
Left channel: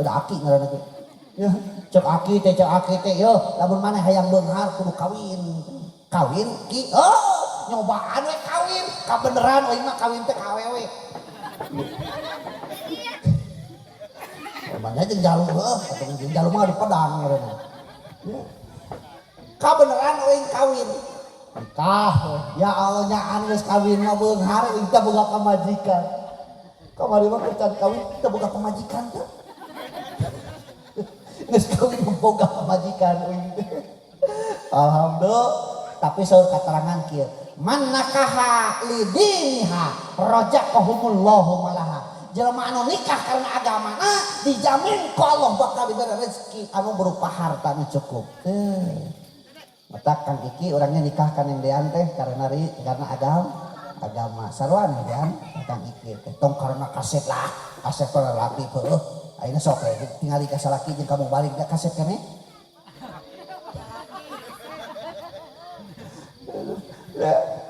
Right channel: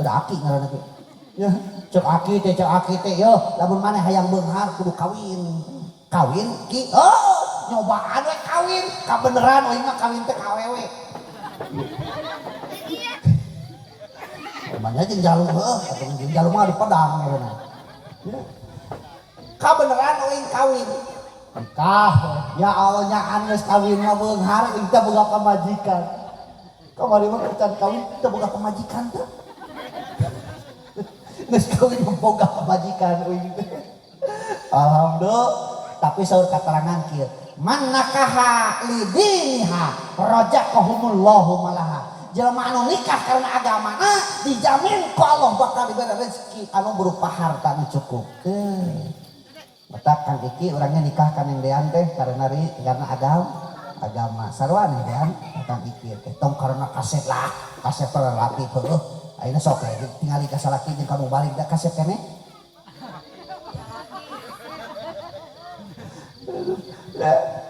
udah aki ngaranna teh nya cek aki teh yo lamun maneh hayang beunghar kudu kawin ki nyobaan we kawin kabeneran euy mah kawin teh ka awewe namanya jeung jalung atau jeung jalung mah di pedang ngaranna. Ka beneran euy kawin. Nikah. Ya Allah nyaan geus kawin mah beunghar euy teh boga pamajikan. Kamari mah can kawin teh boga pamajikan teh. Geus kawin mah boga pamajikan euy. Alhamdulillah tapi saur katerangan kieu. Man nakaha lidiniha rajaqahumullahu malaha. Jelema anu nikah karena agamana dijamin ku Allah bakal diberi rezeki anu berupa harta nu cukup. Mata Kang Iki orangnya nikah kan yang dean teh karena agama. Sarwan kan Kang Iki teh tong karena kaset laki heuh. Ayeuna sok tingali ka salaki jeung kamu balik da kaset keneh.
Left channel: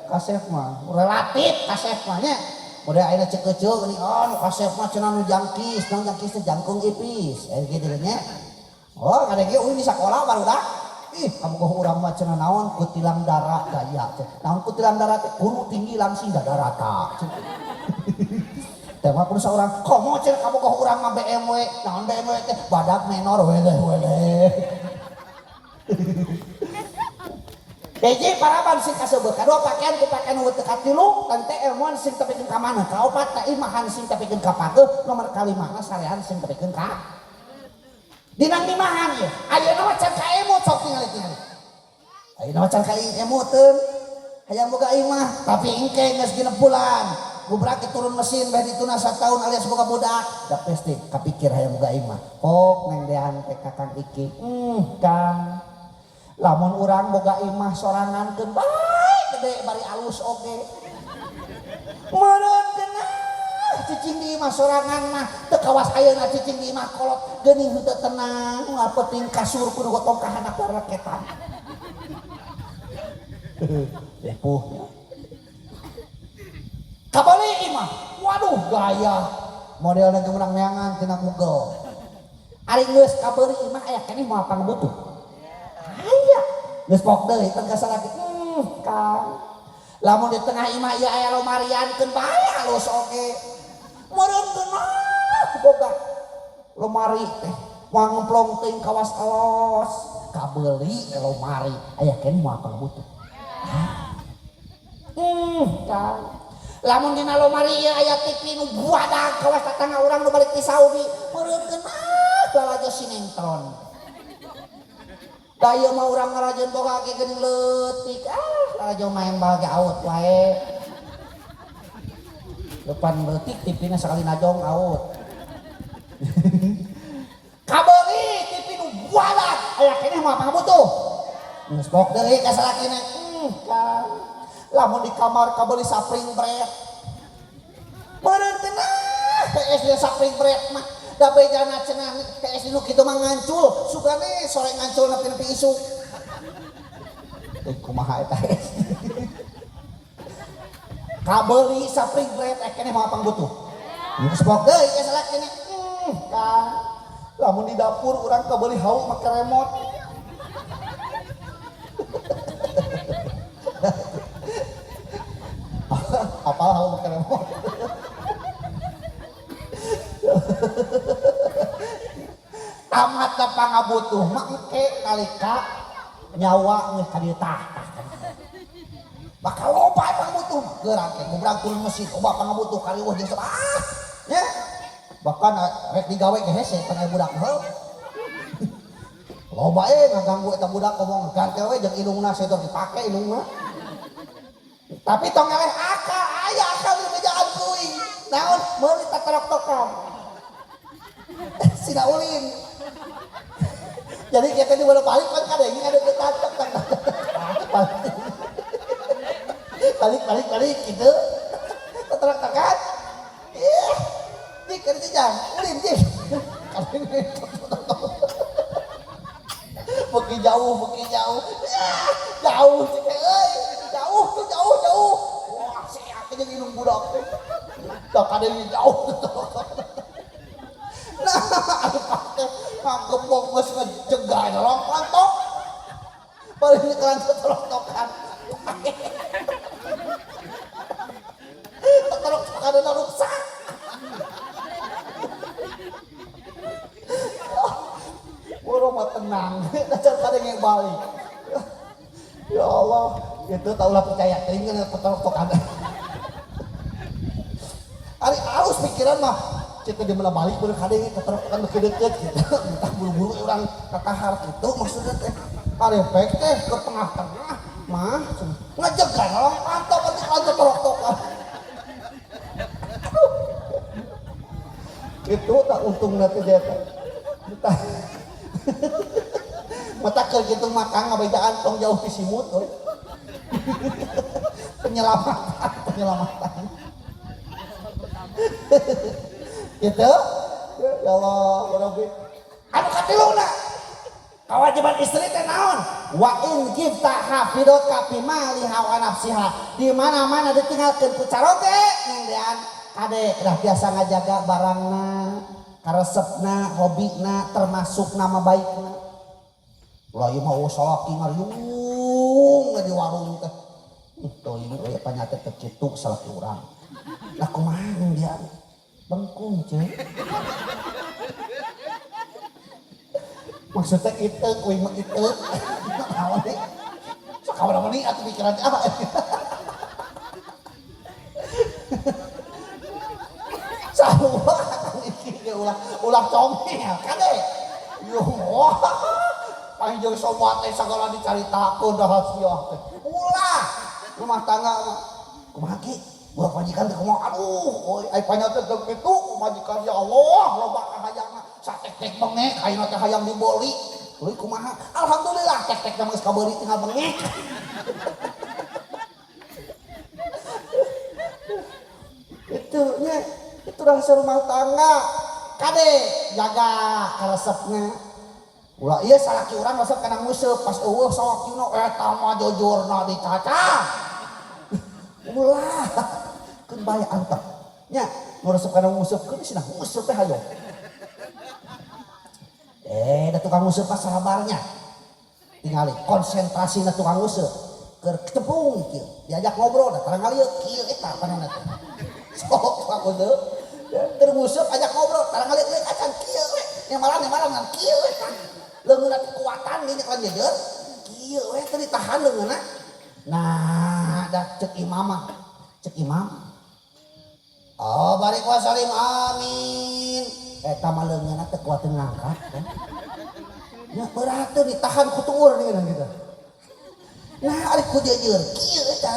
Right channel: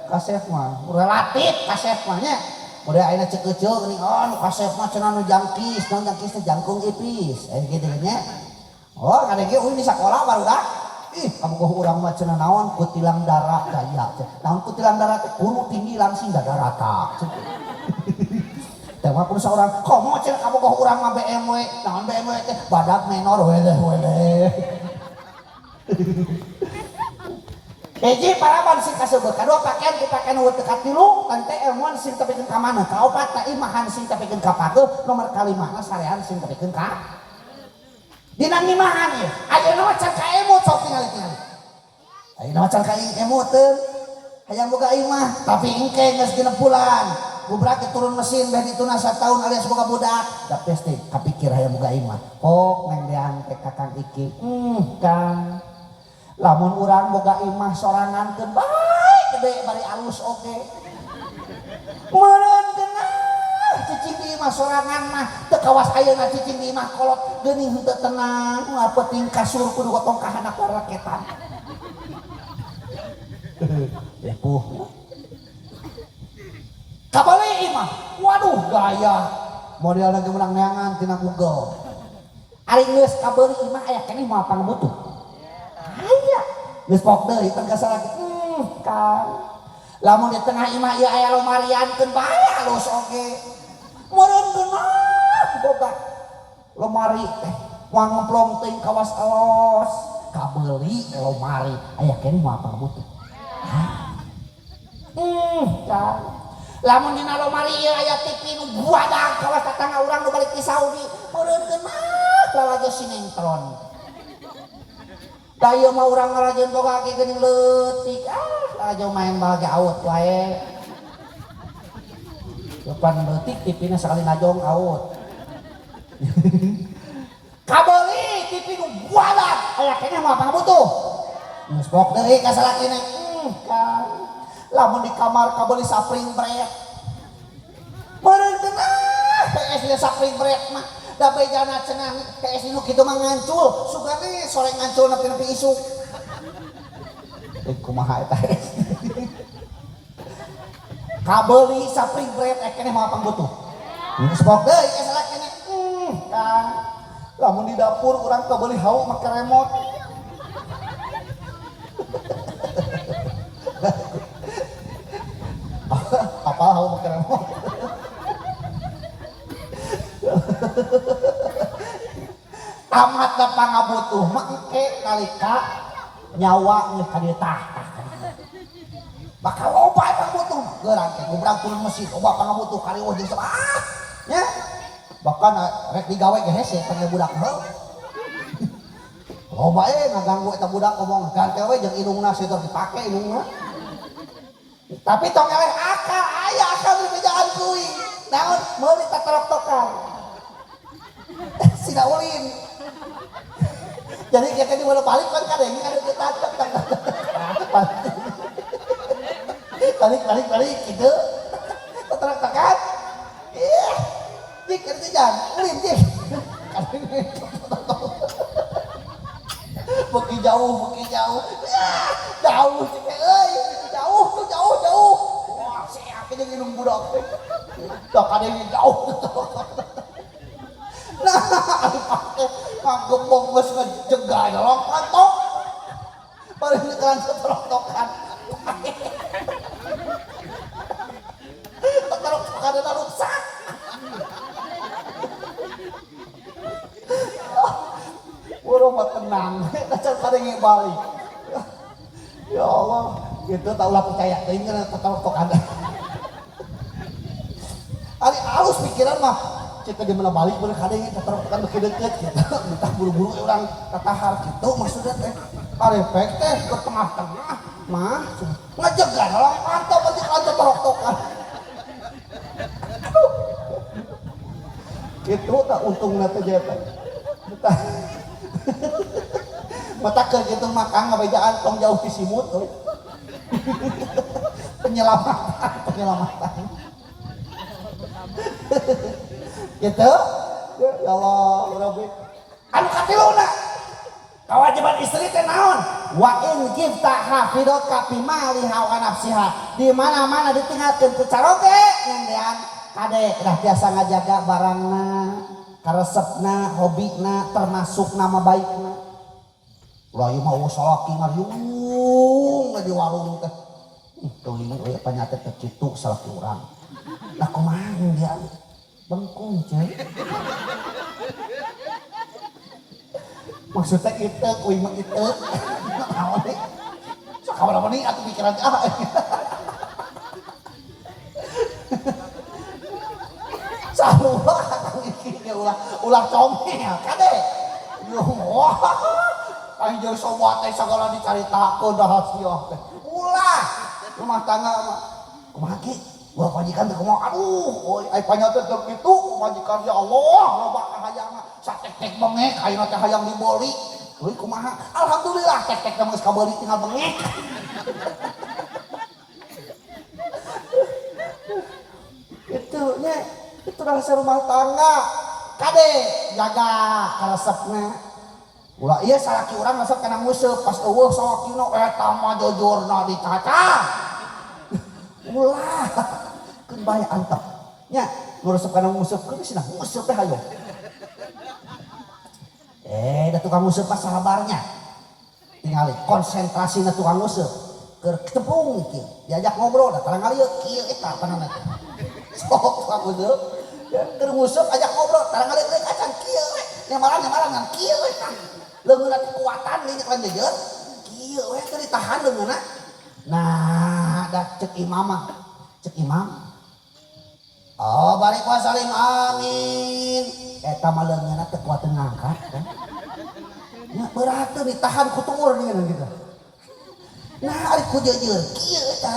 Kaset mah relatif kaset mah nya. Udah ayeuna cek kecil geuning nu kasep mah cenah nu jangkis teh jangkung ipis gitu nya. Kadang ge euy di sakola barudak. Kamu kok urang mah cenah naon kutilang darat daya. Naon kutilang darat guru tinggi langsing da darata. Teh mah kudu saurang, "Komo cenah kamu kok urang mah BMW, naon BMW teh badak menor weleh." Hiji paraban sing kasebeuh, kadua pakaian ku pakaian eueuh teu katilu, tante ilmuan sing tapikeun ka maneh, kaopat teh imahan sing tapikeun ka pageuh, nomor kalimahna sarean sing tapikeun ka dina ngimahan ieu. Ayeuna mah can ka emu sok tingali. Ayeuna mah can ka emu teu hayang boga imah, tapi engke geus genep bulan. Gubrak turun mesin beh dituna 1 tahun alias boga budak. Da pasti kapikir hayang boga imah. Kok neng dean teh Kakang Iki. Kang lamun urang boga imah sorangan keun bae gede bari alus oge. Meureun geunah cicing di imah sorangan mah teu kawas ayeuna cicing di imah kolot geuning henteu tenang penting kasur kudu gotong ka handap raketan. Lepuh. Kabali imah. Waduh gaya. Model lagi menang neangan tina Google. Ari geus kabali imah aya keneh moal pangabutuh. Aya. Geus pok deui tengkas lagi. Kang. Lamun di tengah imah ieu aya lomariankeun bae alus oge. Meureun geunah boga lomari teh moal ngemplong teuing kawas alos. Kabeli lomari aya keneh moal pangabutuh. Kang. Lamun dina lomari ieu aya TV nu buadag kawas tetangga urang nu balik ti Saudi. Meureun geunah lalajo sinetron. Da ieu mah urang ngarajeun boga ge geuning leutik. Lajo main bage out wae. Lupan leutik TV-na sakali najong out. Kabeli TV nu buadag aya keneh moal pangabutuh. Geus pok deui ka salakina. Kan. Lamun di kamar kabeli sapring bread. Meureun geunah PS sapring bread mah da bejana cenah PS nu kitu mah ngancul sugane sore ngancul nepi isuk. Kumaha eta kabeli sapring bread keneh moal pangabutuh. Geus pok deui ka salakina. Kan. Lamun di dapur urang kabeli hau make remote. Apa hau make remote? Tamat da pangabutuh mah engke nalika nyawa geus ka dieu tah. Bakal loba pangabutuh geurang ke gubrang turun mesin loba pangabutuh kariweuh jeung sabah. Nya. Bahkan rek digawe ge hese pake budak heuh. Loba ngaganggu eta budak ngomong gantel we jeung indungna setor dipake indungna. Tapi tong nyawe akal aya akal di bejaan kuy. Naon meuli tatorok-tokan. Sida ulin. Jadi kita di bola balik kan kadang ada kita balik gitu. Tatorok-tokan. Ih, dik kerja jangan ulin dik. Beki jauh. Jauh cek jauh. Wah, seak aja nginum budak. Dah kadang jauh. Nah, ada pakai ngagembong geus ngejegah nolong pantok. Paling nekan tetorok-tokan. Tetorok-tokan ada rusak. Burung mah tenang, dacar kadang balik. Ya Allah, gitu taulah percaya teuing kana tetorok-tokan. Ari alus pikiran mah kita di mana balik bener kadang tetorok-tokan beuki deukeut gitu. Entah buru-buru urang tatahar kitu maksudna teh. Arepek teh ke tengah-tengah mah ngajegah nolong pantok penting tetorok-tokan. Gitu tak untungna teh jeta. Mata ke gitu makang ngabejaan tong jauh di simut penyelamatan gitu ya Allah ya Rabbi anu katiluna kewajiban istri teh naon wa in jibta hafidot ka fi maliha wa nafsiha di mana-mana ditinggalkeun ku caroge ngandean kade dah biasa ngajaga barangna karesepna hobina termasuk nama baikna. Ulah ieu mah salaki ngariung di warung teh. Teuing we panyata teh kitu salaki urang. Lah kumaha dia bengkung ceui. Maksudnya kitu kuy mah kitu. Naon deui? Sakabaraha meni atuh pikiran ah. Sarua ulah comel kade. Wah. Anjing sobat teh sagala dicaritakeun dah rahasia teh. Ulah rumah tangga mah. Kumaha ki? Gua pajikan teh kumaha? Aduh, ai panyata teh kitu majikan ya Allah, loba kahayangna satek-tek bengek ayeuna teh hayang diboli. Tuluy kumaha? Alhamdulillah tek-tek teh geus kabeuli tinggal bengek. Kitu nya. Itu rahasia rumah tangga. Kade jaga karesepna. Ulah ieu salaki urang resep kana museup pas eueuh salakina eta mah jujurna dicacang. Ulah keun bae antep. Nya nu resep kana museup keun cenah museup teh hayo. Da tukang museup mah sabarnya. Tingali konsentrasi na tukang museup. Keur ketepung kieu. Diajak ngobrol da tarang ngalieu kieu eta panonna teh. Sok tukang museup. Ya, keur museup ajak ngobrol tarang ngalieu euy acan kieu we. Nyamaran ngan kieu we kan. Leungeunna teh kuatan nya kan jejer. Kieu we teh ditahan leungeunna. Nah, da cek imam mah. Cek imam. Oh, balik wasalim amin. Eta mah leungeunna teh kuateun ngangkat kan. Ya berat tuh ditahan ku tuur dengan gitu. Nah, ari ku jejer kieu eta.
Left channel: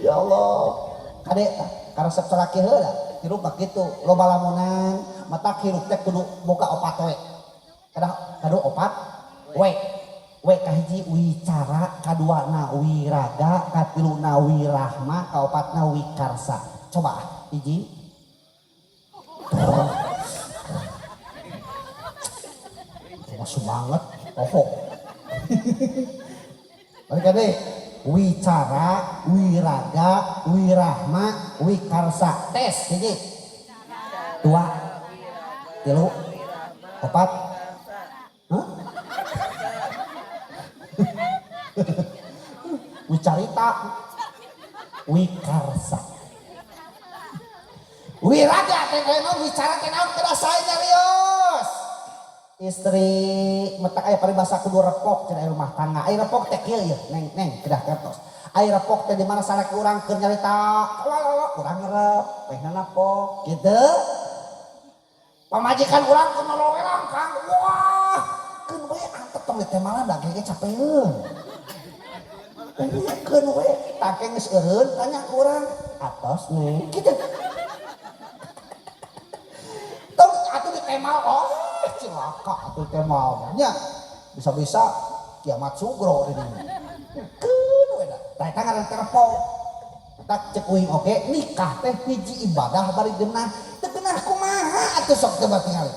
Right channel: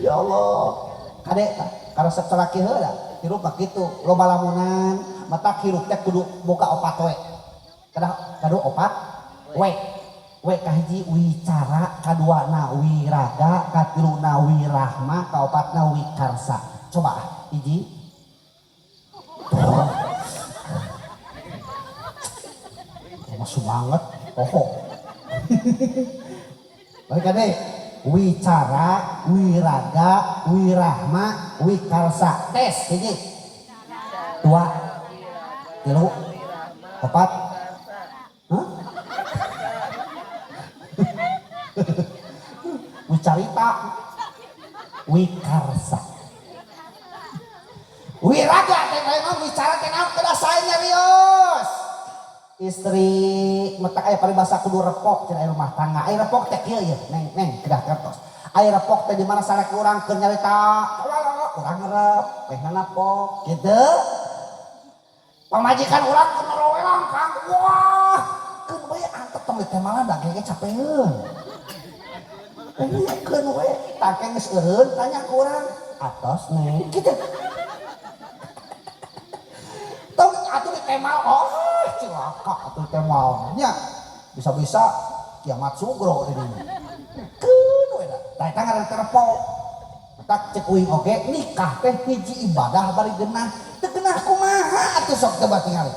Ya Allah. Kade karesep salaki heula hirup mah kitu, loba lamunan mata hirup teh kudu boga opat we. Kadu opat we. We kahiji wicara, kaduana wiraga, katiluna wirahma, kaopatna wikarsa. Coba hiji. Masuk banget, Mereka deh, wicara, wiraga, wirahma, wikarsa. Tes, hiji. 2, 3, 4. Hah? Wicarita, wikarsa. Wiraga, teh wicara teh naon teh saenya rios. Istri metak aya paribasa kudu repok cenah rumah tangga. Aya repok teh kieu ya, neng kedah kertos. Aya repok teh di mana salaki urang keur nyarita, urang ngerep, teh napok kitu. Pamajikan urang keur norowelang Kang. Wah, keun we antep tong teh malah da gege capeun. Keun we take geus eureun tanya ku urang, atos neng kitu. Tong atuh ditemal cilaka atuh teh maunya bisa-bisa kiamat sugro di dieu. Keun we da. Tah eta ngaran terpok. Tak cek uing oge nikah teh hiji ibadah bari geunah. Teu geunah kumaha atuh sok teh batingali.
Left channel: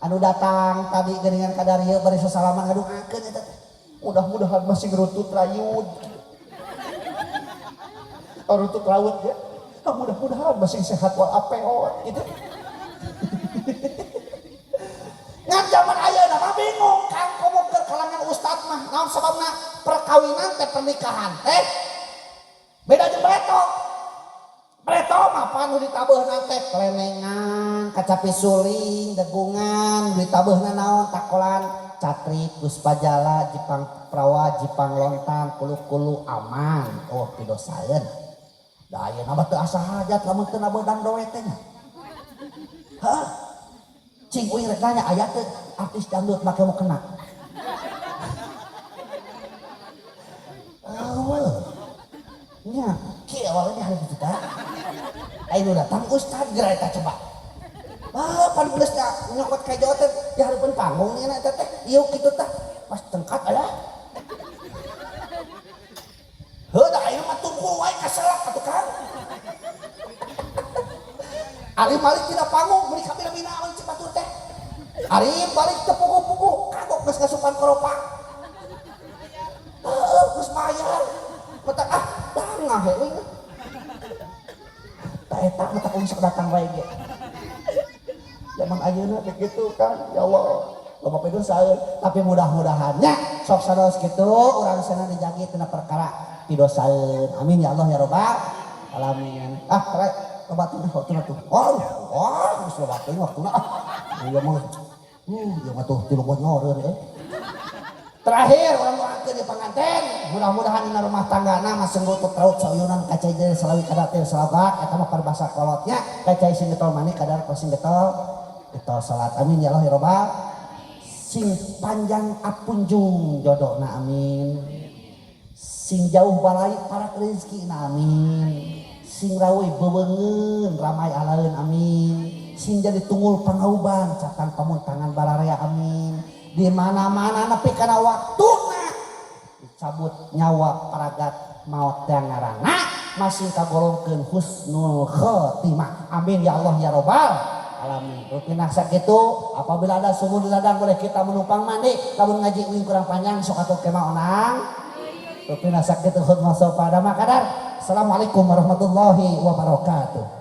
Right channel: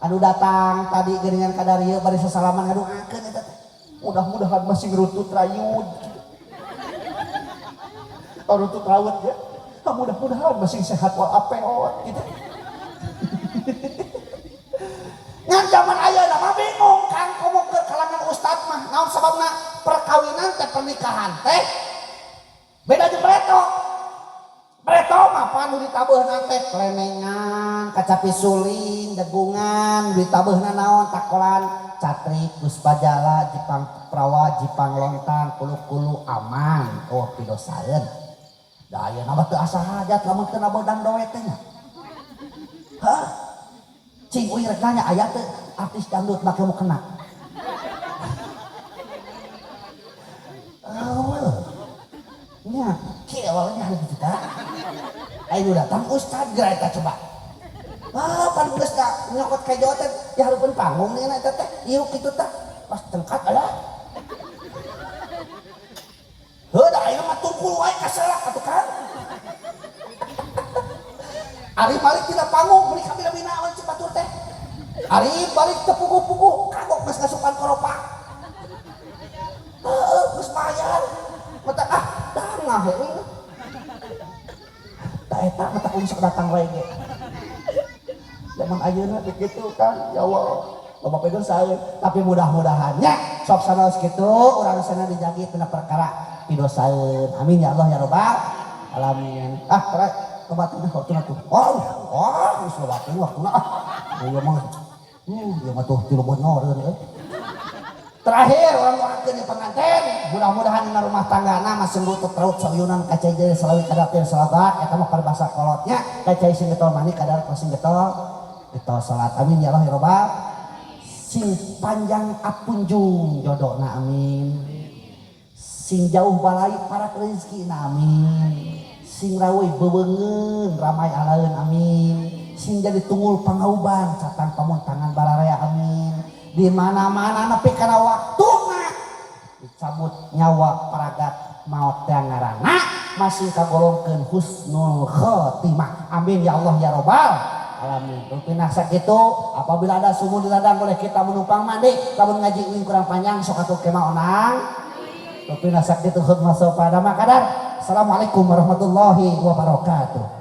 Anu datang tadi geuningan ka darieu bari sasalaman ngaduakeun eta teh. Mudah-mudahan masih ngerutut rayud. Rutut raut ya. Mudah-mudahan masih sehat walafiat gitu. Ngan zaman ayeuna mah bingung Kang komo ke kalangan ustad mah naon sababna perkawinan teh pernikahan teh beda jeung bereto. Bereto mah panu ditabeuhna teh klemengan, kacapi suling, degungan, ditabeuhna naon takolan catrik, puspajala, jipang prawa, jipang lontang, kulu-kulu aman. Oh, pidosaeun. Da ayeuna mah teu asa hajat lamun teu nabodang doe teh nya. Hah? Cing uing rek nanya aya teu artis dangdut make mau kena. Nya, kieu awalnya harus kita. Ayo datang ustad geura eta coba. Pan geus da nyokot ka jauh teh di hareupeun panggung nih eta teh. Ieu kitu teh pas tengkat aya. Heuh da ayeuna mah tungkul wae kaselak atuh kan. Ari balik tina panggung meuli ka bina-bina awan cipatur teh. Ari balik teu puguh-puguh kagok geus ngasupan koropa. Geus bayar. Mata tangah heuh. Da eta mata kudu sok datang wae ge. Zaman ayeuna begitu kan, ya Allah. Loba pedeung saeun, tapi mudah-mudahan nya sok sanes kitu urang sana dijagi tina perkara pidosaeun. Amin ya Allah ya rabbal alamin. Rek tobatna waktuna tuh. Geus lobakeun waktuna. Ieu mah ieu mah tuh 3 bulan ngeureun Terakhir orang doakeun di pengantin, mudah-mudahan dina rumah tanggana masih rutut raut sayunan kacai jadi selawi kadar teh sahabat eta mah paribasa kolotnya kacai sing getol mani kadar sing getol salat. Amin ya Allah ya rabbal sing panjang apunjung jodohna amin. Sing jauh balai parak rezekina amin. Sing rawe bebeungeun ramai alaeun amin. Sing jadi tunggul pangauban catang pamuntangan bararea amin. Di mana-mana nepi kana waktuna dicabut nyawa paragat maot teh ngaranna masih kagolongkeun husnul khotimah. Amin ya Allah ya robbal alamin. Rupina sakitu apabila ada sumur di ladang boleh kita menumpang mandi. Lamun ngaji uing kurang panjang sok atuh kemah onang. Rupina sakitu khutbah sopada makadar. Assalamualaikum warahmatullahi wabarakatuh.